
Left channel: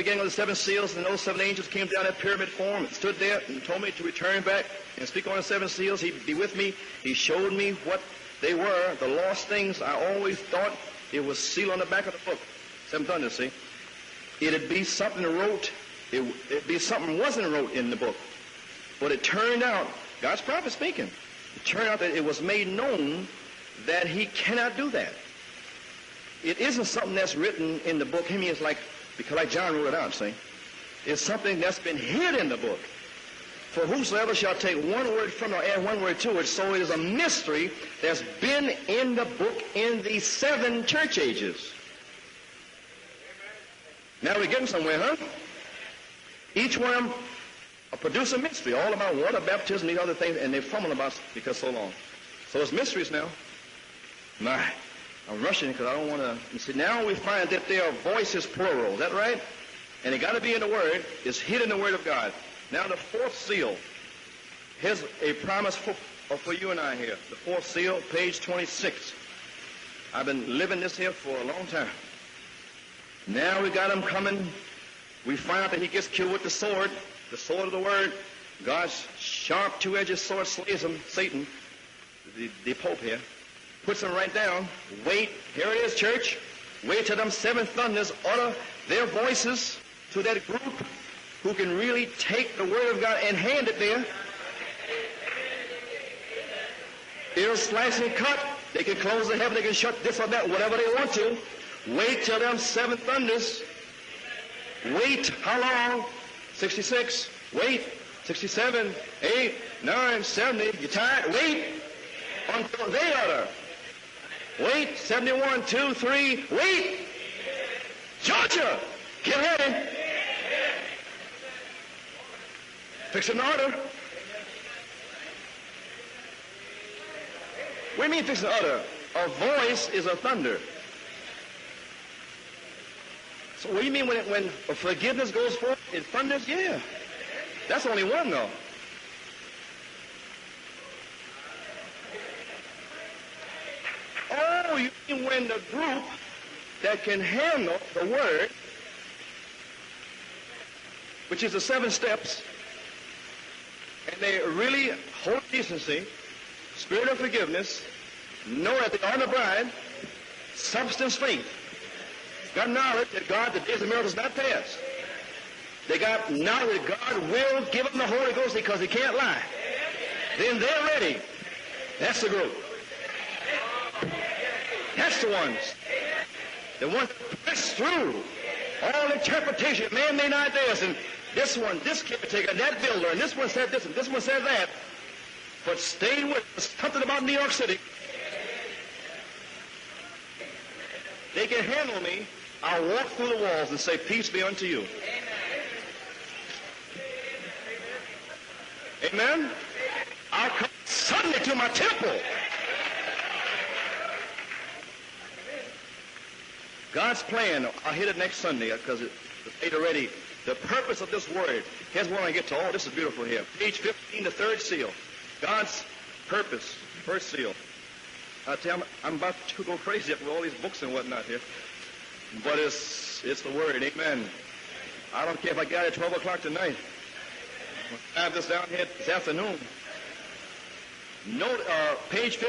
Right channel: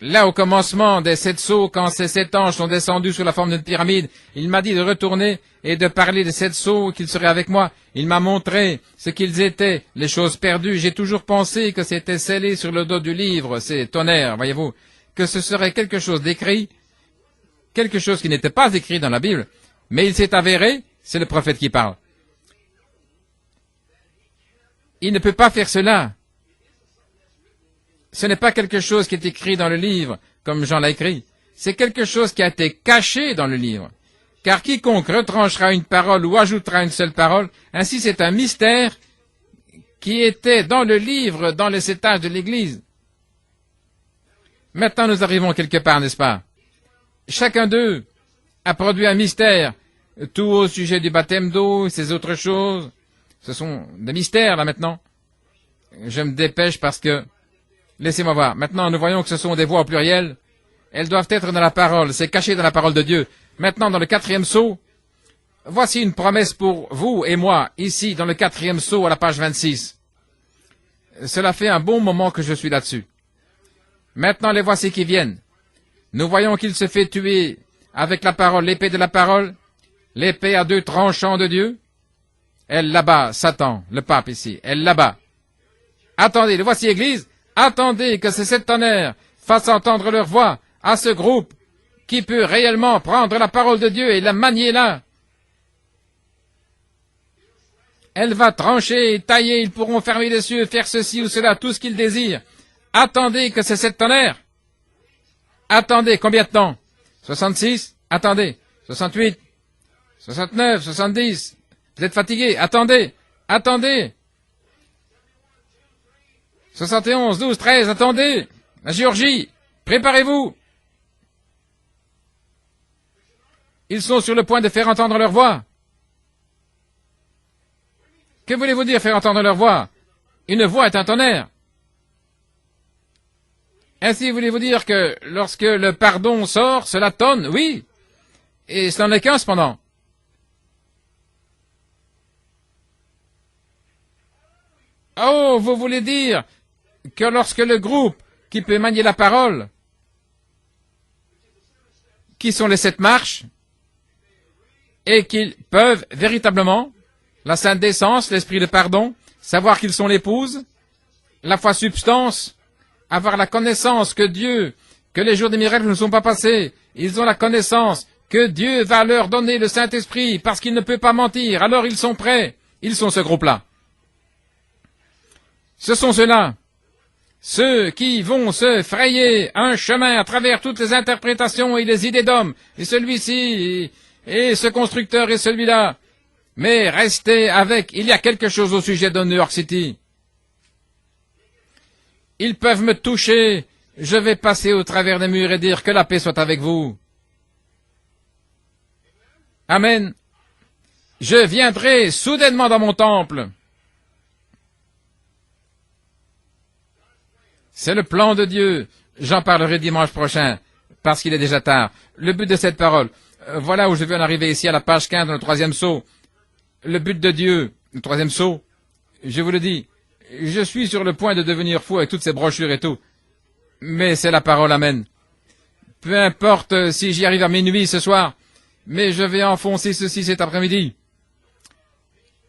là au commencement des 7 sceaux, quand ces 7 anges sont descendus sous la forme d'une pyramide, il m'a dit de retourner et de parler des 7 sceaux, qu'ils seraient avec moi. Il m'a montré ce qu'ils étaient, les choses perdues. J'ai toujours pensé que c'était scellé sur le dos du livre, ces tonnerres, voyez-vous, que ce serait quelque chose d'écrit, quelque chose qui n'était pas écrit dans la Bible. Mais il s'est avéré, c'est le prophète qui parle. Il ne peut pas faire cela. Ce n'est pas quelque chose qui est écrit dans le livre, comme Jean l'a écrit. C'est quelque chose qui a été caché dans le livre. Car quiconque retranchera une parole ou ajoutera une seule parole, ainsi c'est un mystère qui était dans le livre, dans les 7 âges de l'Église. Maintenant, nous arrivons quelque part, n'est-ce pas? Chacun d'eux a produit un mystère. Tout au sujet du baptême d'eau, ces autres choses, ce sont des mystères, là, maintenant. Je me dépêche parce que... Laissez-moi voir. Maintenant, nous voyons que ce sont des voix au pluriel. Elles doivent être dans la parole. C'est caché dans la parole de Dieu. Maintenant, dans le 4e sceau, voici une promesse pour vous et moi, ici, dans le 4e sceau, à la page 26. Cela fait un bon moment que je suis là-dessus. Maintenant, les voici qui viennent. Nous voyons qu'il se fait tuer avec la parole, l'épée de la parole, l'épée à 2 tranchants de Dieu. Elle là-bas, Satan, le pape ici, elle là-bas. Attendez, le voici Église. Attendez que ces 7 tonnerres fassent entendre leur voix à ce groupe qui peut réellement prendre la parole de Dieu et la manier là. Elle va trancher, tailler, ils pourront fermer les yeux, faire ceci ou cela, tout ce qu'ils désirent. Attendez que ces 7 tonnerres. Attendez, combien de temps? 66? Attendez. 68? 69? 70? Vous êtes fatigué? Attendez! Attendez! 71, 12, 13, attendez! La Géorgie, préparez-vous! Ils sont sur le point de faire entendre leur voix. Que voulez-vous dire faire entendre leur voix? Une voix est un tonnerre. Ainsi, voulez-vous dire que lorsque le pardon sort, cela tonne? Oui. Et ce n'en est qu'un cependant. Oh, vous voulez dire que lorsque le groupe qui peut manier la parole, qui sont les 7 marches, et qu'ils peuvent véritablement, la sainte décence, l'esprit de pardon, savoir qu'ils sont l'épouse, la foi substance, avoir la connaissance que Dieu, que les jours des miracles ne sont pas passés, ils ont la connaissance que Dieu va leur donner le Saint-Esprit parce qu'il ne peut pas mentir, alors ils sont prêts, ils sont ce groupe-là. Ce sont ceux-là, ceux qui vont se frayer un chemin à travers toutes les interprétations et les idées d'hommes, et celui-ci, et ce constructeur et celui-là. Mais restez avec, il y a quelque chose au sujet de New York City. Ils peuvent me toucher, je vais passer au travers des murs et dire que la paix soit avec vous. Amen. Je viendrai soudainement dans mon temple. C'est le plan de Dieu. J'en parlerai dimanche prochain, parce qu'il est déjà tard. Le but de cette parole, voilà où je veux en arriver ici à la page 15 dans le 3e sceau. Le but de Dieu, le 3e sceau, je vous le dis, je suis sur le point de devenir fou avec toutes ces brochures et tout. Mais c'est la parole, amen. Peu importe si j'y arrive à minuit ce soir, mais je vais enfoncer ceci cet après-midi.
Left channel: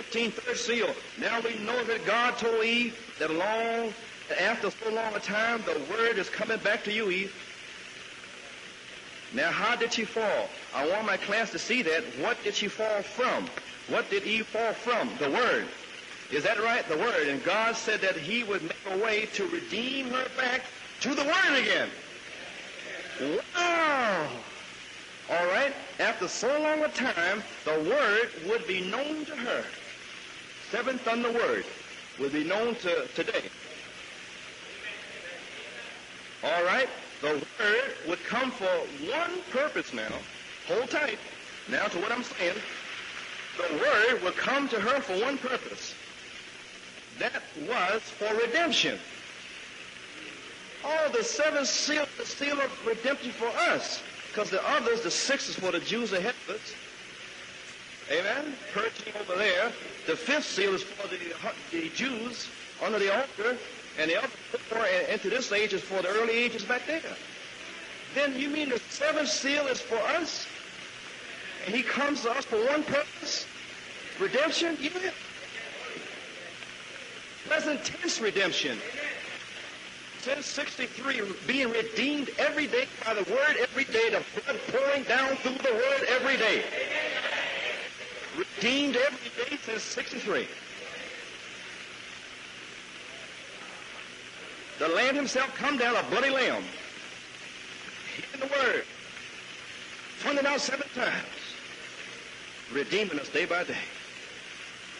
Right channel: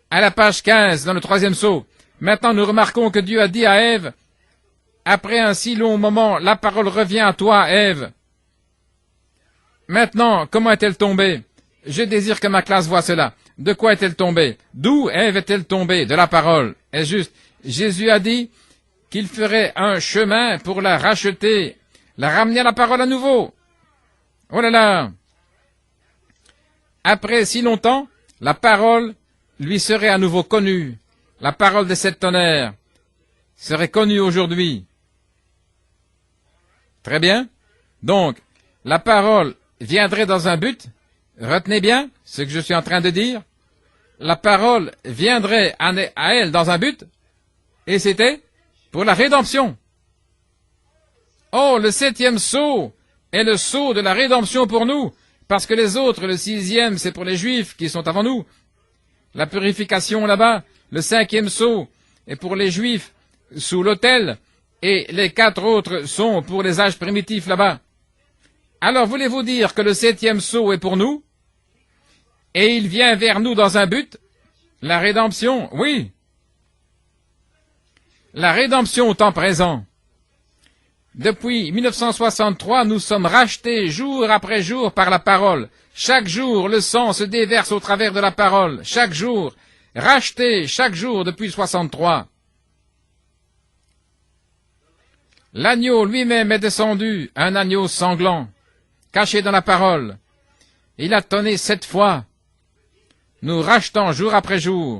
À la page 15, dans le 3e sceau, maintenant nous remarquons que Dieu a dit à Ève, après un si long moment, la parole revient à toi, Ève. Maintenant, comment est-elle tombée? Je désire que ma classe voie cela. De quoi est-elle tombée? D'où Ève est-elle tombée? De la parole. Est-ce juste? Jésus a dit qu'il ferait un chemin pour la racheter, la ramener à la parole à nouveau. Oh là là! Après si longtemps, la parole lui serait à nouveau connue. La parole des 7 tonnerres serait connue aujourd'hui. Très bien. Donc, la parole viendrait dans un but. Retenez bien ce que je suis en train de dire. La parole viendrait à elle dans un but, et c'était pour la rédemption. Oh, le 7e sceau est le sceau de la rédemption pour nous, parce que les autres, le 6e, c'est pour les Juifs qui sont avant nous. La purification là-bas, le 5e sceau est pour les Juifs sous l'autel, et les 4 autres sont pour les âges primitifs là-bas. Alors voulez-vous dire que le 7e sceau est pour nous, et il vient vers nous dans un but? La rédemption, oui. La rédemption au temps présent. Depuis 1963, nous sommes rachetés jour après jour par la parole. Chaque jour, le sang se déverse au travers de la parole. Chaque jour, rachetés chaque jour depuis 63. L'agneau lui-même est descendu, un agneau sanglant, caché dans la parole. Il a tonné 7 fois, nous rachetant jour après jour,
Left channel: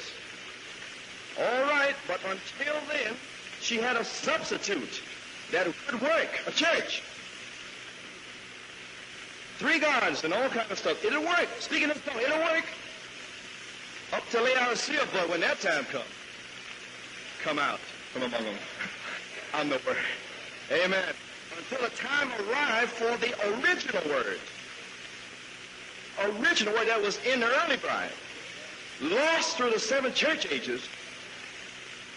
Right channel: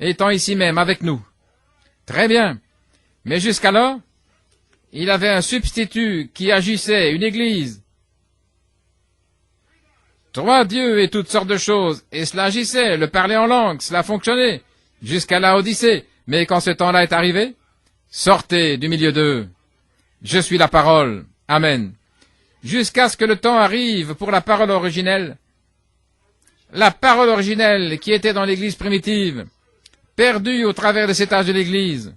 étant ici même avec nous. Très bien. Mais jusqu'alors, il avait un substitut qui agissait, une église. 3 dieux et toutes sortes de choses. Et cela agissait, le parler en langue, cela fonctionnait, jusqu'à la Odyssée. Mais quand ce temps-là est arrivé, sortez du milieu d'eux. Je suis la parole. Amen. Jusqu'à ce que le temps arrive pour la parole originelle. La parole originelle qui était dans l'église primitive, perdue au travers de cet âge de l'église.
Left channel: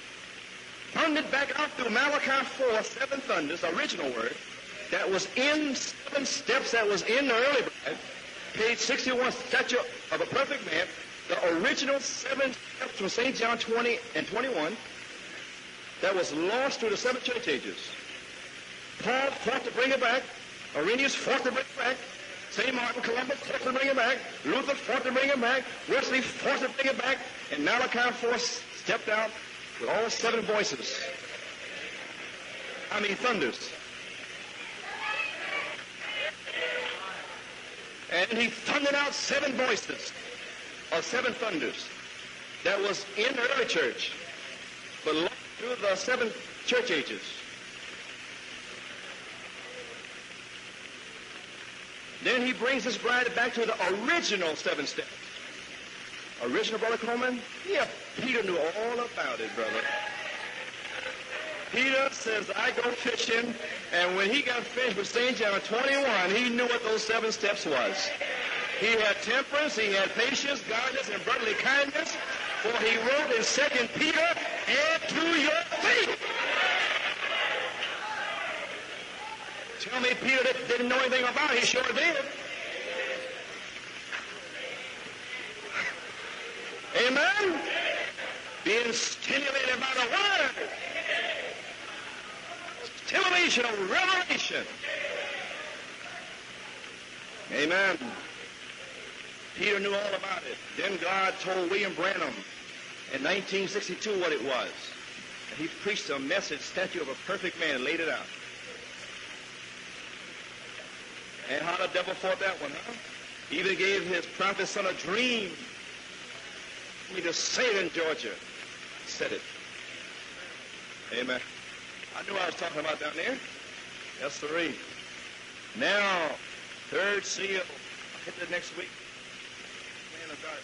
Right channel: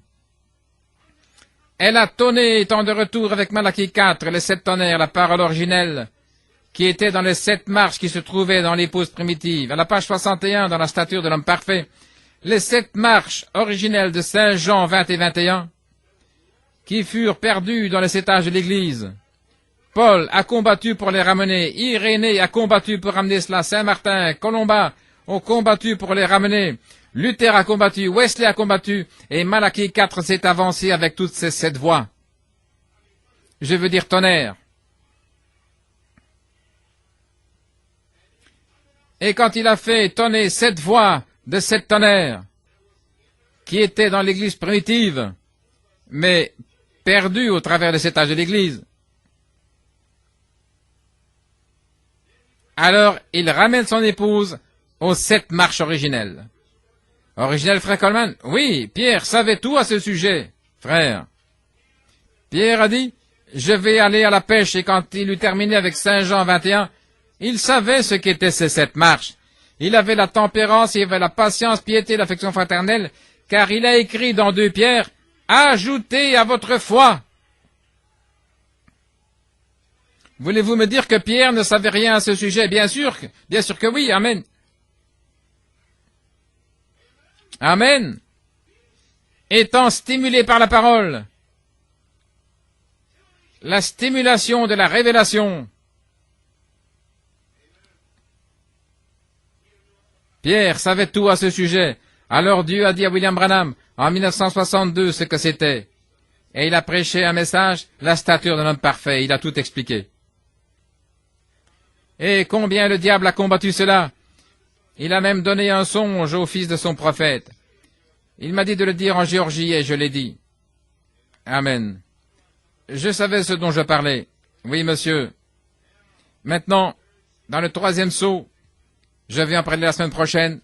Elle a tonné étant de retour avec Malachie 4, les 7 tonnerres, la parole originelle, qui était dans les 7 marches qui se trouvaient dans l'épouse primitive. À la page 61, dans la stature de l'homme parfait, les 7 marches originelles de Saint Jean 20 et 21, qui furent perdues dans les 7 âges de l'Église. Paul a combattu pour les ramener. Irénée a combattu pour ramener cela. Saint-Martin, Colomba ont combattu pour les ramener. Luther a combattu. Wesley a combattu. Et Malachie 4 s'est avancé avec toutes ces 7 voix. Je veux dire tonnerre. Et quand il a fait tonner 7 voix de 7 tonnerres, qui étaient dans l'église primitive, mais perdues au travers de cet âge de l'église, alors il ramène son épouse aux 7 marches originelles. Originel, frère Coleman? Oui, Pierre savait tout à ce sujet, frère. Pierre a dit, je vais aller à la pêche, et quand il eut terminé avec Saint Jean 21, il savait ce qu'étaient ces 7 marches. Il avait la tempérance, il avait la patience, piété, l'affection fraternelle, car il a écrit dans 2 Pierre, ajoutez à votre foi. Voulez-vous me dire que Pierre ne savait rien à ce sujet? Bien sûr que oui, amen. Amen. Étant stimulé par la parole, la stimulation de la révélation. Pierre savait tout à ce sujet. Alors Dieu a dit à William Branham, en 1962, ce que c'était. Et il a prêché un message, la stature d'un homme parfait. Il a tout expliqué. Et combien le diable a combattu cela. Il a même donné un songe au fils de son prophète. Il m'a dit de le dire en Géorgie et je l'ai dit. Amen. Je savais ce dont je parlais. Oui, monsieur. Maintenant, dans le 3e sceau, je vais en parler la semaine prochaine.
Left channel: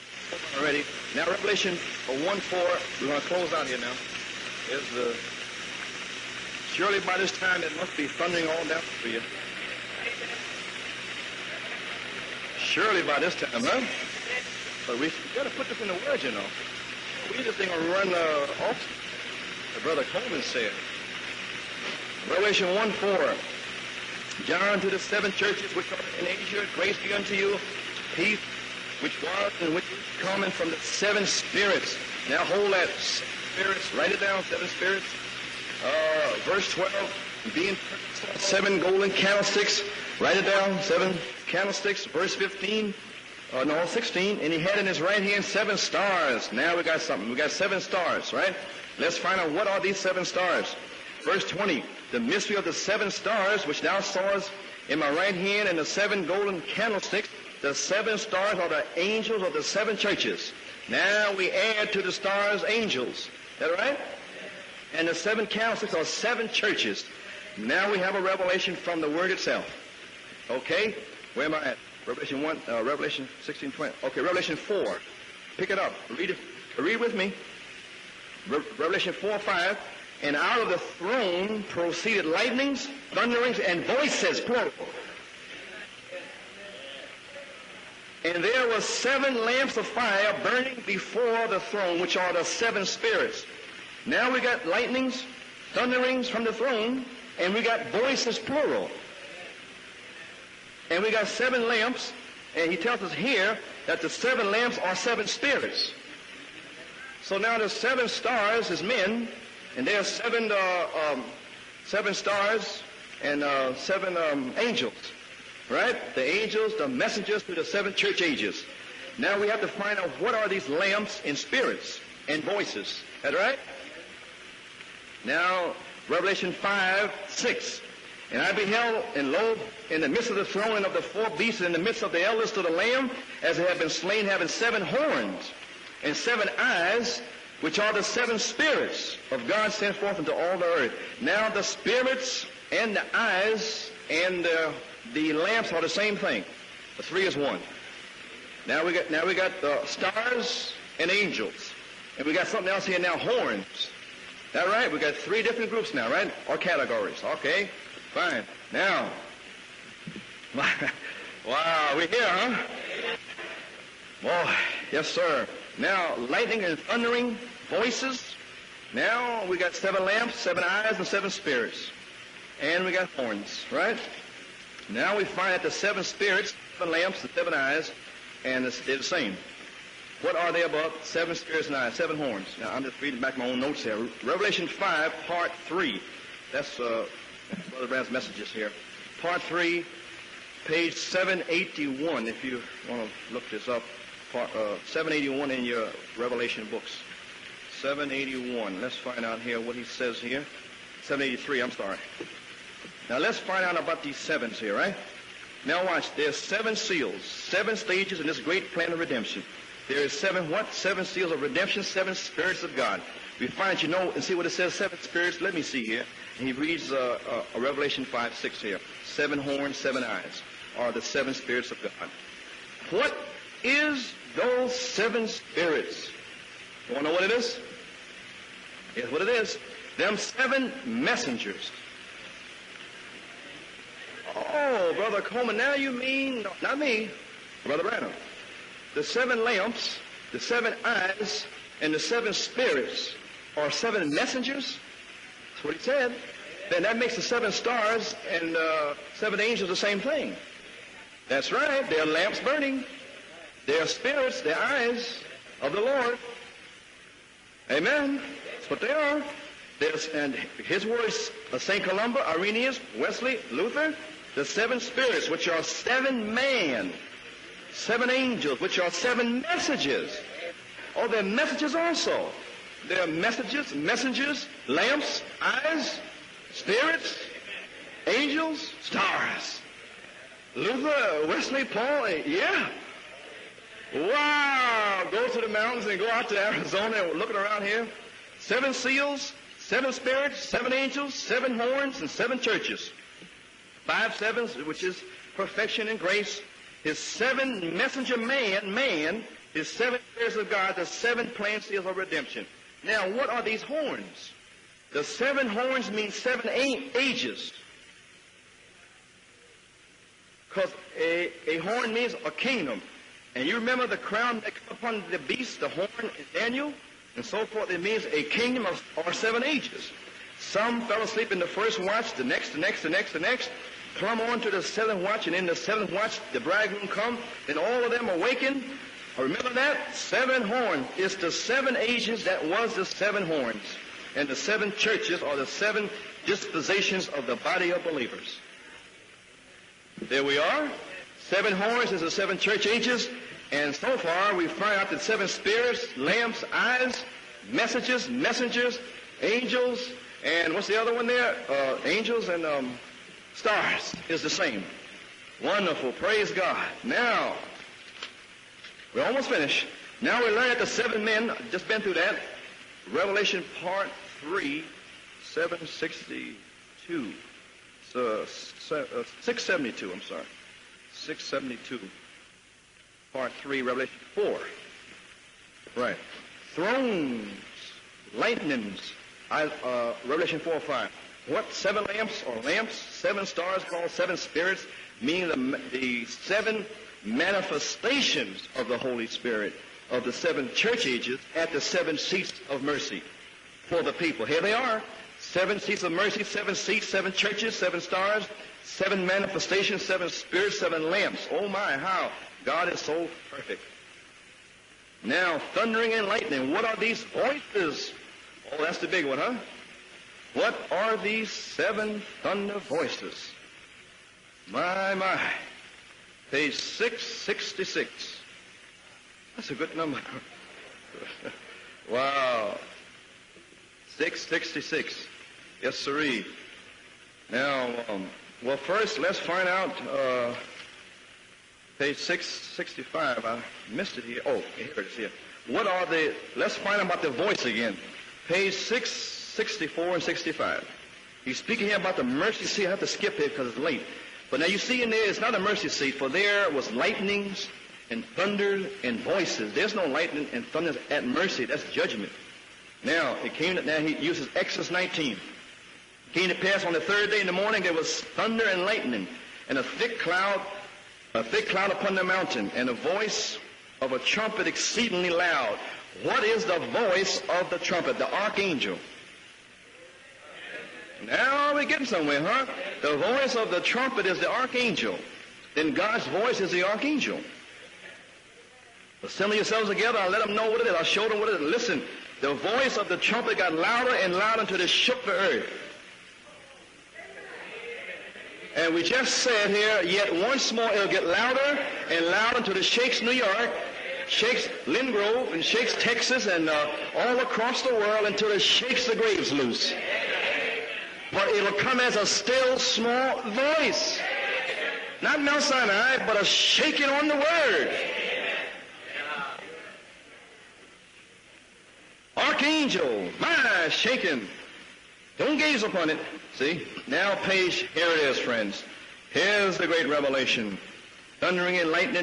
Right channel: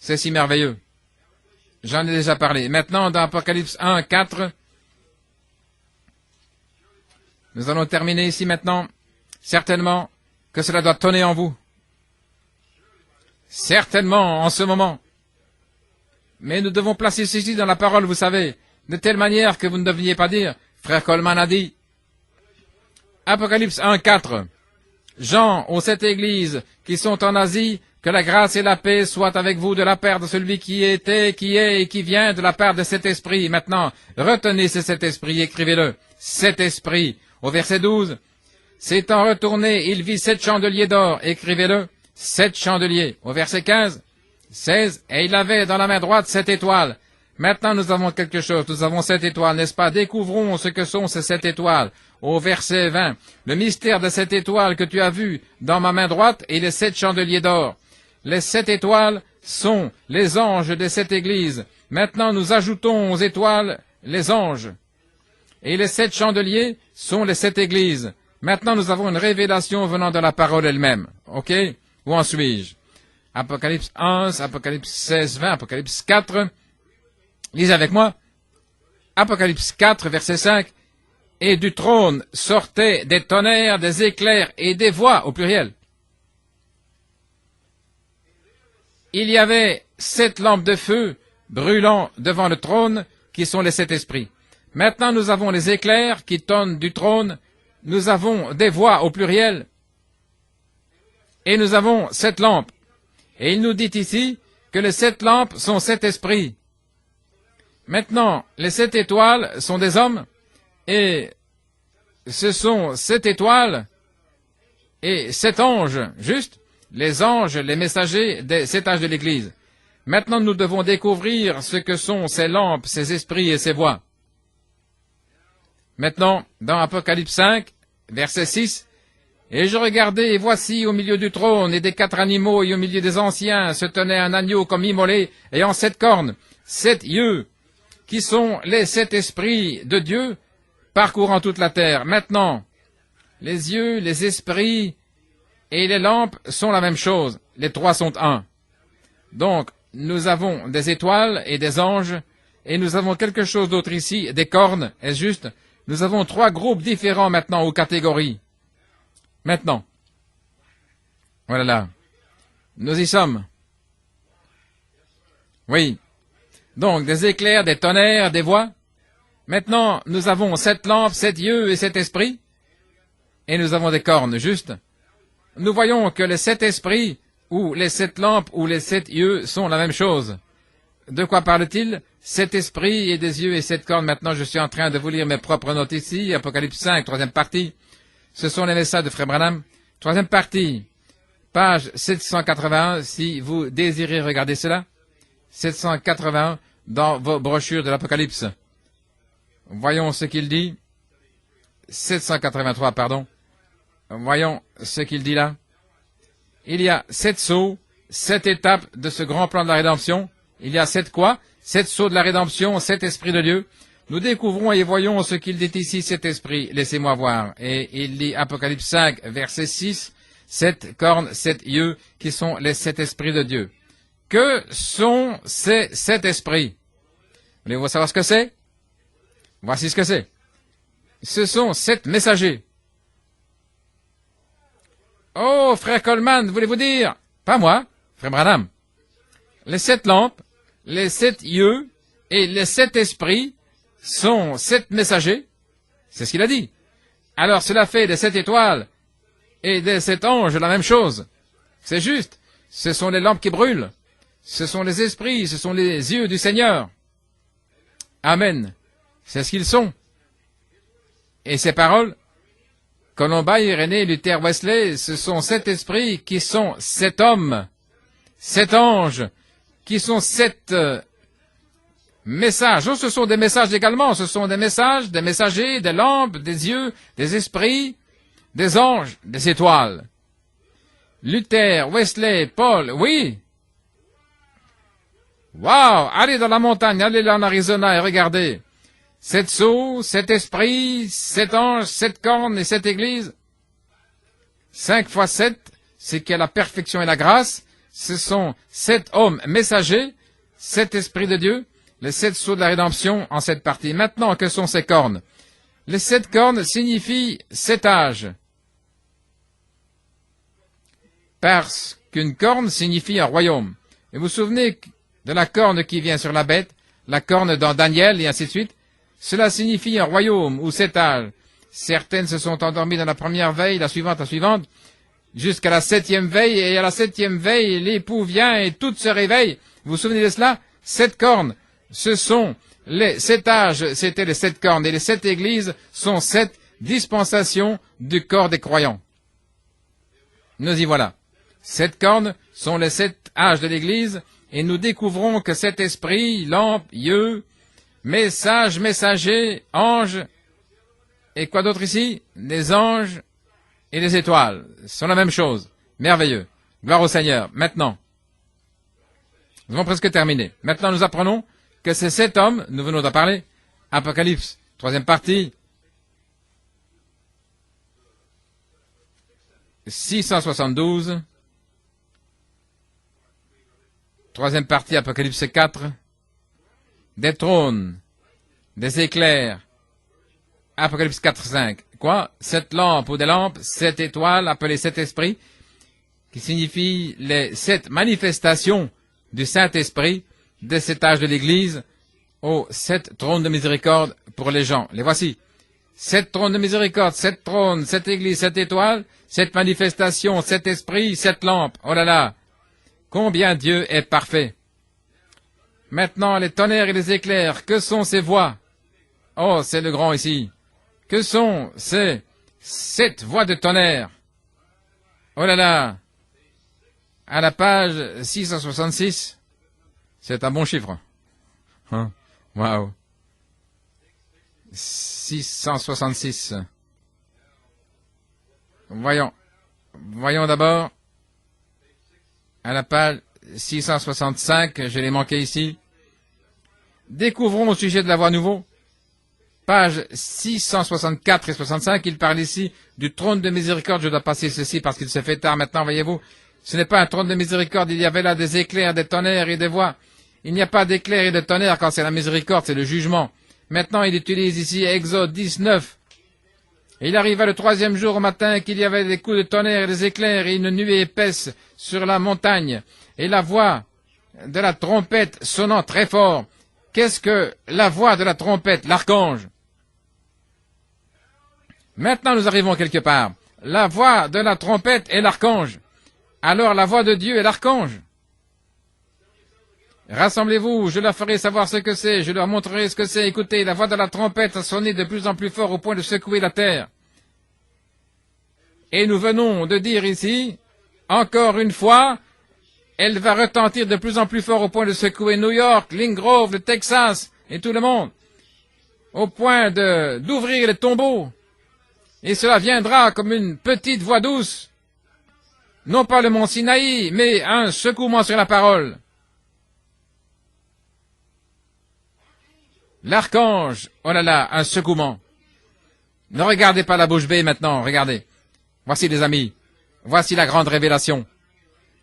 C'est si merveilleux. J'en ai déjà parlé. Maintenant, dans Apocalypse 1, 4, nous allons terminer ici maintenant. Certainement que cela doit tonner en vous. Certainement, en ce moment. Mais nous devons placer ceci dans la parole, vous savez, de telle manière que vous ne devriez pas dire. Frère Coleman a dit, Apocalypse 1, 4, Jean aux 7 églises qui sont en Asie, que la grâce et la paix soient avec vous de la part de celui qui était, qui est et qui vient, de la part de cet esprit. Maintenant, retenez cet esprit, écrivez-le. Cet esprit, Au verset 12, s'étant retourné, il vit 7 chandeliers d'or. Écrivez-le, 7 chandeliers. Au verset 15, 16, et il avait dans la main droite 7 étoiles. Maintenant, nous avons quelque chose. Nous avons 7 étoiles, n'est-ce pas? Découvrons ce que sont ces 7 étoiles. Au verset 20, le mystère de cette étoile que tu as vue dans ma main droite et les 7 chandeliers d'or. Les 7 étoiles sont les anges des 7 églises. Maintenant, nous ajoutons aux étoiles les anges. Et les 7 chandeliers sont les 7 églises. Maintenant, nous avons une révélation venant de la parole elle-même. OK? Où en suis-je? Apocalypse 11, Apocalypse 16, 20, Apocalypse 4. Lisez avec moi. Apocalypse 4, verset 5. Et du trône sortaient des tonnerres, des éclairs et des voix, au pluriel. Il y avait 7 lampes de feu brûlant devant le trône, qui sont les 7 esprits. Maintenant, nous avons les éclairs qui tonnent du trône. Nous avons des voix, au pluriel. Et nous avons 7 lampes. Et il nous dit ici que les 7 lampes sont 7 esprits. Maintenant, les 7 étoiles sont des hommes, et ce sont 7 étoiles et 7 anges, juste les anges, les messagers des 7 âges de l'Église. Maintenant, nous devons découvrir ce que sont ces lampes, ces esprits et ces voix. Maintenant, dans Apocalypse 5, verset 6, « Et je regardais, et voici, au milieu du trône et des 4 animaux, et au milieu des anciens, se tenait un agneau comme immolé, ayant 7 cornes, 7 yeux, qui sont les 7 esprits de Dieu, parcourant toute la terre. » Maintenant, les yeux, les esprits et les lampes sont la même chose. Les 3 sont un. Donc, nous avons des étoiles et des anges, et nous avons quelque chose d'autre ici, des cornes, est juste. Nous avons 3 groupes différents maintenant aux catégories. Maintenant, voilà, nous y sommes. Oui, donc des éclairs, des tonnerres, des voix. Maintenant, nous avons 7 lampes, 7 yeux et 7 esprits. Et nous avons des cornes, juste. Nous voyons que les 7 esprits, ou les 7 lampes, ou les 7 yeux sont la même chose. De quoi parle-t-il? 7 esprits et des yeux et 7 cornes. Maintenant, je suis en train de vous lire mes propres notes ici. Apocalypse 5, 3e partie. Ce sont les messages de Frère Branham. 3e partie, page 781, si vous désirez regarder cela. 781 dans vos brochures de l'Apocalypse. Voyons ce qu'il dit. 783, pardon. Voyons ce qu'il dit là. Il y a 7 sauts, 7 étapes de ce grand plan de la rédemption. Il y a 7 quoi? 7 sauts de la rédemption, 7 esprits de Dieu. Nous découvrons et voyons ce qu'il dit ici, cet esprit. Laissez-moi voir. Et il dit, Apocalypse 5, verset 6, 7 cornes, 7 yeux, qui sont les 7 esprits de Dieu. Que sont ces 7 esprits? Voulez-vous savoir ce que c'est? Voici ce que c'est. Ce sont 7 messagers. Oh, frère Coleman, voulez-vous dire? Pas moi, frère Branham. Les 7 lampes, les 7 yeux et les 7 esprits sont 7 messagers. C'est ce qu'il a dit. Alors cela fait des 7 étoiles et des 7 anges la même chose. C'est juste. Ce sont les lampes qui brûlent. Ce sont les esprits, ce sont les yeux du Seigneur. Amen. C'est ce qu'ils sont. Et ces paroles, Colomba, Irénée, Luther, Wesley, ce sont 7 esprits qui sont 7 hommes, 7 anges, qui sont 7 messages. Oh, ce sont des messages également. Ce sont des messages, des messagers, des lampes, des yeux, des esprits, des anges, des étoiles. Luther, Wesley, Paul, oui. Wow! Allez dans la montagne, allez là en Arizona et regardez. 7 sceaux, 7 esprits, 7 anges, 7 cornes et 7 églises. 5 fois 7, c'est qu'il y a la perfection et la grâce. Ce sont 7 hommes messagers, 7 esprits de Dieu, les 7 sceaux de la rédemption en cette partie. Maintenant, que sont ces cornes? Les 7 cornes signifient 7 âges. Parce qu'une corne signifie un royaume. Vous vous souvenez de la corne qui vient sur la bête, la corne dans Daniel et ainsi de suite? Cela signifie un royaume ou 7 âges. Certaines se sont endormies dans la première veille, la suivante, jusqu'à la 7e veille, et à la 7e veille, l'époux vient et toutes se réveillent. Vous vous souvenez de cela? 7 cornes, ce sont les 7 âges, c'était les 7 cornes, et les 7 églises sont 7 dispensations du corps des croyants. Nous y voilà. 7 cornes sont les 7 âges de l'Église, et nous découvrons que cet esprit, lampe, yeux, message, messager, ange, et quoi d'autre ici? Les anges et les étoiles. Ce sont la même chose. Merveilleux. Gloire au Seigneur. Maintenant, nous avons presque terminé. Maintenant, nous apprenons que ces 7 hommes, nous venons d'en parler, Apocalypse, 3e partie, 672, 3e partie, Apocalypse 4, des trônes, des éclairs, Apocalypse 4, 5. Quoi? 7 lampes ou des lampes, 7 étoiles, appelées 7 esprits, signifie les 7 manifestations du Saint-Esprit des 7 âges de l'Église aux 7 trônes de miséricorde pour les gens. Les voici. 7 trônes de miséricorde, 7 trônes, 7 églises, 7 étoiles, 7 manifestations, 7 esprits, 7 lampes. Oh là là! Combien Dieu est parfait! Maintenant, les tonnerres et les éclairs, que sont ces voix? Oh, c'est le grand ici. Que sont ces 7 voix de tonnerre? Oh là là! À la page 666, c'est un bon chiffre. Wow. 666. Voyons d'abord à la page 665, je l'ai manqué ici. Découvrons au sujet de la voix nouveau. Page 664 et 65, il parle ici du trône de miséricorde. Je dois passer ceci parce qu'il se fait tard maintenant, voyez-vous. Ce n'est pas un trône de miséricorde, il y avait là des éclairs, des tonnerres et des voix. Il n'y a pas d'éclairs et de tonnerres quand c'est la miséricorde, c'est le jugement. Maintenant, il utilise ici Exode 19. Il arriva le 3e jour au matin qu'il y avait des coups de tonnerre et des éclairs et une nuée épaisse sur la montagne et la voix de la trompette sonnant très fort. Qu'est-ce que la voix de la trompette? L'archange. Maintenant nous arrivons quelque part. La voix de la trompette est l'archange. Alors la voix de Dieu est l'archange. Rassemblez-vous, je leur ferai savoir ce que c'est, je leur montrerai ce que c'est. Écoutez, la voix de la trompette sonnait de plus en plus fort au point de secouer la terre. Et nous venons de dire ici, encore une fois, elle va retentir de plus en plus fort au point de secouer New York, Lynn Grove, le Texas et tout le monde, au point d'ouvrir les tombeaux. Et cela viendra comme une petite voix douce. Non pas le mont Sinaï, mais un secouement sur la parole. L'archange, oh là là, un secouement. Ne regardez pas la bouche bée maintenant, regardez. Voici les amis, voici la grande révélation.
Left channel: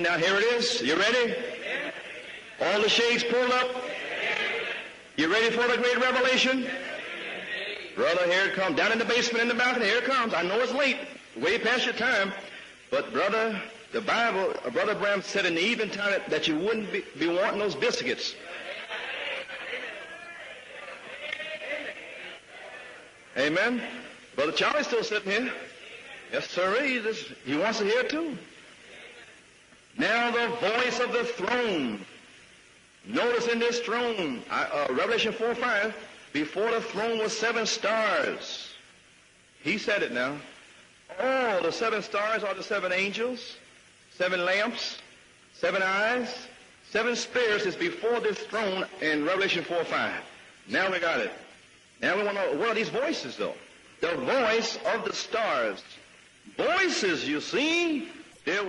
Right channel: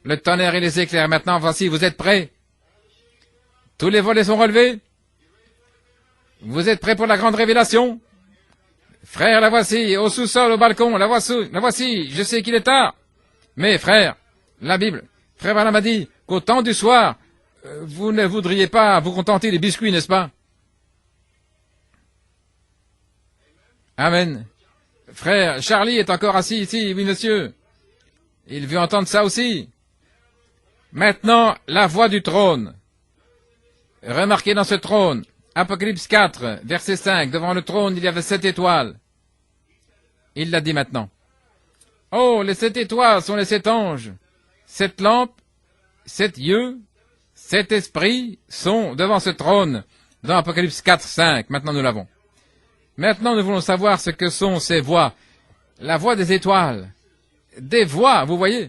Le tonnerre et les éclairs, maintenant voici, vous êtes prêts? Tous les volets sont relevés? Vous êtes prêts pour la grande révélation? Frère, la voici, au sous-sol, au balcon, la voici, je sais qu'il est tard. Mais frère, la Bible, frère Branham a dit, au temps du soir, vous ne voudriez pas vous contenter des biscuits, n'est-ce pas? Amen. Frère, Charlie est encore assis ici, oui monsieur. Il veut entendre ça aussi. Maintenant, la voix du trône. Remarquez dans ce trône, Apocalypse 4, verset 5, devant le trône, il y avait 7 étoiles. Il l'a dit maintenant. Oh, les 7 étoiles sont les 7 anges. 7 lampes, 7 yeux, 7 esprits sont devant ce trône, dans Apocalypse 4, 5. Maintenant nous l'avons. Maintenant nous voulons savoir ce que sont ces voix. La voix des étoiles. Des voix, vous voyez.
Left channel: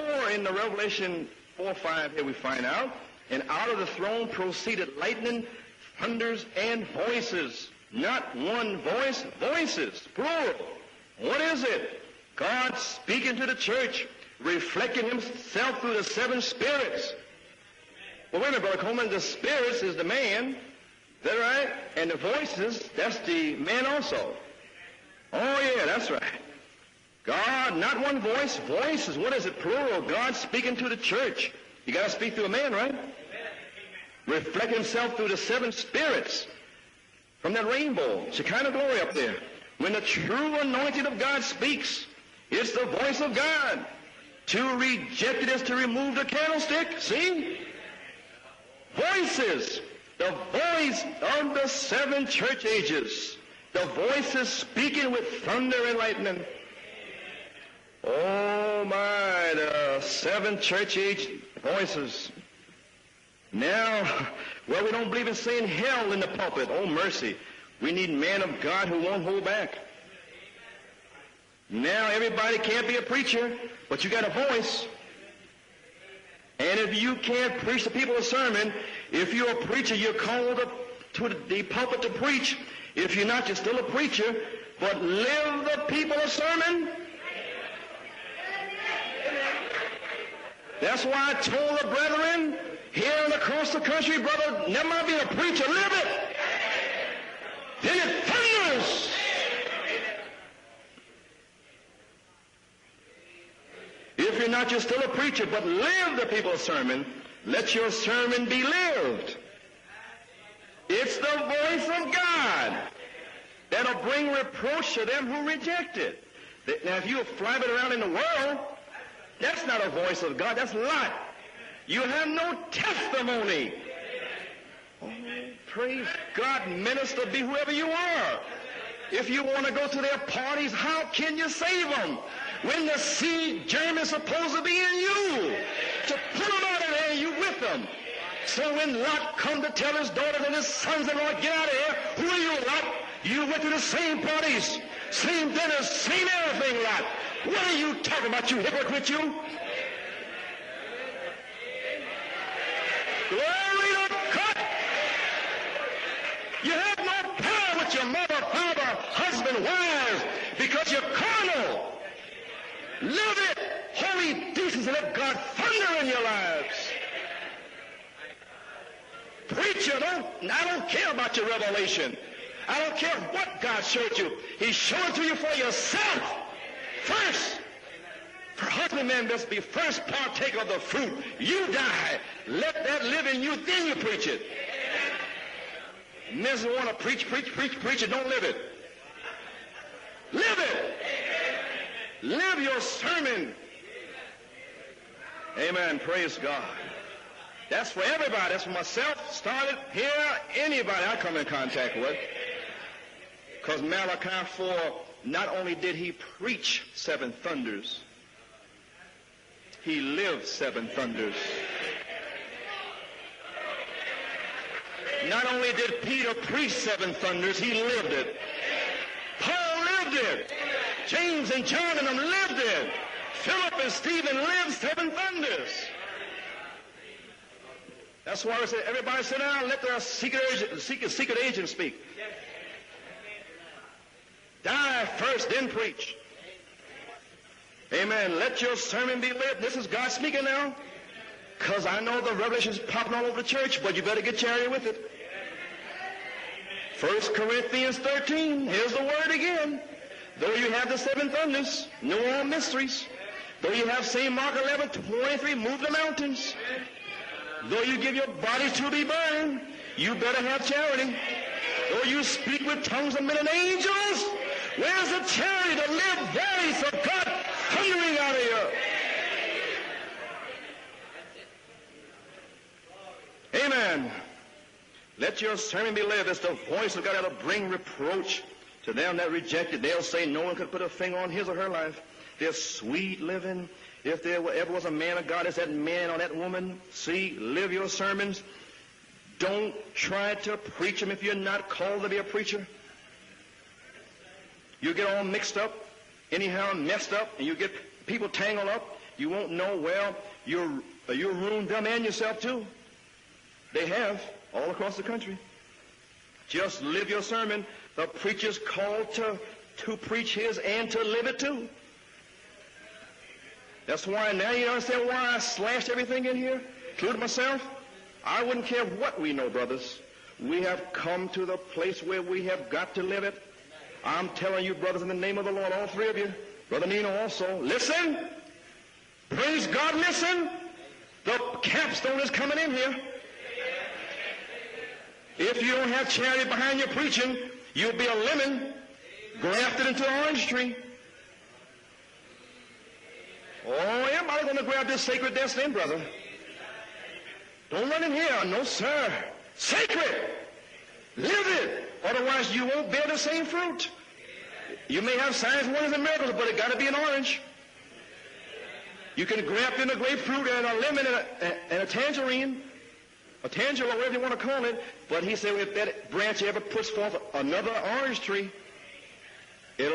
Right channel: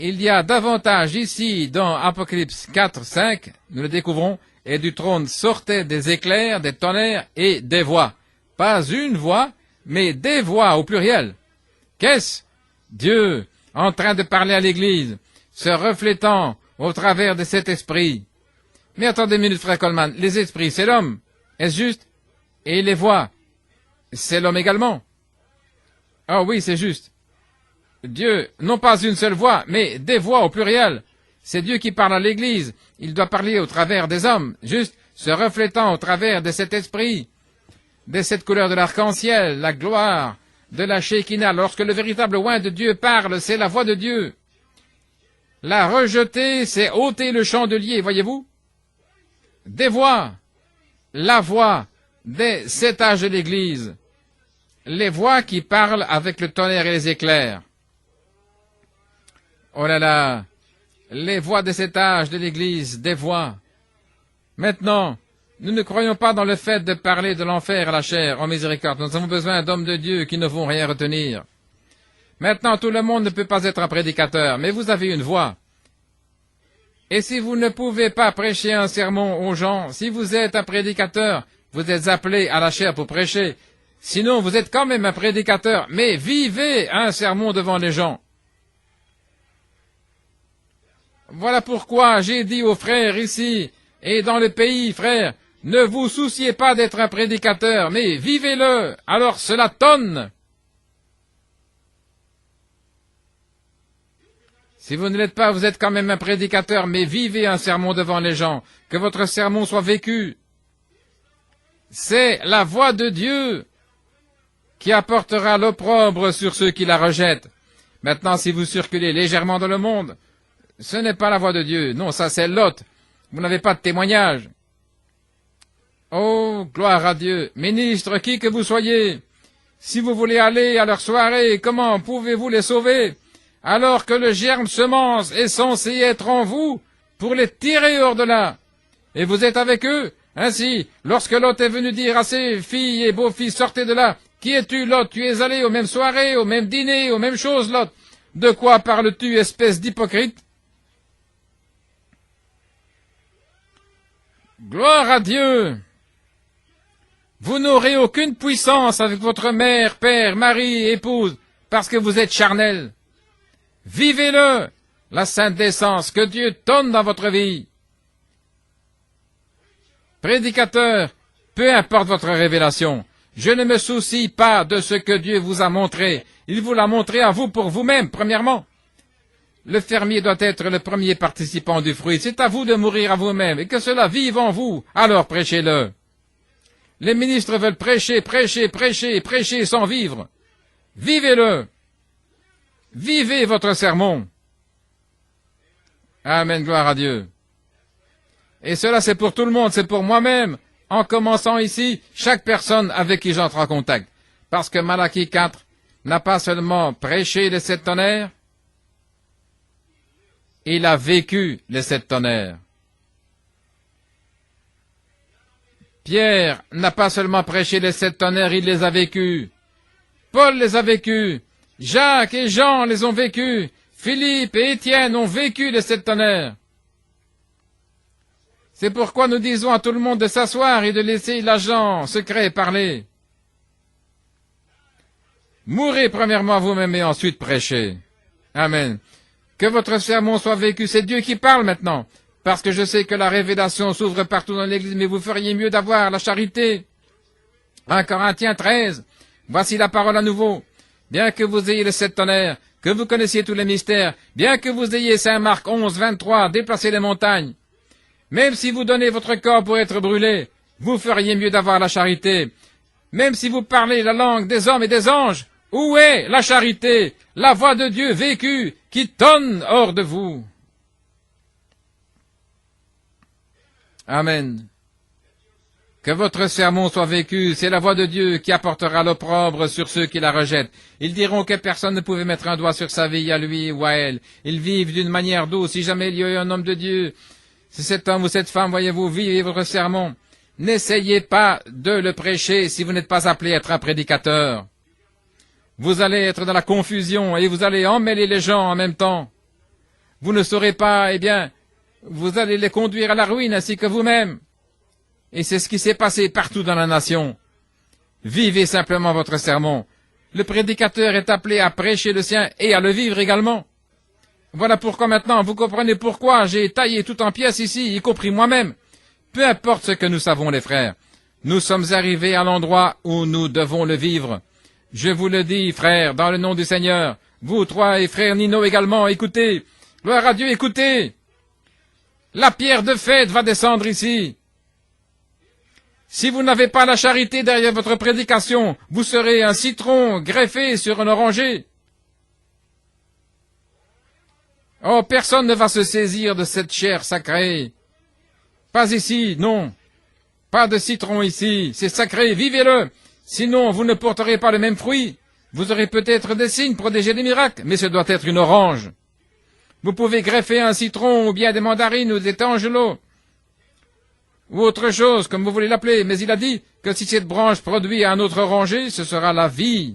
Il y a davantage ici dans Apocalypse 4, 5, nous le découvrons, et du trône sortaient des éclairs, des tonnerres et des voix. Pas une voix, mais des voix au pluriel. Qu'est-ce? Dieu en train de parler à l'Église, se reflétant au travers de cet esprit. Mais attendez une minute, frère Coleman, les esprits, c'est l'homme, est-ce juste? Et les voix, c'est l'homme également. Ah oui, c'est juste. Dieu, non pas une seule voix, mais des voix au pluriel. C'est Dieu qui parle à l'Église. Il doit parler au travers des hommes, juste se reflétant au travers de cet esprit, de cette couleur de l'arc-en-ciel, la gloire de la Shekinah. Lorsque le véritable oint de Dieu parle, c'est la voix de Dieu. La rejeter, c'est ôter le chandelier, voyez-vous? Des voix, la voix des 7 âges de l'Église, les voix qui parlent avec le tonnerre et les éclairs. Oh là là, les voix des 7 âges de l'Église, des voix. Maintenant, nous ne croyons pas dans le fait de parler de l'enfer à la chair, en miséricorde. Nous avons besoin d'hommes de Dieu qui ne vont rien retenir. Maintenant, tout le monde ne peut pas être un prédicateur, mais vous avez une voix. Et si vous ne pouvez pas prêcher un sermon aux gens, si vous êtes un prédicateur, vous êtes appelé à la chair pour prêcher. Sinon, vous êtes quand même un prédicateur, mais vivez un sermon devant les gens. Voilà pourquoi j'ai dit aux frères ici et dans le pays, frères, ne vous souciez pas d'être un prédicateur, mais vivez-le. Alors cela tonne. Si vous ne l'êtes pas, vous êtes quand même un prédicateur, mais vivez un sermon devant les gens. Que votre sermon soit vécu. C'est la voix de Dieu qui apportera l'opprobre sur ceux qui la rejettent. Maintenant, si vous circulez légèrement dans le monde, ce n'est pas la voix de Dieu. Non, ça c'est l'autre. Vous n'avez pas de témoignage. Oh, gloire à Dieu. Ministre, qui que vous soyez, si vous voulez aller à leur soirée, comment pouvez-vous les sauver alors que le germe semence est censé être en vous pour les tirer hors de là? Et vous êtes avec eux? Ainsi, lorsque Lot est venu dire à ses filles et beaux-fils, sortez de là. Qui es-tu, Lot? Tu es allé aux mêmes soirées, aux mêmes dîners, aux mêmes choses, Lot. De quoi parles-tu, espèce d'hypocrite? Gloire à Dieu! Vous n'aurez aucune puissance avec votre mère, père, mari, épouse, parce que vous êtes charnel. Vivez-le, la sainte décence, que Dieu donne dans votre vie. Prédicateur, peu importe votre révélation, je ne me soucie pas de ce que Dieu vous a montré. Il vous l'a montré à vous pour vous-même, premièrement. Le fermier doit être le premier participant du fruit. C'est à vous de mourir à vous-même et que cela vive en vous. Alors prêchez-le. Les ministres veulent prêcher, prêcher, prêcher, prêcher sans vivre. Vivez-le. Vivez votre sermon. Amen, gloire à Dieu. Et cela, c'est pour tout le monde, c'est pour moi-même. En commençant ici, chaque personne avec qui j'entre en contact. Parce que Malachie 4 n'a pas seulement prêché les 7 tonnerres, il a vécu les 7 tonnerres. Pierre n'a pas seulement prêché les 7 tonnerres, il les a vécus. Paul les a vécus. Jacques et Jean les ont vécus. Philippe et Étienne ont vécu les 7 tonnerres. C'est pourquoi nous disons à tout le monde de s'asseoir et de laisser l'agent secret parler. Mourez premièrement à vous-même et ensuite prêchez. Amen. Que votre sermon soit vécu. C'est Dieu qui parle maintenant. Parce que je sais que la révélation s'ouvre partout dans l'Église, mais vous feriez mieux d'avoir la charité. 1 Corinthiens 13. Voici la parole à nouveau. Bien que vous ayez les 7 tonnerres, que vous connaissiez tous les mystères, bien que vous ayez Saint Marc 11, 23, déplacer les montagnes, même si vous donnez votre corps pour être brûlé, vous feriez mieux d'avoir la charité. Même si vous parlez la langue des hommes et des anges, où est la charité, la voix de Dieu vécue qui tonne hors de vous? Amen. Que votre sermon soit vécu, c'est la voix de Dieu qui apportera l'opprobre sur ceux qui la rejettent. Ils diront que personne ne pouvait mettre un doigt sur sa vie, à lui ou à elle. Ils vivent d'une manière douce. Si jamais il y a eu un homme de Dieu, si cet homme ou cette femme, voyez-vous, vivez votre sermon, n'essayez pas de le prêcher si vous n'êtes pas appelé à être un prédicateur. Vous allez être dans la confusion et vous allez emmêler les gens en même temps. Vous ne saurez pas, eh bien, vous allez les conduire à la ruine ainsi que vous-même. Et c'est ce qui s'est passé partout dans la nation. Vivez simplement votre sermon. Le prédicateur est appelé à prêcher le sien et à le vivre également. Voilà pourquoi maintenant, vous comprenez pourquoi j'ai taillé tout en pièces ici, y compris moi-même. Peu importe ce que nous savons, les frères. Nous sommes arrivés à l'endroit où nous devons le vivre. Je vous le dis, frères, dans le nom du Seigneur. Vous trois et frère Nino également, écoutez. Gloire à Dieu, écoutez. La pierre de fête va descendre ici. Si vous n'avez pas la charité derrière votre prédication, vous serez un citron greffé sur un oranger. Oh, personne ne va se saisir de cette chair sacrée. Pas ici, non. Pas de citron ici, c'est sacré, vivez-le. Sinon, vous ne porterez pas le même fruit. Vous aurez peut-être des signes, protéger des miracles, mais ce doit être une orange. Vous pouvez greffer un citron, ou bien des mandarines, ou des tangelos, ou autre chose, comme vous voulez l'appeler. Mais il a dit que si cette branche produit un autre oranger, ce sera la vie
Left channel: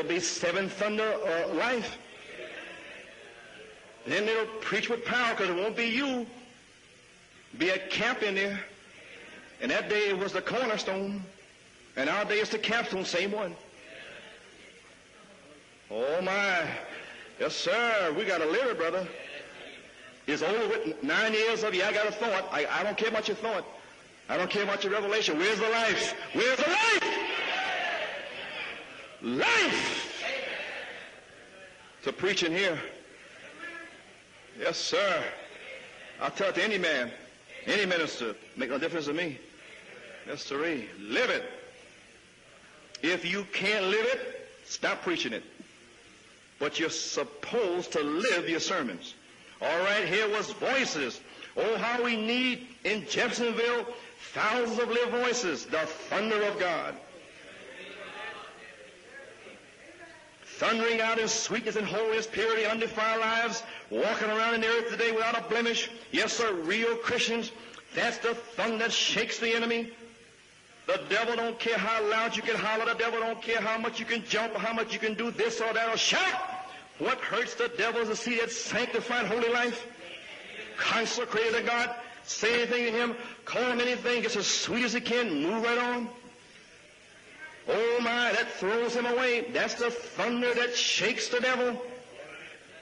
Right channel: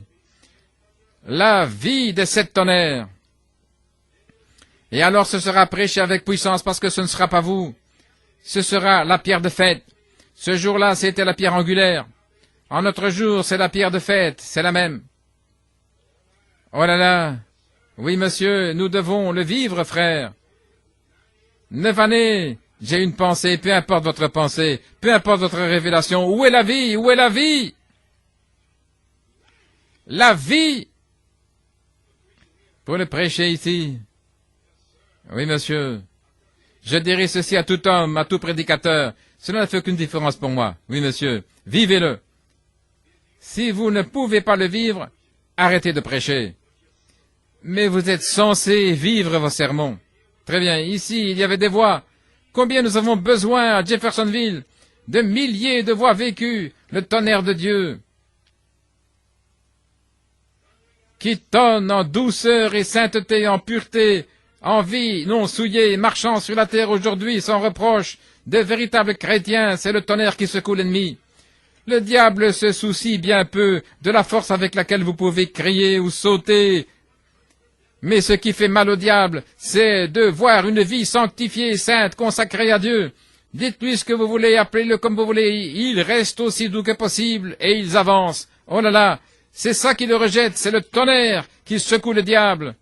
des 7 tonnerres. Et alors ce sera prêché avec puissance parce que ce ne sera pas vous. Ce sera la pierre de fête. Ce jour-là, c'était la pierre angulaire. En notre jour, c'est la pierre de fête. C'est la même. Oh là là. Oui, monsieur, nous devons le vivre, frère. 9 années. J'ai une pensée, peu importe votre pensée, peu importe votre révélation. Où est la vie? Où est la vie? La vie. Pour le prêcher ici. Oui, monsieur. Je dirai ceci à tout homme, à tout prédicateur. Cela ne fait aucune différence pour moi. Oui, monsieur. Vivez-le. Si vous ne pouvez pas le vivre, arrêtez de prêcher. Mais vous êtes censé vivre vos sermons. Très bien. Ici, il y avait des voix. Combien nous avons besoin à Jeffersonville? De milliers de voix vécues. Le tonnerre de Dieu. Qui tonne en douceur et sainteté, en pureté, en vie, non souillée, marchant sur la terre aujourd'hui sans reproche. De véritables chrétiens, c'est le tonnerre qui secoue l'ennemi. Le diable se soucie bien peu de la force avec laquelle vous pouvez crier ou sauter. Mais ce qui fait mal au diable, c'est de voir une vie sanctifiée, sainte, consacrée à Dieu. Dites-lui ce que vous voulez, appelez-le comme vous voulez, il reste aussi doux que possible, et ils avancent. Oh là là, c'est ça qui le rejette, c'est le tonnerre qui secoue le diable.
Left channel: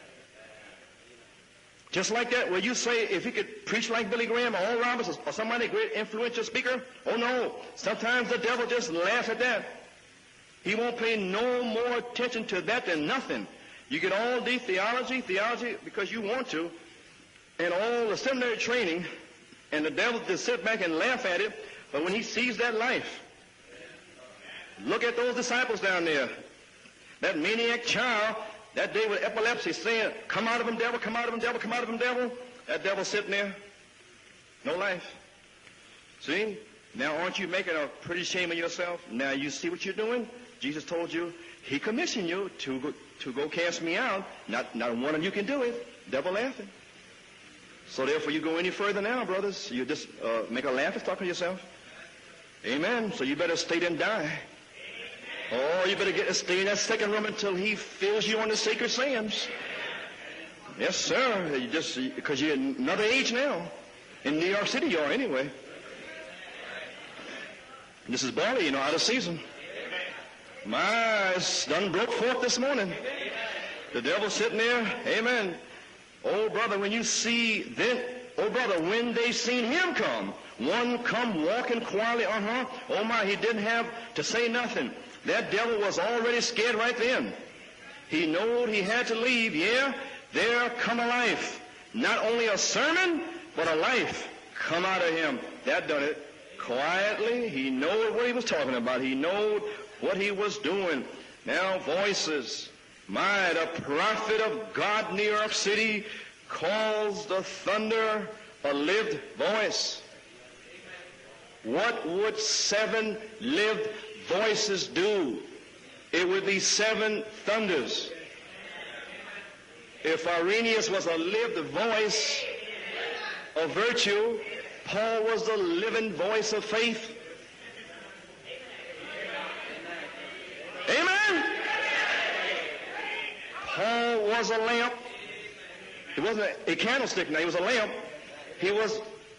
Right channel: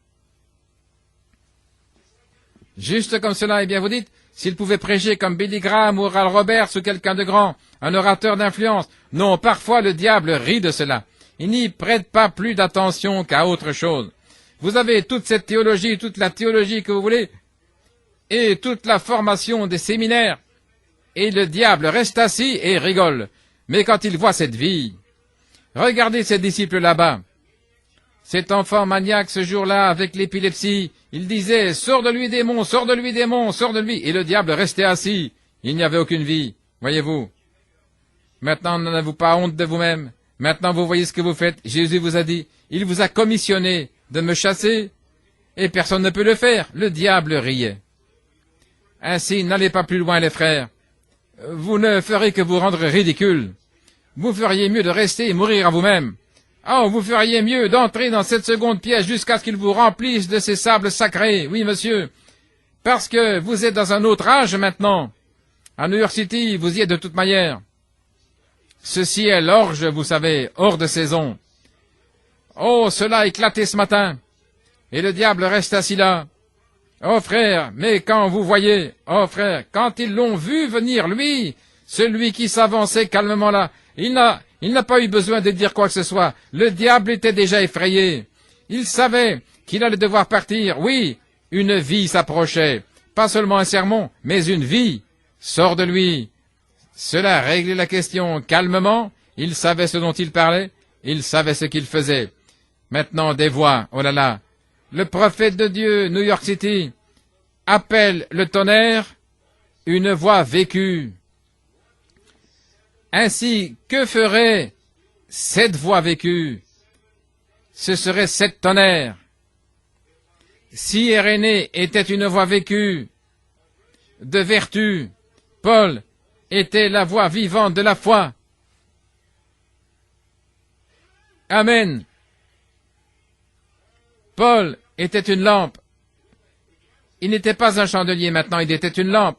Juste comme cela, eh bien vous dites, s'il pouvait prêcher comme Billy Graham ou Oral Roberts ou quelqu'un de grand, un orateur d'influence. Non, parfois le diable rit de cela. Il n'y prête pas plus d'attention qu'à autre chose. Vous avez toute cette théologie, toute la théologie que vous voulez, et toute la formation des séminaires, et le diable reste assis et rigole. Mais quand il voit cette vie, regardez ces disciples là-bas. Cet enfant maniaque ce jour-là avec l'épilepsie, il disait « Sors de lui démon, sors de lui démon, sors de lui !» Et le diable restait assis. Il n'y avait aucune vie. Voyez-vous, maintenant n'avez-vous pas honte de vous-même? Maintenant vous voyez ce que vous faites. Jésus vous a dit, il vous a commissionné de me chasser et personne ne peut le faire. Le diable riait. Ainsi, n'allez pas plus loin les frères. Vous ne ferez que vous rendre ridicule. Vous feriez mieux de rester et mourir à vous-même. Oh, vous feriez mieux d'entrer dans cette seconde pièce jusqu'à ce qu'il vous remplisse de ces sables sacrés. Oui, monsieur. Parce que vous êtes dans un autre âge maintenant. À New York City, vous y êtes de toute manière. Ceci est l'orge, vous savez, hors de saison. Oh, cela a éclaté ce matin. Et le diable reste assis là. Oh frère, mais quand vous voyez, oh frère, quand ils l'ont vu venir, lui, celui qui s'avançait calmement là, il n'a pas eu besoin de dire quoi que ce soit. Le diable était déjà effrayé. Il savait qu'il allait devoir partir. Oui, une vie s'approchait. Pas seulement un sermon, mais une vie. Sors de lui. Cela réglait la question calmement. Il savait ce dont il parlait. Il savait ce qu'il faisait. Maintenant, des voix. Oh là là. Le prophète de Dieu, New York City, appelle le tonnerre une voix vécue. Ainsi, que ferait cette voix vécue? Ce serait 7 tonnerres. Si Irénée était une voix vécue, de vertu, Paul était la voix vivante de la foi. Amen. Paul était une lampe. Il n'était pas un chandelier maintenant, il était une lampe.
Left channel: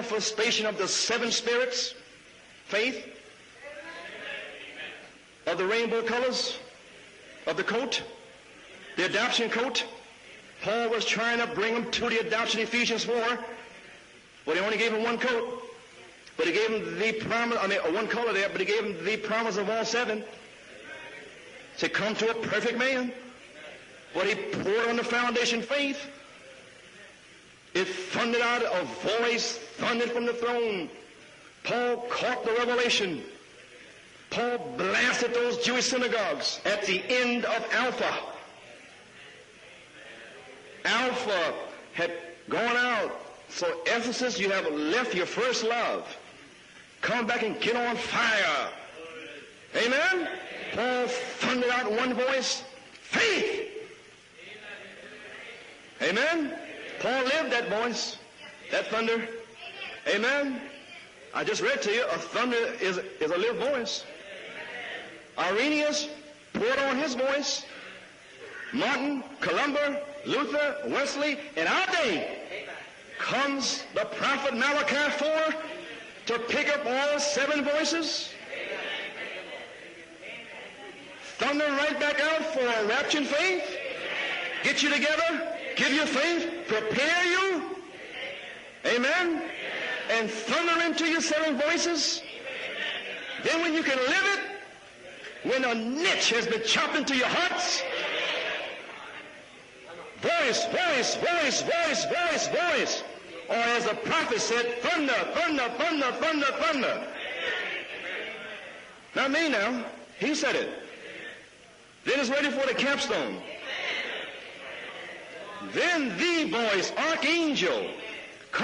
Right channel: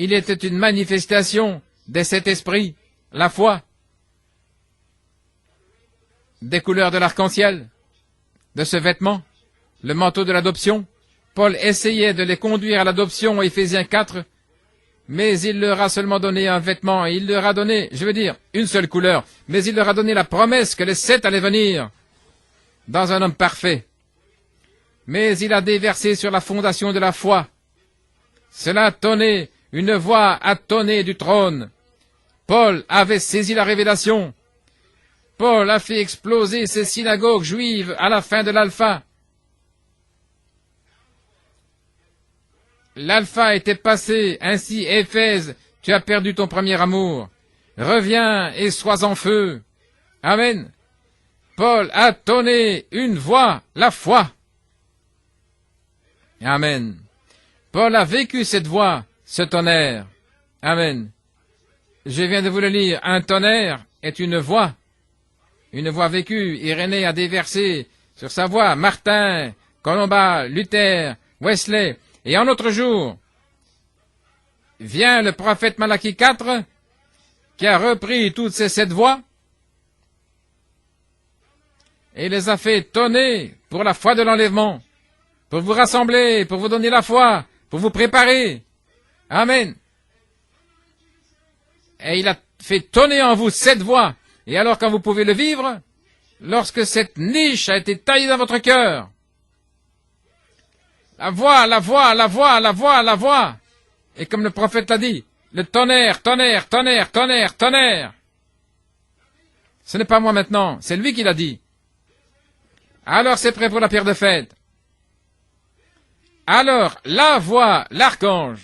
Il était une manifestation de cet esprit, la foi, des couleurs de l'arc-en-ciel, de ce vêtement, le manteau de l'adoption. Paul essayait de les conduire à l'adoption, Éphésiens 4, mais il leur a seulement donné un vêtement, et il leur a donné, je veux dire, une seule couleur, mais il leur a donné la promesse que les 7 allaient venir dans un homme parfait. Mais il a déversé sur la fondation de la foi. Cela a tonné, une voix a tonné du trône. Paul avait saisi la révélation. Paul a fait exploser ces synagogues juives à la fin de l'Alpha. L'Alpha était passé, ainsi Éphèse, tu as perdu ton premier amour. Reviens et sois en feu. Amen. Paul a tonné une voix, la foi. Amen. Paul a vécu cette voix, ce tonnerre. Amen. Je viens de vous le lire. Un tonnerre est une voix vécue. Irénée a déversé sur sa voix Martin, Colomba, Luther, Wesley. Et en notre jour, vient le prophète Malachie 4 qui a repris toutes ces 7 voix et les a fait tonner pour la foi de l'enlèvement, pour vous rassembler, pour vous donner la foi, pour vous préparer. Amen. Et il a fait tonner en vous 7 voix. Et alors quand vous pouvez le vivre, lorsque cette niche a été taillée dans votre cœur, la voix, la voix, la voix, la voix, la voix. Et comme le prophète l'a dit, le tonnerre, tonnerre, tonnerre, tonnerre, tonnerre. Ce n'est pas moi maintenant, c'est lui qui l'a dit. Alors c'est prêt pour la pierre de fête. Alors la voix, l'archange,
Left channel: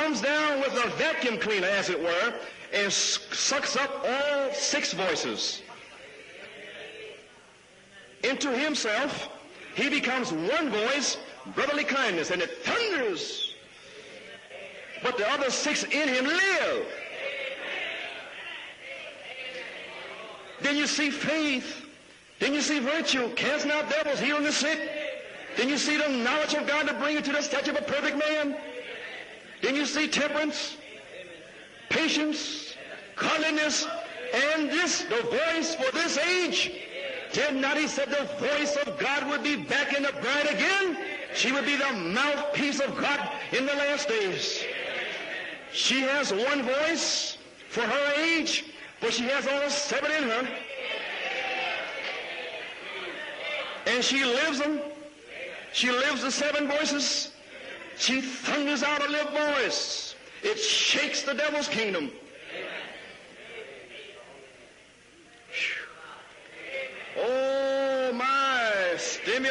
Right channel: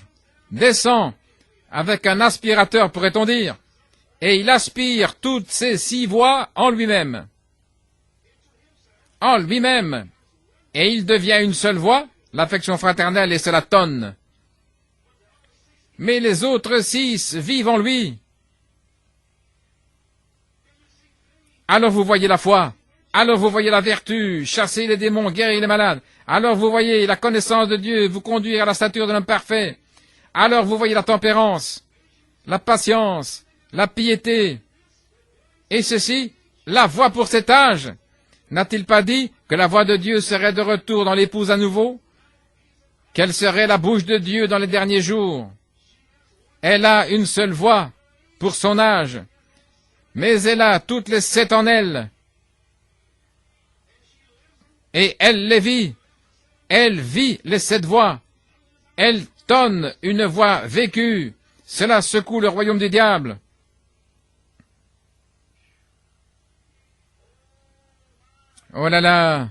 descend avec un aspirateur, pourrait-on dire, et il aspire toutes ces 6 voix en lui-même. En lui-même. Et il devient une seule voix, l'affection fraternelle, et cela tonne. Mais les autres 6 vivent en lui. Alors vous voyez la foi, alors vous voyez la vertu, chasser les démons, guérir les malades. Alors vous voyez la connaissance de Dieu, vous conduire à la stature de l'homme parfait. Alors vous voyez la tempérance, la patience, la piété. Et ceci, la voix pour cet âge. N'a-t-il pas dit que la voix de Dieu serait de retour dans l'épouse à nouveau? Quelle serait la bouche de Dieu dans les derniers jours? Elle a une seule voix pour son âge, mais elle a toutes les 7 en elle. Et elle les vit. Elle vit les 7 voix. Elle donne une voix vécue. Cela secoue le royaume du diable. Oh là là!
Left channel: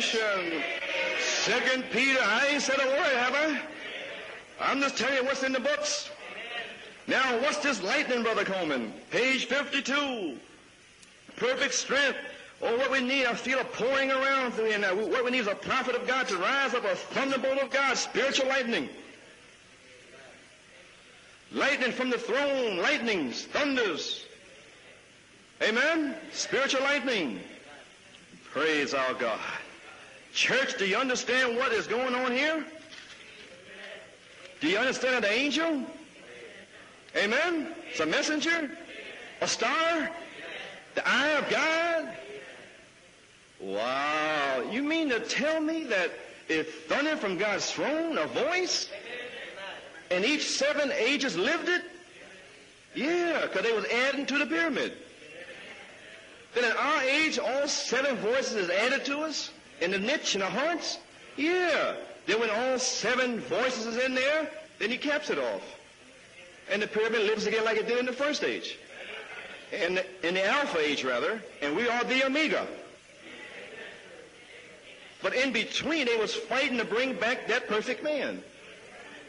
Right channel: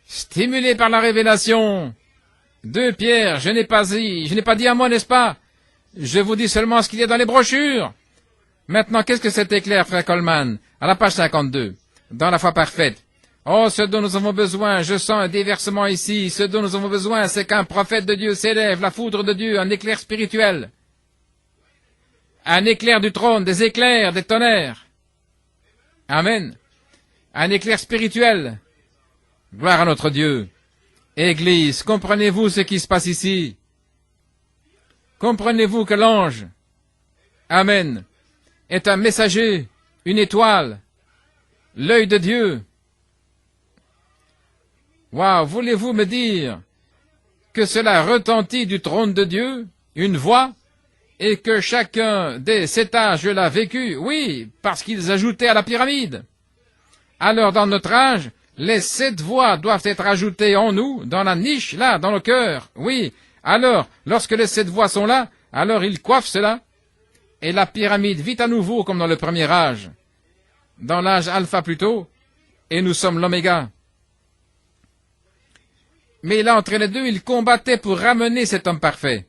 Stimulé par la révélation. 2 Pierre, je n'ai pas dit à moi, n'est-ce pas? Je vous dis seulement ce qu'il y a dans les brochures. Maintenant, qu'est-ce que cet éclair, frère Coleman? À la page 52, dans la foi parfaite. Oh, ce dont nous avons besoin, je sens un déversement ici. Ce dont nous avons besoin, c'est qu'un prophète de Dieu s'élève, la foudre de Dieu, un éclair spirituel. Un éclair du trône, des éclairs, des tonnerres. Amen. Un éclair spirituel. Gloire à notre Dieu. Église, comprenez-vous ce qui se passe ici? Comprenez-vous que l'ange, Amen, est un messager, une étoile, l'œil de Dieu? Wow, voulez-vous me dire que cela retentit du trône de Dieu? Une voix, et que chacun des 7 âges l'a vécu, oui, parce qu'ils ajoutaient à la pyramide. Alors, dans notre âge, les 7 voix doivent être ajoutées en nous, dans la niche, là, dans le cœur, oui. Alors, lorsque les 7 voix sont là, alors ils coiffent cela, et la pyramide vit à nouveau comme dans le premier âge, dans l'âge alpha plutôt, et nous sommes l'oméga. Mais là, entre les deux, ils combattaient pour ramener cet homme parfait.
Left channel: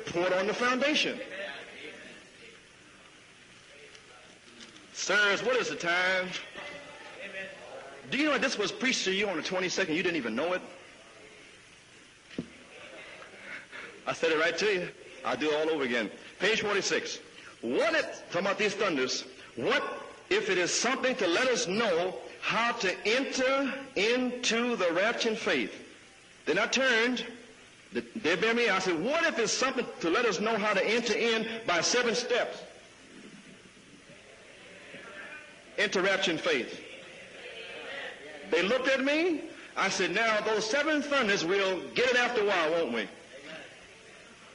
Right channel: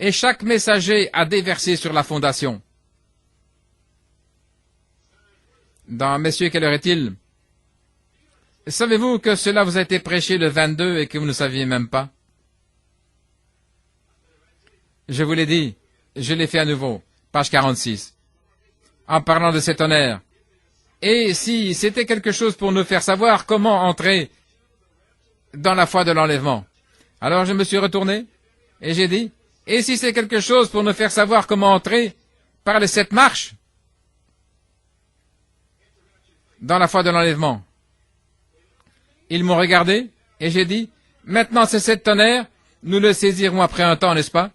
Et chaque messager a déversé sur la fondation. Messieurs, quelle heure est-il? Savez-vous que cela vous a été prêché le 22 et que vous ne saviez même pas? Je vous l'ai dit, je l'ai fait à nouveau. Page 46. En parlant de ces tonnerres. Et si c'était quelque chose pour nous faire savoir comment entrer dans la foi de l'enlèvement. Alors je me suis retourné et j'ai dit, et si c'est quelque chose pour nous faire savoir comment entrer par les 7 marches dans la foi de l'enlèvement. Ils m'ont regardé et j'ai dit, maintenant ces 7 tonnerres, nous le saisirons après un temps, n'est-ce pas?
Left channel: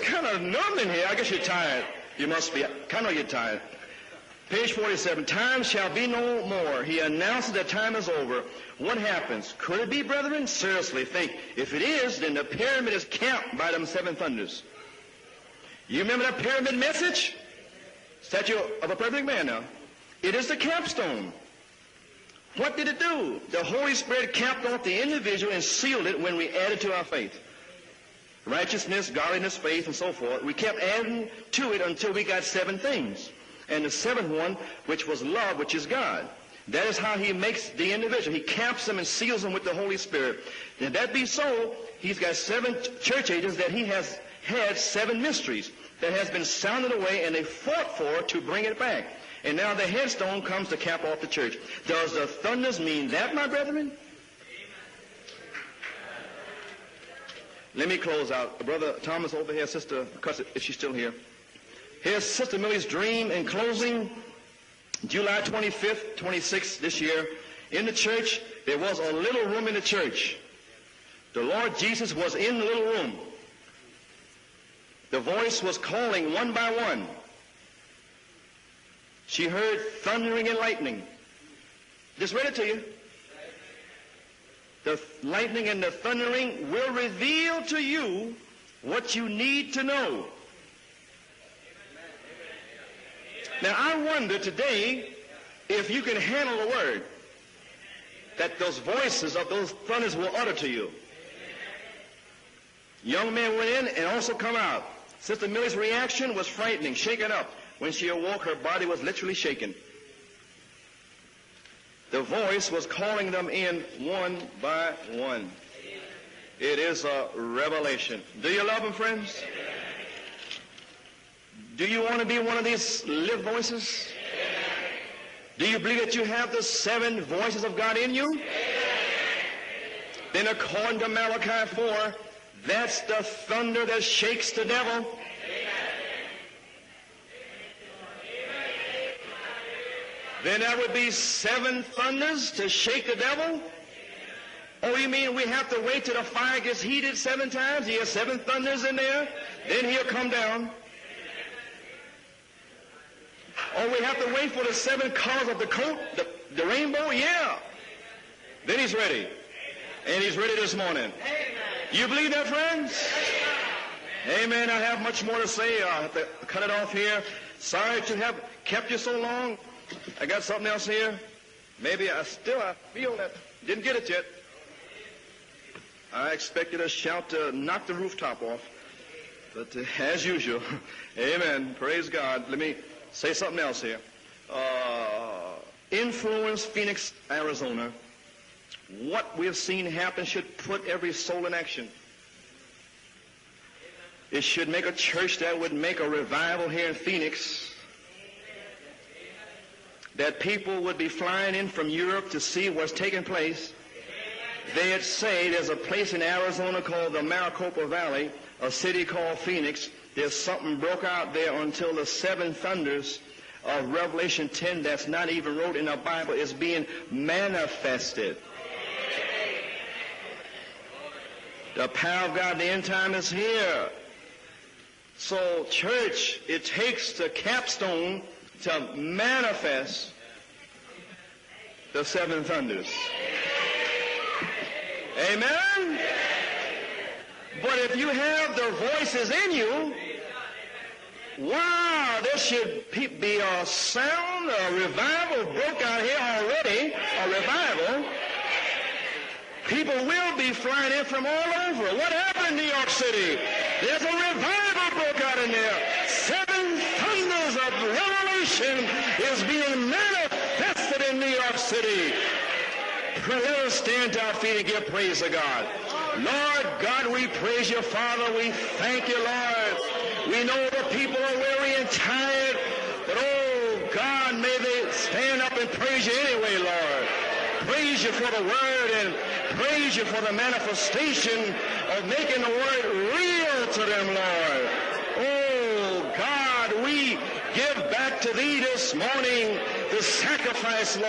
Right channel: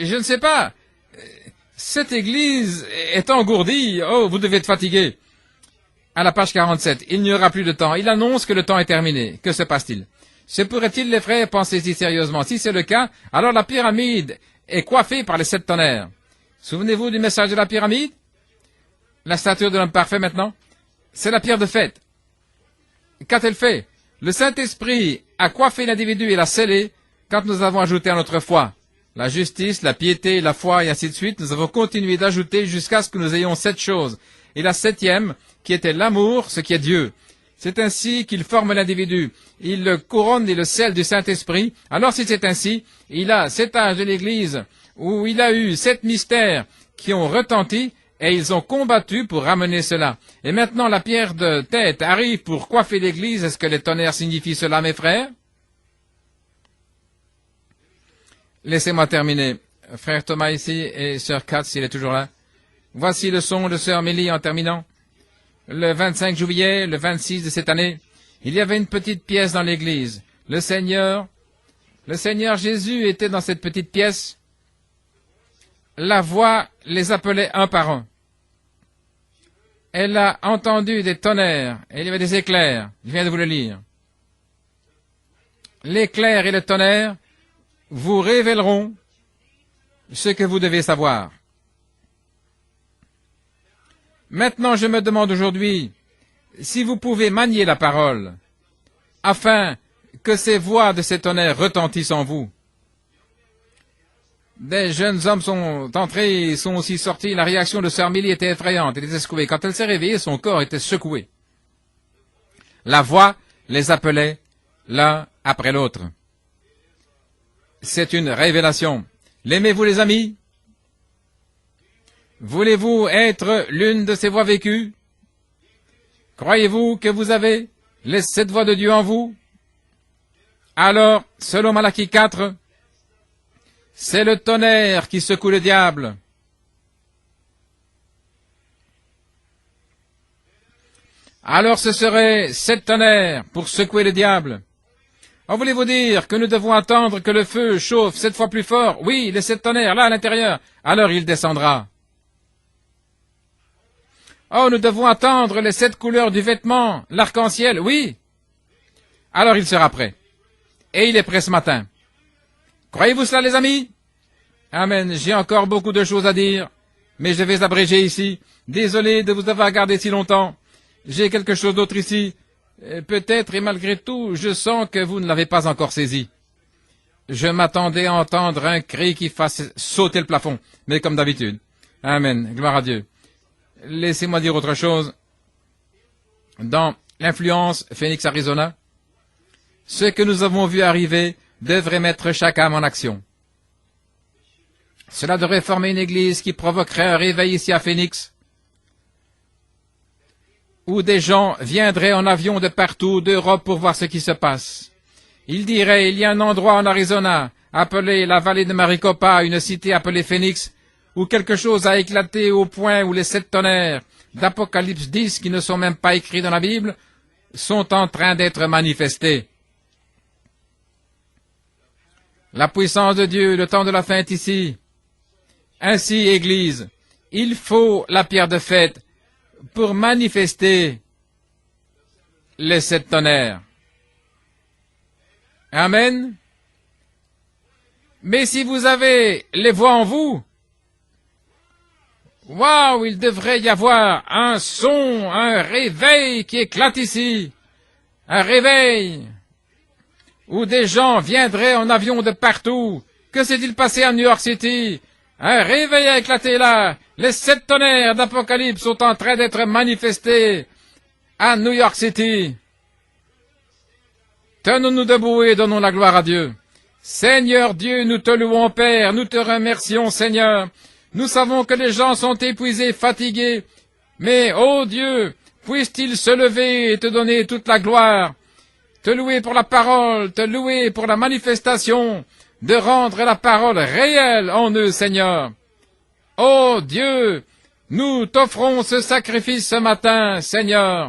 Je ne sais pas. Cette église est engourdie. Oh, vous devez être fatigué. À la page 47, il n'y aura plus de temps. Il annonce que le temps est terminé. Que se passe-t-il? Se pourrait-il, les frères, pensez-y sérieusement? Si c'est le cas, alors la pyramide est coiffée par les 7 tonnerres. Souvenez-vous du message de la pyramide? La statue de l'homme parfait maintenant? C'est la pierre de fête. Qu'a-t-elle fait? Le Saint-Esprit a coiffé l'individu et l'a scellé quand nous avons ajouté à notre foi la justice, la piété, la foi et ainsi de suite. Nous avons continué d'ajouter jusqu'à ce que nous ayons 7 choses. Et la 7e, qui était l'amour, ce qui est Dieu. C'est ainsi qu'il forme l'individu. Il le couronne et le scelle du Saint-Esprit. Alors si c'est ainsi, il a 7 âges de l'Église où il a eu 7 mystères qui ont retenti et ils ont combattu pour ramener cela. Et maintenant la pierre de tête arrive pour coiffer l'Église. Est-ce que les tonnerres signifient cela, mes frères? Laissez-moi terminer. Frère Thomas ici et Sœur Katz, il est toujours là. Voici le son de Sœur Millie en terminant. Le 25 juillet, le 26 de cette année, il y avait une petite pièce dans l'église. Le Seigneur Jésus était dans cette petite pièce. La voix les appelait un par un. Elle a entendu des tonnerres et il y avait des éclairs. Je viens de vous le lire. L'éclair et le tonnerre vous révéleront ce que vous devez savoir. Maintenant, je me demande aujourd'hui si vous pouvez manier la parole afin que ces voix de ces tonnerres retentissent en vous. Des jeunes hommes sont entrés, sont aussi sortis. La réaction de Sœur Millie était effrayante. Elle était secouée. Quand elle s'est réveillée, son corps était secoué. La voix les appelait l'un après l'autre. C'est une révélation. L'aimez-vous, les amis? Voulez-vous être l'une de ces voix vécues? Croyez-vous que vous avez les 7 voix de Dieu en vous? Alors, selon Malachie 4, c'est le tonnerre qui secoue le diable. Alors ce serait 7 tonnerres pour secouer le diable. En voulez-vous dire que nous devons attendre que le feu chauffe 7 fois plus fort? Oui, les 7 tonnerres, là à l'intérieur. Alors il descendra. Oh, nous devons attendre les 7 couleurs du vêtement, l'arc-en-ciel, oui. Alors il sera prêt. Et il est prêt ce matin. Croyez-vous cela, les amis? Amen. J'ai encore beaucoup de choses à dire, mais je vais abréger ici. Désolé de vous avoir gardé si longtemps. J'ai quelque chose d'autre ici. Peut-être, et malgré tout, je sens que vous ne l'avez pas encore saisi. Je m'attendais à entendre un cri qui fasse sauter le plafond, mais comme d'habitude. Amen. Gloire à Dieu. Laissez-moi dire autre chose. Dans l'influence Phoenix, Arizona, ce que nous avons vu arriver devrait mettre chaque âme en action. Cela devrait former une église qui provoquerait un réveil ici à Phoenix, où des gens viendraient en avion de partout d'Europe pour voir ce qui se passe. Ils diraient, il y a un endroit en Arizona, appelé la vallée de Maricopa, une cité appelée Phoenix, où quelque chose a éclaté au point où les 7 tonnerres d'Apocalypse 10, qui ne sont même pas écrits dans la Bible, sont en train d'être manifestés. La puissance de Dieu, le temps de la fin est ici. Ainsi, Église, il faut la pierre de fête pour manifester les 7 tonnerres. Amen. Mais si vous avez les voix en vous, waouh, il devrait y avoir un son, un réveil qui éclate ici. Un réveil où des gens viendraient en avion de partout. Que s'est-il passé à New York City? Un réveil a éclaté là. Les 7 tonnerres d'Apocalypse sont en train d'être manifestés à New York City. Tenons-nous debout et donnons la gloire à Dieu. Seigneur Dieu, nous te louons, Père. Nous te remercions, Seigneur. Nous savons que les gens sont épuisés, fatigués. Mais, ô Dieu, puisse-t-il se lever et te donner toute la gloire. Te louer pour la parole, te louer pour la manifestation, de rendre la parole réelle en eux, Seigneur. Oh Dieu, nous t'offrons ce sacrifice ce matin, Seigneur.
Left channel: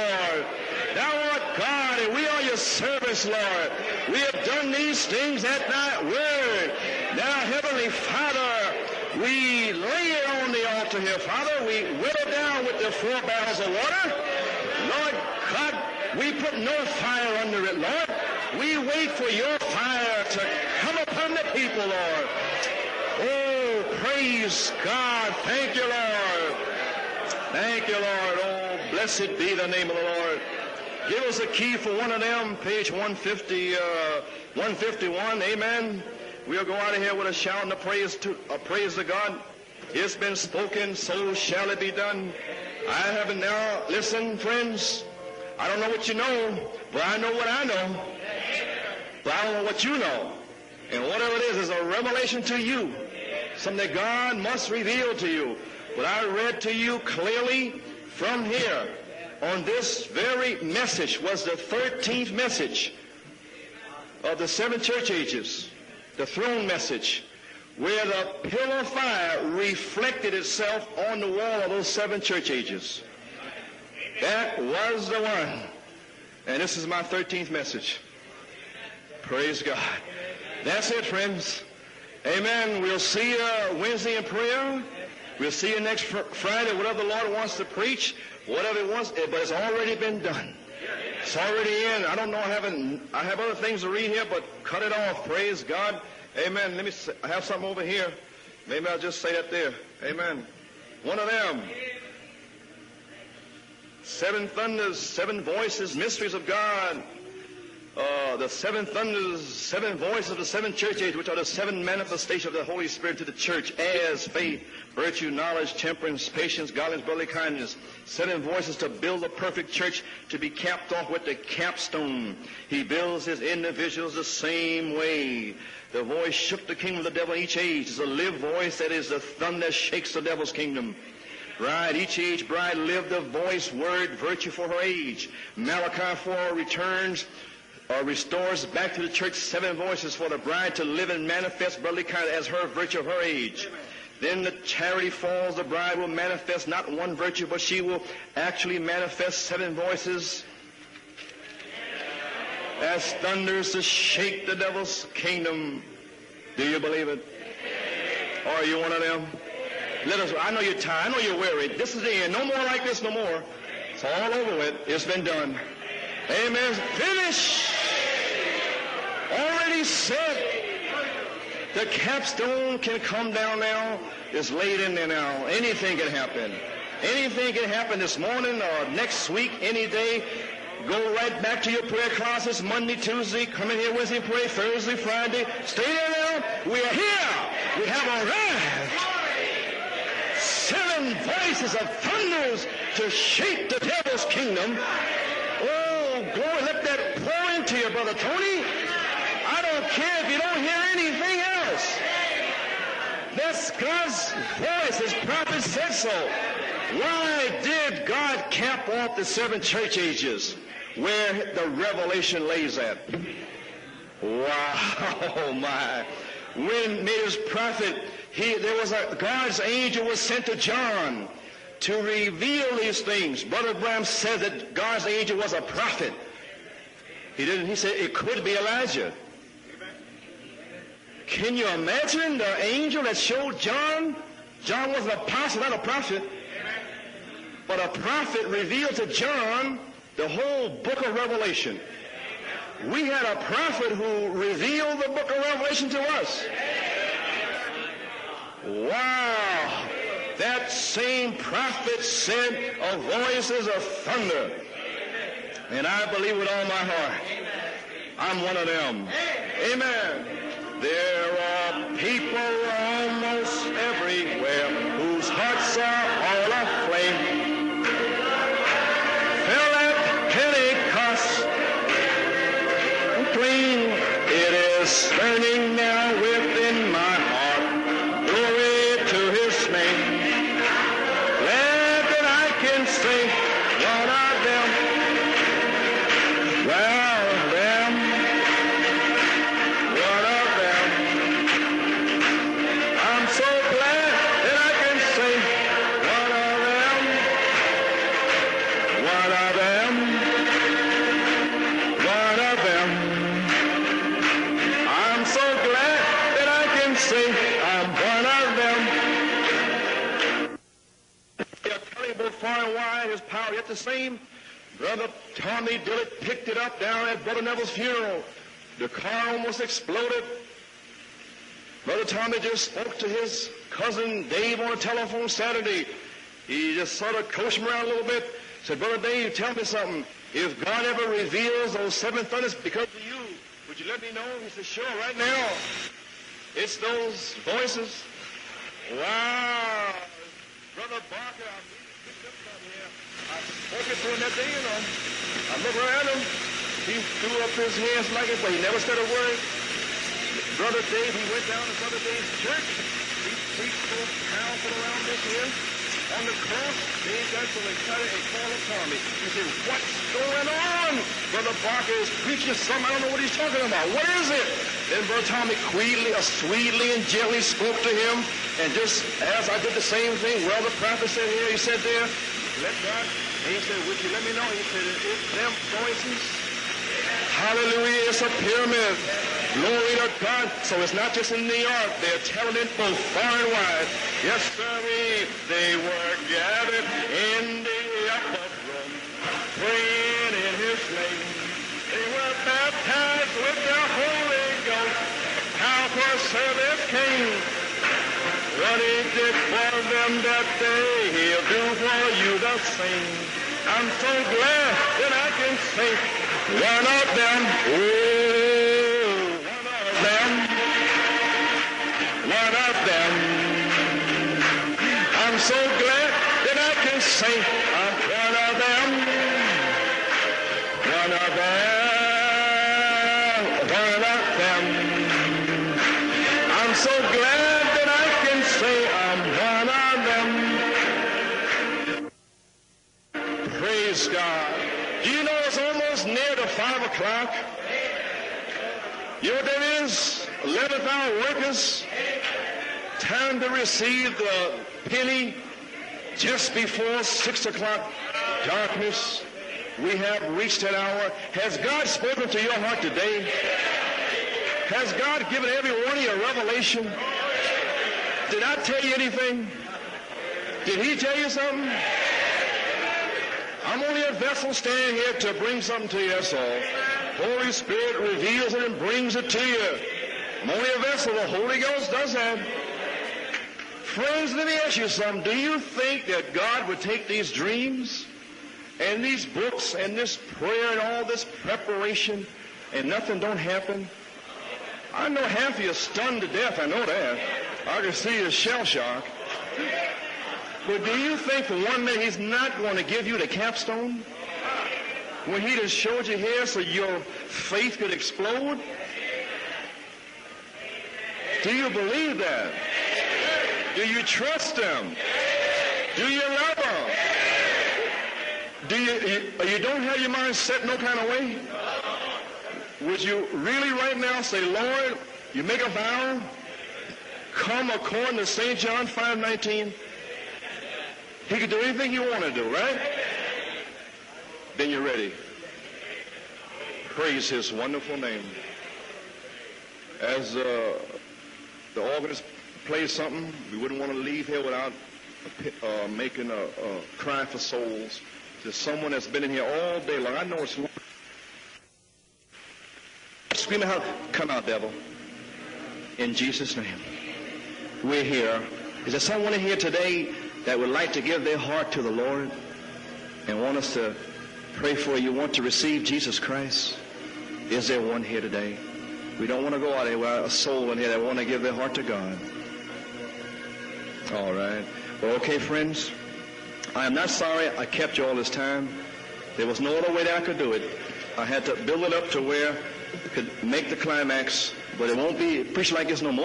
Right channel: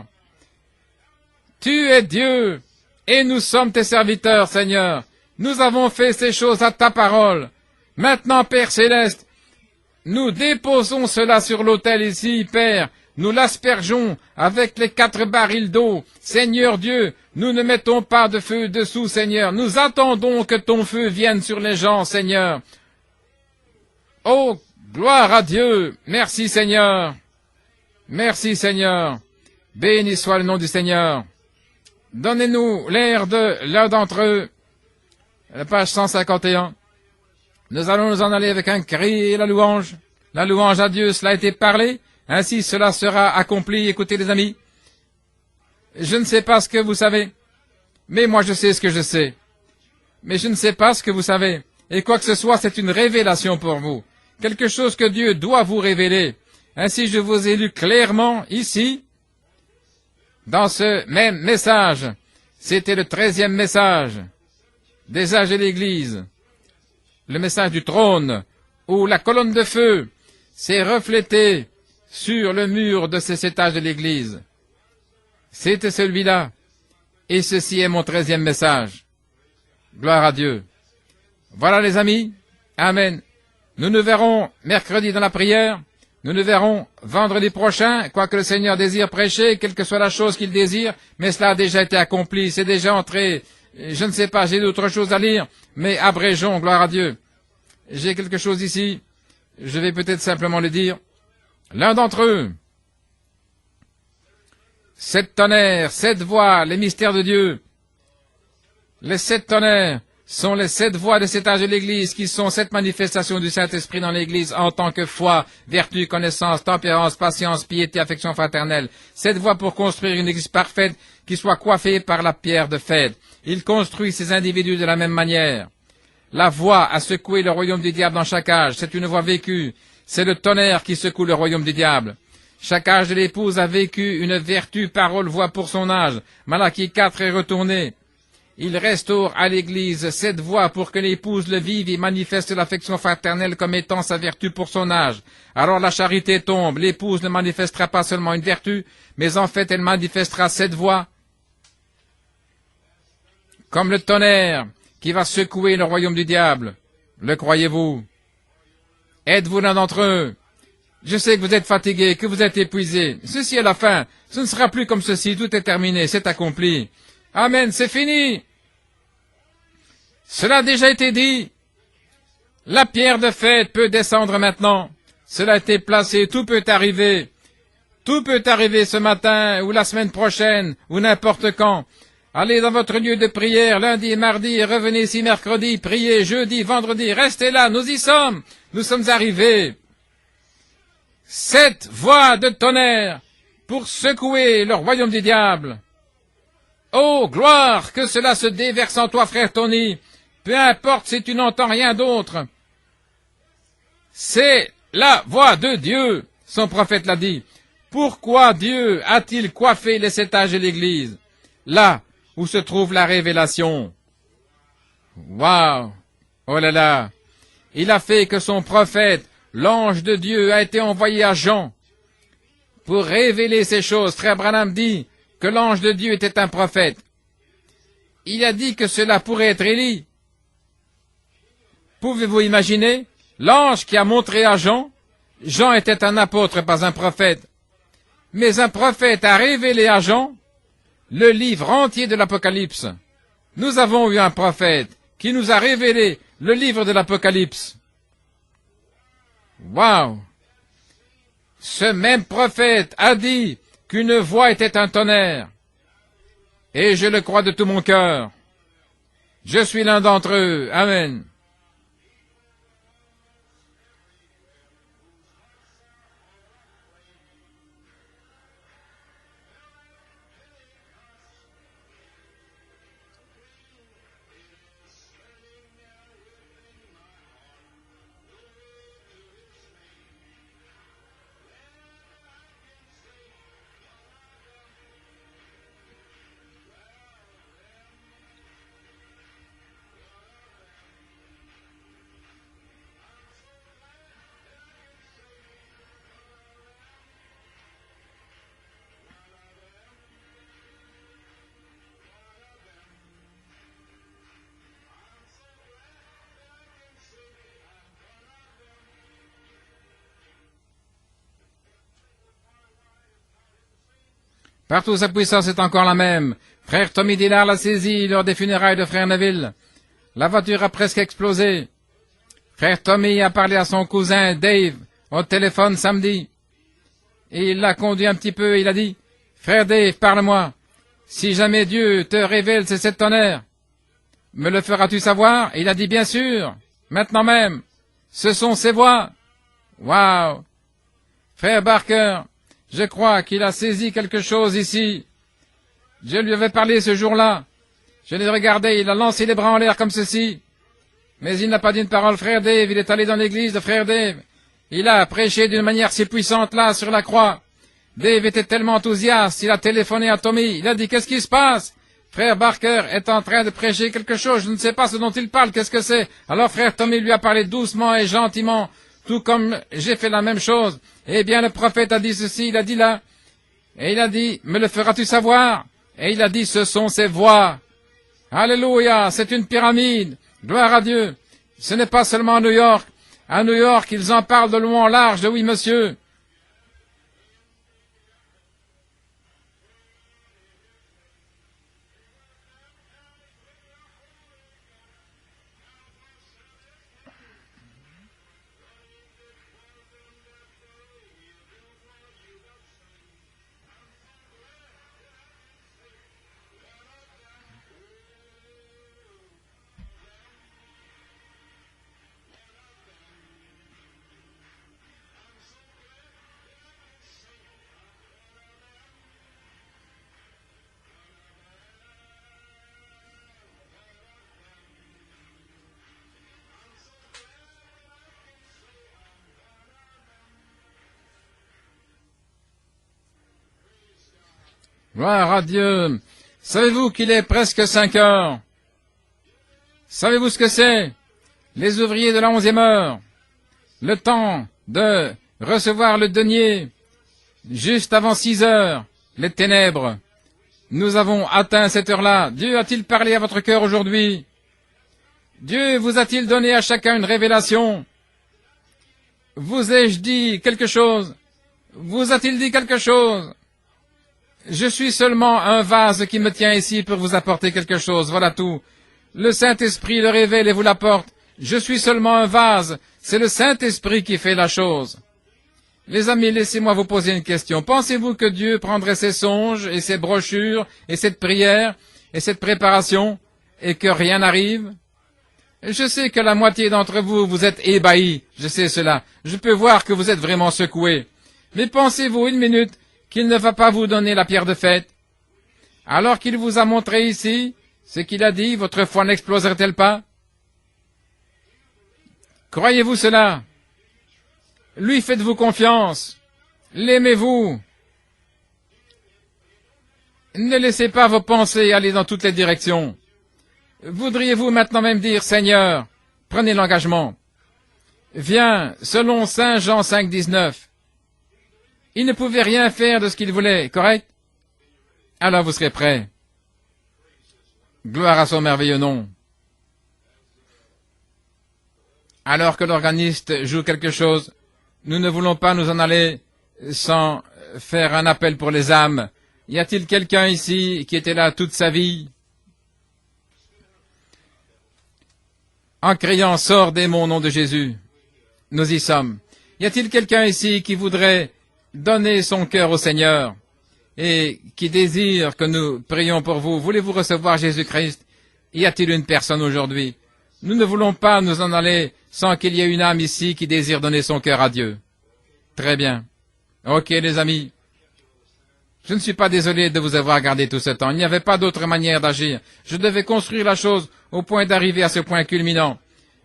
Tu es Dieu et nous sommes tes serviteurs, Seigneur. Nous avons fait ces choses à ta parole. Maintenant, Père Céleste, nous déposons cela sur l'autel ici, Père. Nous l'aspergeons avec les 4 barils d'eau. Seigneur Dieu, nous ne mettons pas de feu dessous, Seigneur. Nous attendons que ton feu vienne sur les gens, Seigneur. Oh, gloire à Dieu. Merci, Seigneur. Merci, Seigneur. Béni soit le nom du Seigneur. Donnez-nous l'air de l'un d'entre eux. Page 151. Nous allons nous en aller avec un cri et la louange. La louange à Dieu, cela a été parlé. Ainsi, cela sera accompli. Écoutez, les amis. Je ne sais pas ce que vous savez, mais moi je sais ce que je sais. Mais je ne sais pas ce que vous savez. Et quoi que ce soit, c'est une révélation pour vous. Quelque chose que Dieu doit vous révéler. Ainsi, je vous ai lu clairement ici, dans ce même message. C'était le 13e message des âges de l'Église. Le message du trône, où la colonne de feu s'est reflétée sur le mur de ces 7 âges de l'Église. C'était celui-là. Et ceci est mon 13e message. Gloire à Dieu. Voilà les amis. Amen. Nous nous verrons mercredi dans la prière. Nous nous verrons vendredi prochain, quoi que le Seigneur désire prêcher, quelle que soit la chose qu'il désire, mais cela a déjà été accompli, c'est déjà entré. Je ne sais pas, j'ai d'autres choses à lire, mais abrégeons, gloire à Dieu. J'ai quelque chose ici, je vais peut-être simplement le dire. L'un d'entre eux, 7 tonnerres, 7 voix, les mystères de Dieu. Les 7 tonnerres sont les 7 voies de cet âge de l'Église qui sont 7 manifestations du Saint-Esprit dans l'Église en tant que foi, vertu, connaissance, tempérance, patience, piété, affection fraternelle. 7 voies pour construire une Église parfaite qui soit coiffée par la pierre de fête. Il construit ces individus de la même manière. La voix a secoué le royaume du diable dans chaque âge. C'est une voix vécue. C'est le tonnerre qui secoue le royaume du diable. Chaque âge de l'épouse a vécu une vertu, parole, voix pour son âge. Malachie 4 est retourné. Il restaure à l'Église 7 voix pour que l'épouse le vive et manifeste l'affection fraternelle comme étant sa vertu pour son âge. Alors la charité tombe. L'épouse ne manifestera pas seulement une vertu, mais en fait elle manifestera 7 voix. Comme le tonnerre qui va secouer le royaume du diable. Le croyez-vous? Êtes-vous l'un d'entre eux? Je sais que vous êtes fatigué, que vous êtes épuisé. Ceci est la fin. Ce ne sera plus comme ceci. Tout est terminé. C'est accompli. Amen. C'est fini. Cela a déjà été dit. La pierre de fête peut descendre maintenant. Cela a été placé. Tout peut arriver. Tout peut arriver ce matin ou la semaine prochaine ou n'importe quand. Allez dans votre lieu de prière lundi, mardi et revenez ici mercredi. Priez jeudi, vendredi. Restez là. Nous y sommes. Nous sommes arrivés. 7 voix de tonnerre pour secouer le royaume du diable. Oh, gloire, que cela se déverse en toi, frère Tony. Peu importe si tu n'entends rien d'autre. C'est la voix de Dieu, son prophète l'a dit. Pourquoi Dieu a-t-il coiffé les 7 âges de l'Église? Là où se trouve la révélation. Waouh! Oh là là! Il a fait que son prophète, l'ange de Dieu, a été envoyé à Jean pour révéler ces choses. Frère Branham dit que l'ange de Dieu était un prophète. Il a dit que cela pourrait être Élie. Pouvez-vous imaginer? L'ange qui a montré à Jean, Jean était un apôtre, pas un prophète. Mais un prophète a révélé à Jean le livre entier de l'Apocalypse. Nous avons eu un prophète qui nous a révélé le livre de l'Apocalypse. Waouh! Ce même prophète a dit qu'une voix était un tonnerre. Et je le crois de tout mon cœur. Je suis l'un d'entre eux. Amen. Burning now within my heart, glory to His name. Glad that I can sing one of them, one of them, one of them. Partout, sa puissance est encore la même. Frère Tommy Dillard l'a saisi lors des funérailles de frère Neville. La voiture a presque explosé. Frère Tommy a parlé à son cousin Dave au téléphone samedi. Et il l'a conduit un petit peu. Il a dit, « Frère Dave, parle-moi. Si jamais Dieu te révèle ces 7 tonnerres, me le feras-tu savoir ?» Il a dit, « Bien sûr. Maintenant même. Ce sont ces voix. » Waouh! Frère Barker, je crois qu'il a saisi quelque chose ici. Je lui avais parlé ce jour-là. Je l'ai regardé, il a lancé les bras en l'air comme ceci. Mais il n'a pas dit une parole. Frère Dave, il est allé dans l'église de Frère Dave. Il a prêché d'une manière si puissante là, sur la croix. Dave était tellement enthousiaste, il a téléphoné à Tommy. Il a dit, qu'est-ce qui se passe? Frère Barker est en train de prêcher quelque chose. Je ne sais pas ce dont il parle. Qu'est-ce que c'est? Alors frère Tommy lui a parlé doucement et gentiment, tout comme j'ai fait la même chose. Eh bien, le prophète a dit ceci, il a dit là. Et il a dit, me le feras-tu savoir? Et il a dit, ce sont ces voix. Alléluia, c'est une pyramide. Gloire à Dieu. Ce n'est pas seulement à New York. À New York, ils en parlent de long en large, de oui, monsieur. I'm so glad that I can say one of them, oh, one of them. I'm so glad that I can say one of them, one of them, one of them. I'm so glad that I can say I'm one of them. Praise God. Gloire à Dieu. Savez-vous qu'il est presque 5 heures? Savez-vous ce que c'est? Les ouvriers de la 11e heure. Le temps de recevoir le denier juste avant 6 heures. Les ténèbres. Nous avons atteint cette heure-là. Dieu a-t-il parlé à votre cœur aujourd'hui? Dieu vous a-t-il donné à chacun une révélation? Vous ai-je dit quelque chose? Vous a-t-il dit quelque chose? Je suis seulement un vase qui me tient ici pour vous apporter quelque chose, voilà tout. Le Saint-Esprit le révèle et vous l'apporte. Je suis seulement un vase. C'est le Saint-Esprit qui fait la chose. Les amis, laissez-moi vous poser une question. Pensez-vous que Dieu prendrait ses songes et ses brochures et cette prière et cette préparation et que rien n'arrive? Je sais que la moitié d'entre vous, vous êtes ébahis. Je sais cela. Je peux voir que vous êtes vraiment secoués. Mais pensez-vous une minute qu'il ne va pas vous donner la pierre de fête? Alors qu'il vous a montré ici ce qu'il a dit, votre foi n'exploserait-elle pas? Croyez-vous cela? Lui faites-vous confiance? L'aimez-vous? Ne laissez pas vos pensées aller dans toutes les directions. Voudriez-vous maintenant même dire, Seigneur, prenez l'engagement. Viens, selon Saint Jean 5, 19. Il ne pouvait rien faire de ce qu'il voulait, correct? Alors vous serez prêts. Gloire à son merveilleux nom. Alors que l'organiste joue quelque chose, nous ne voulons pas nous en aller sans faire un appel pour les âmes. Y a-t-il quelqu'un ici qui était là toute sa vie en criant « Sors démon au nom de Jésus ». Nous y sommes. Y a-t-il quelqu'un ici qui voudrait donner son cœur au Seigneur et qui désire que nous prions pour vous? Voulez-vous recevoir Jésus-Christ? Y a-t-il une personne aujourd'hui? Nous ne voulons pas nous en aller sans qu'il y ait une âme ici qui désire donner son cœur à Dieu. Très bien. Ok, les amis. Je ne suis pas désolé de vous avoir gardé tout ce temps. Il n'y avait pas d'autre manière d'agir. Je devais construire la chose au point d'arriver à ce point culminant.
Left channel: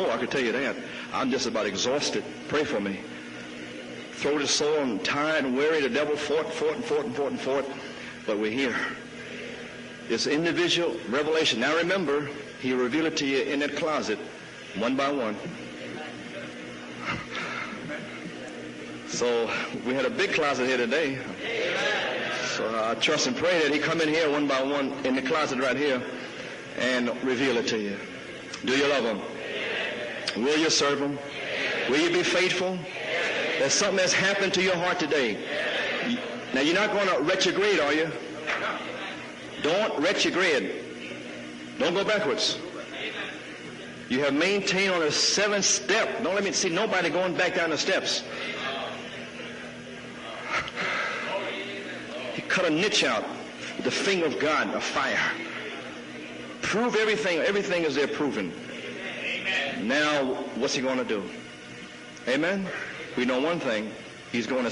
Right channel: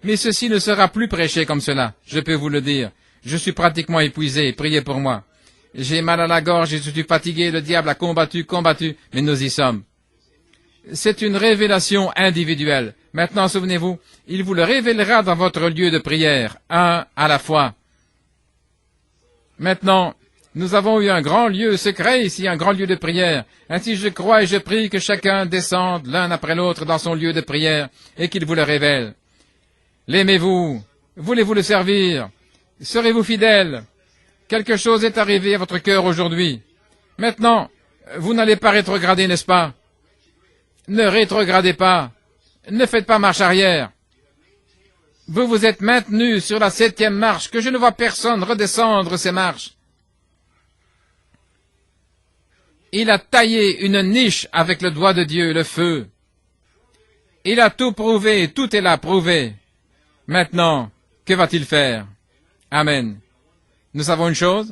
Mais ceci ne sera plus prêché comme cela, je peux vous le dire. Je suis pratiquement épuisé. Priez pour moi. J'ai mal à la gorge, je suis fatigué. Le diable a combattu, mais nous y sommes. C'est une révélation individuelle. Maintenant, souvenez-vous, il vous le révélera dans votre lieu de prière, un à la fois. Maintenant, nous avons eu un grand lieu secret ici, un grand lieu de prière. Ainsi, je crois et je prie que chacun descende l'un après l'autre dans son lieu de prière et qu'il vous le révèle. L'aimez-vous? Voulez-vous le servir? Serez-vous fidèle? Quelque chose est arrivé à votre cœur aujourd'hui. Maintenant, vous n'allez pas rétrograder, n'est-ce pas? Ne rétrogradez pas. Ne faites pas marche arrière. Vous vous êtes maintenu sur la 7e marche, que je ne vois personne redescendre ces marches. Il a taillé une niche avec le doigt de Dieu, le feu. Il a tout prouvé, tout est là prouvé. Maintenant, que va-t-il faire? Amen. Nous savons une chose,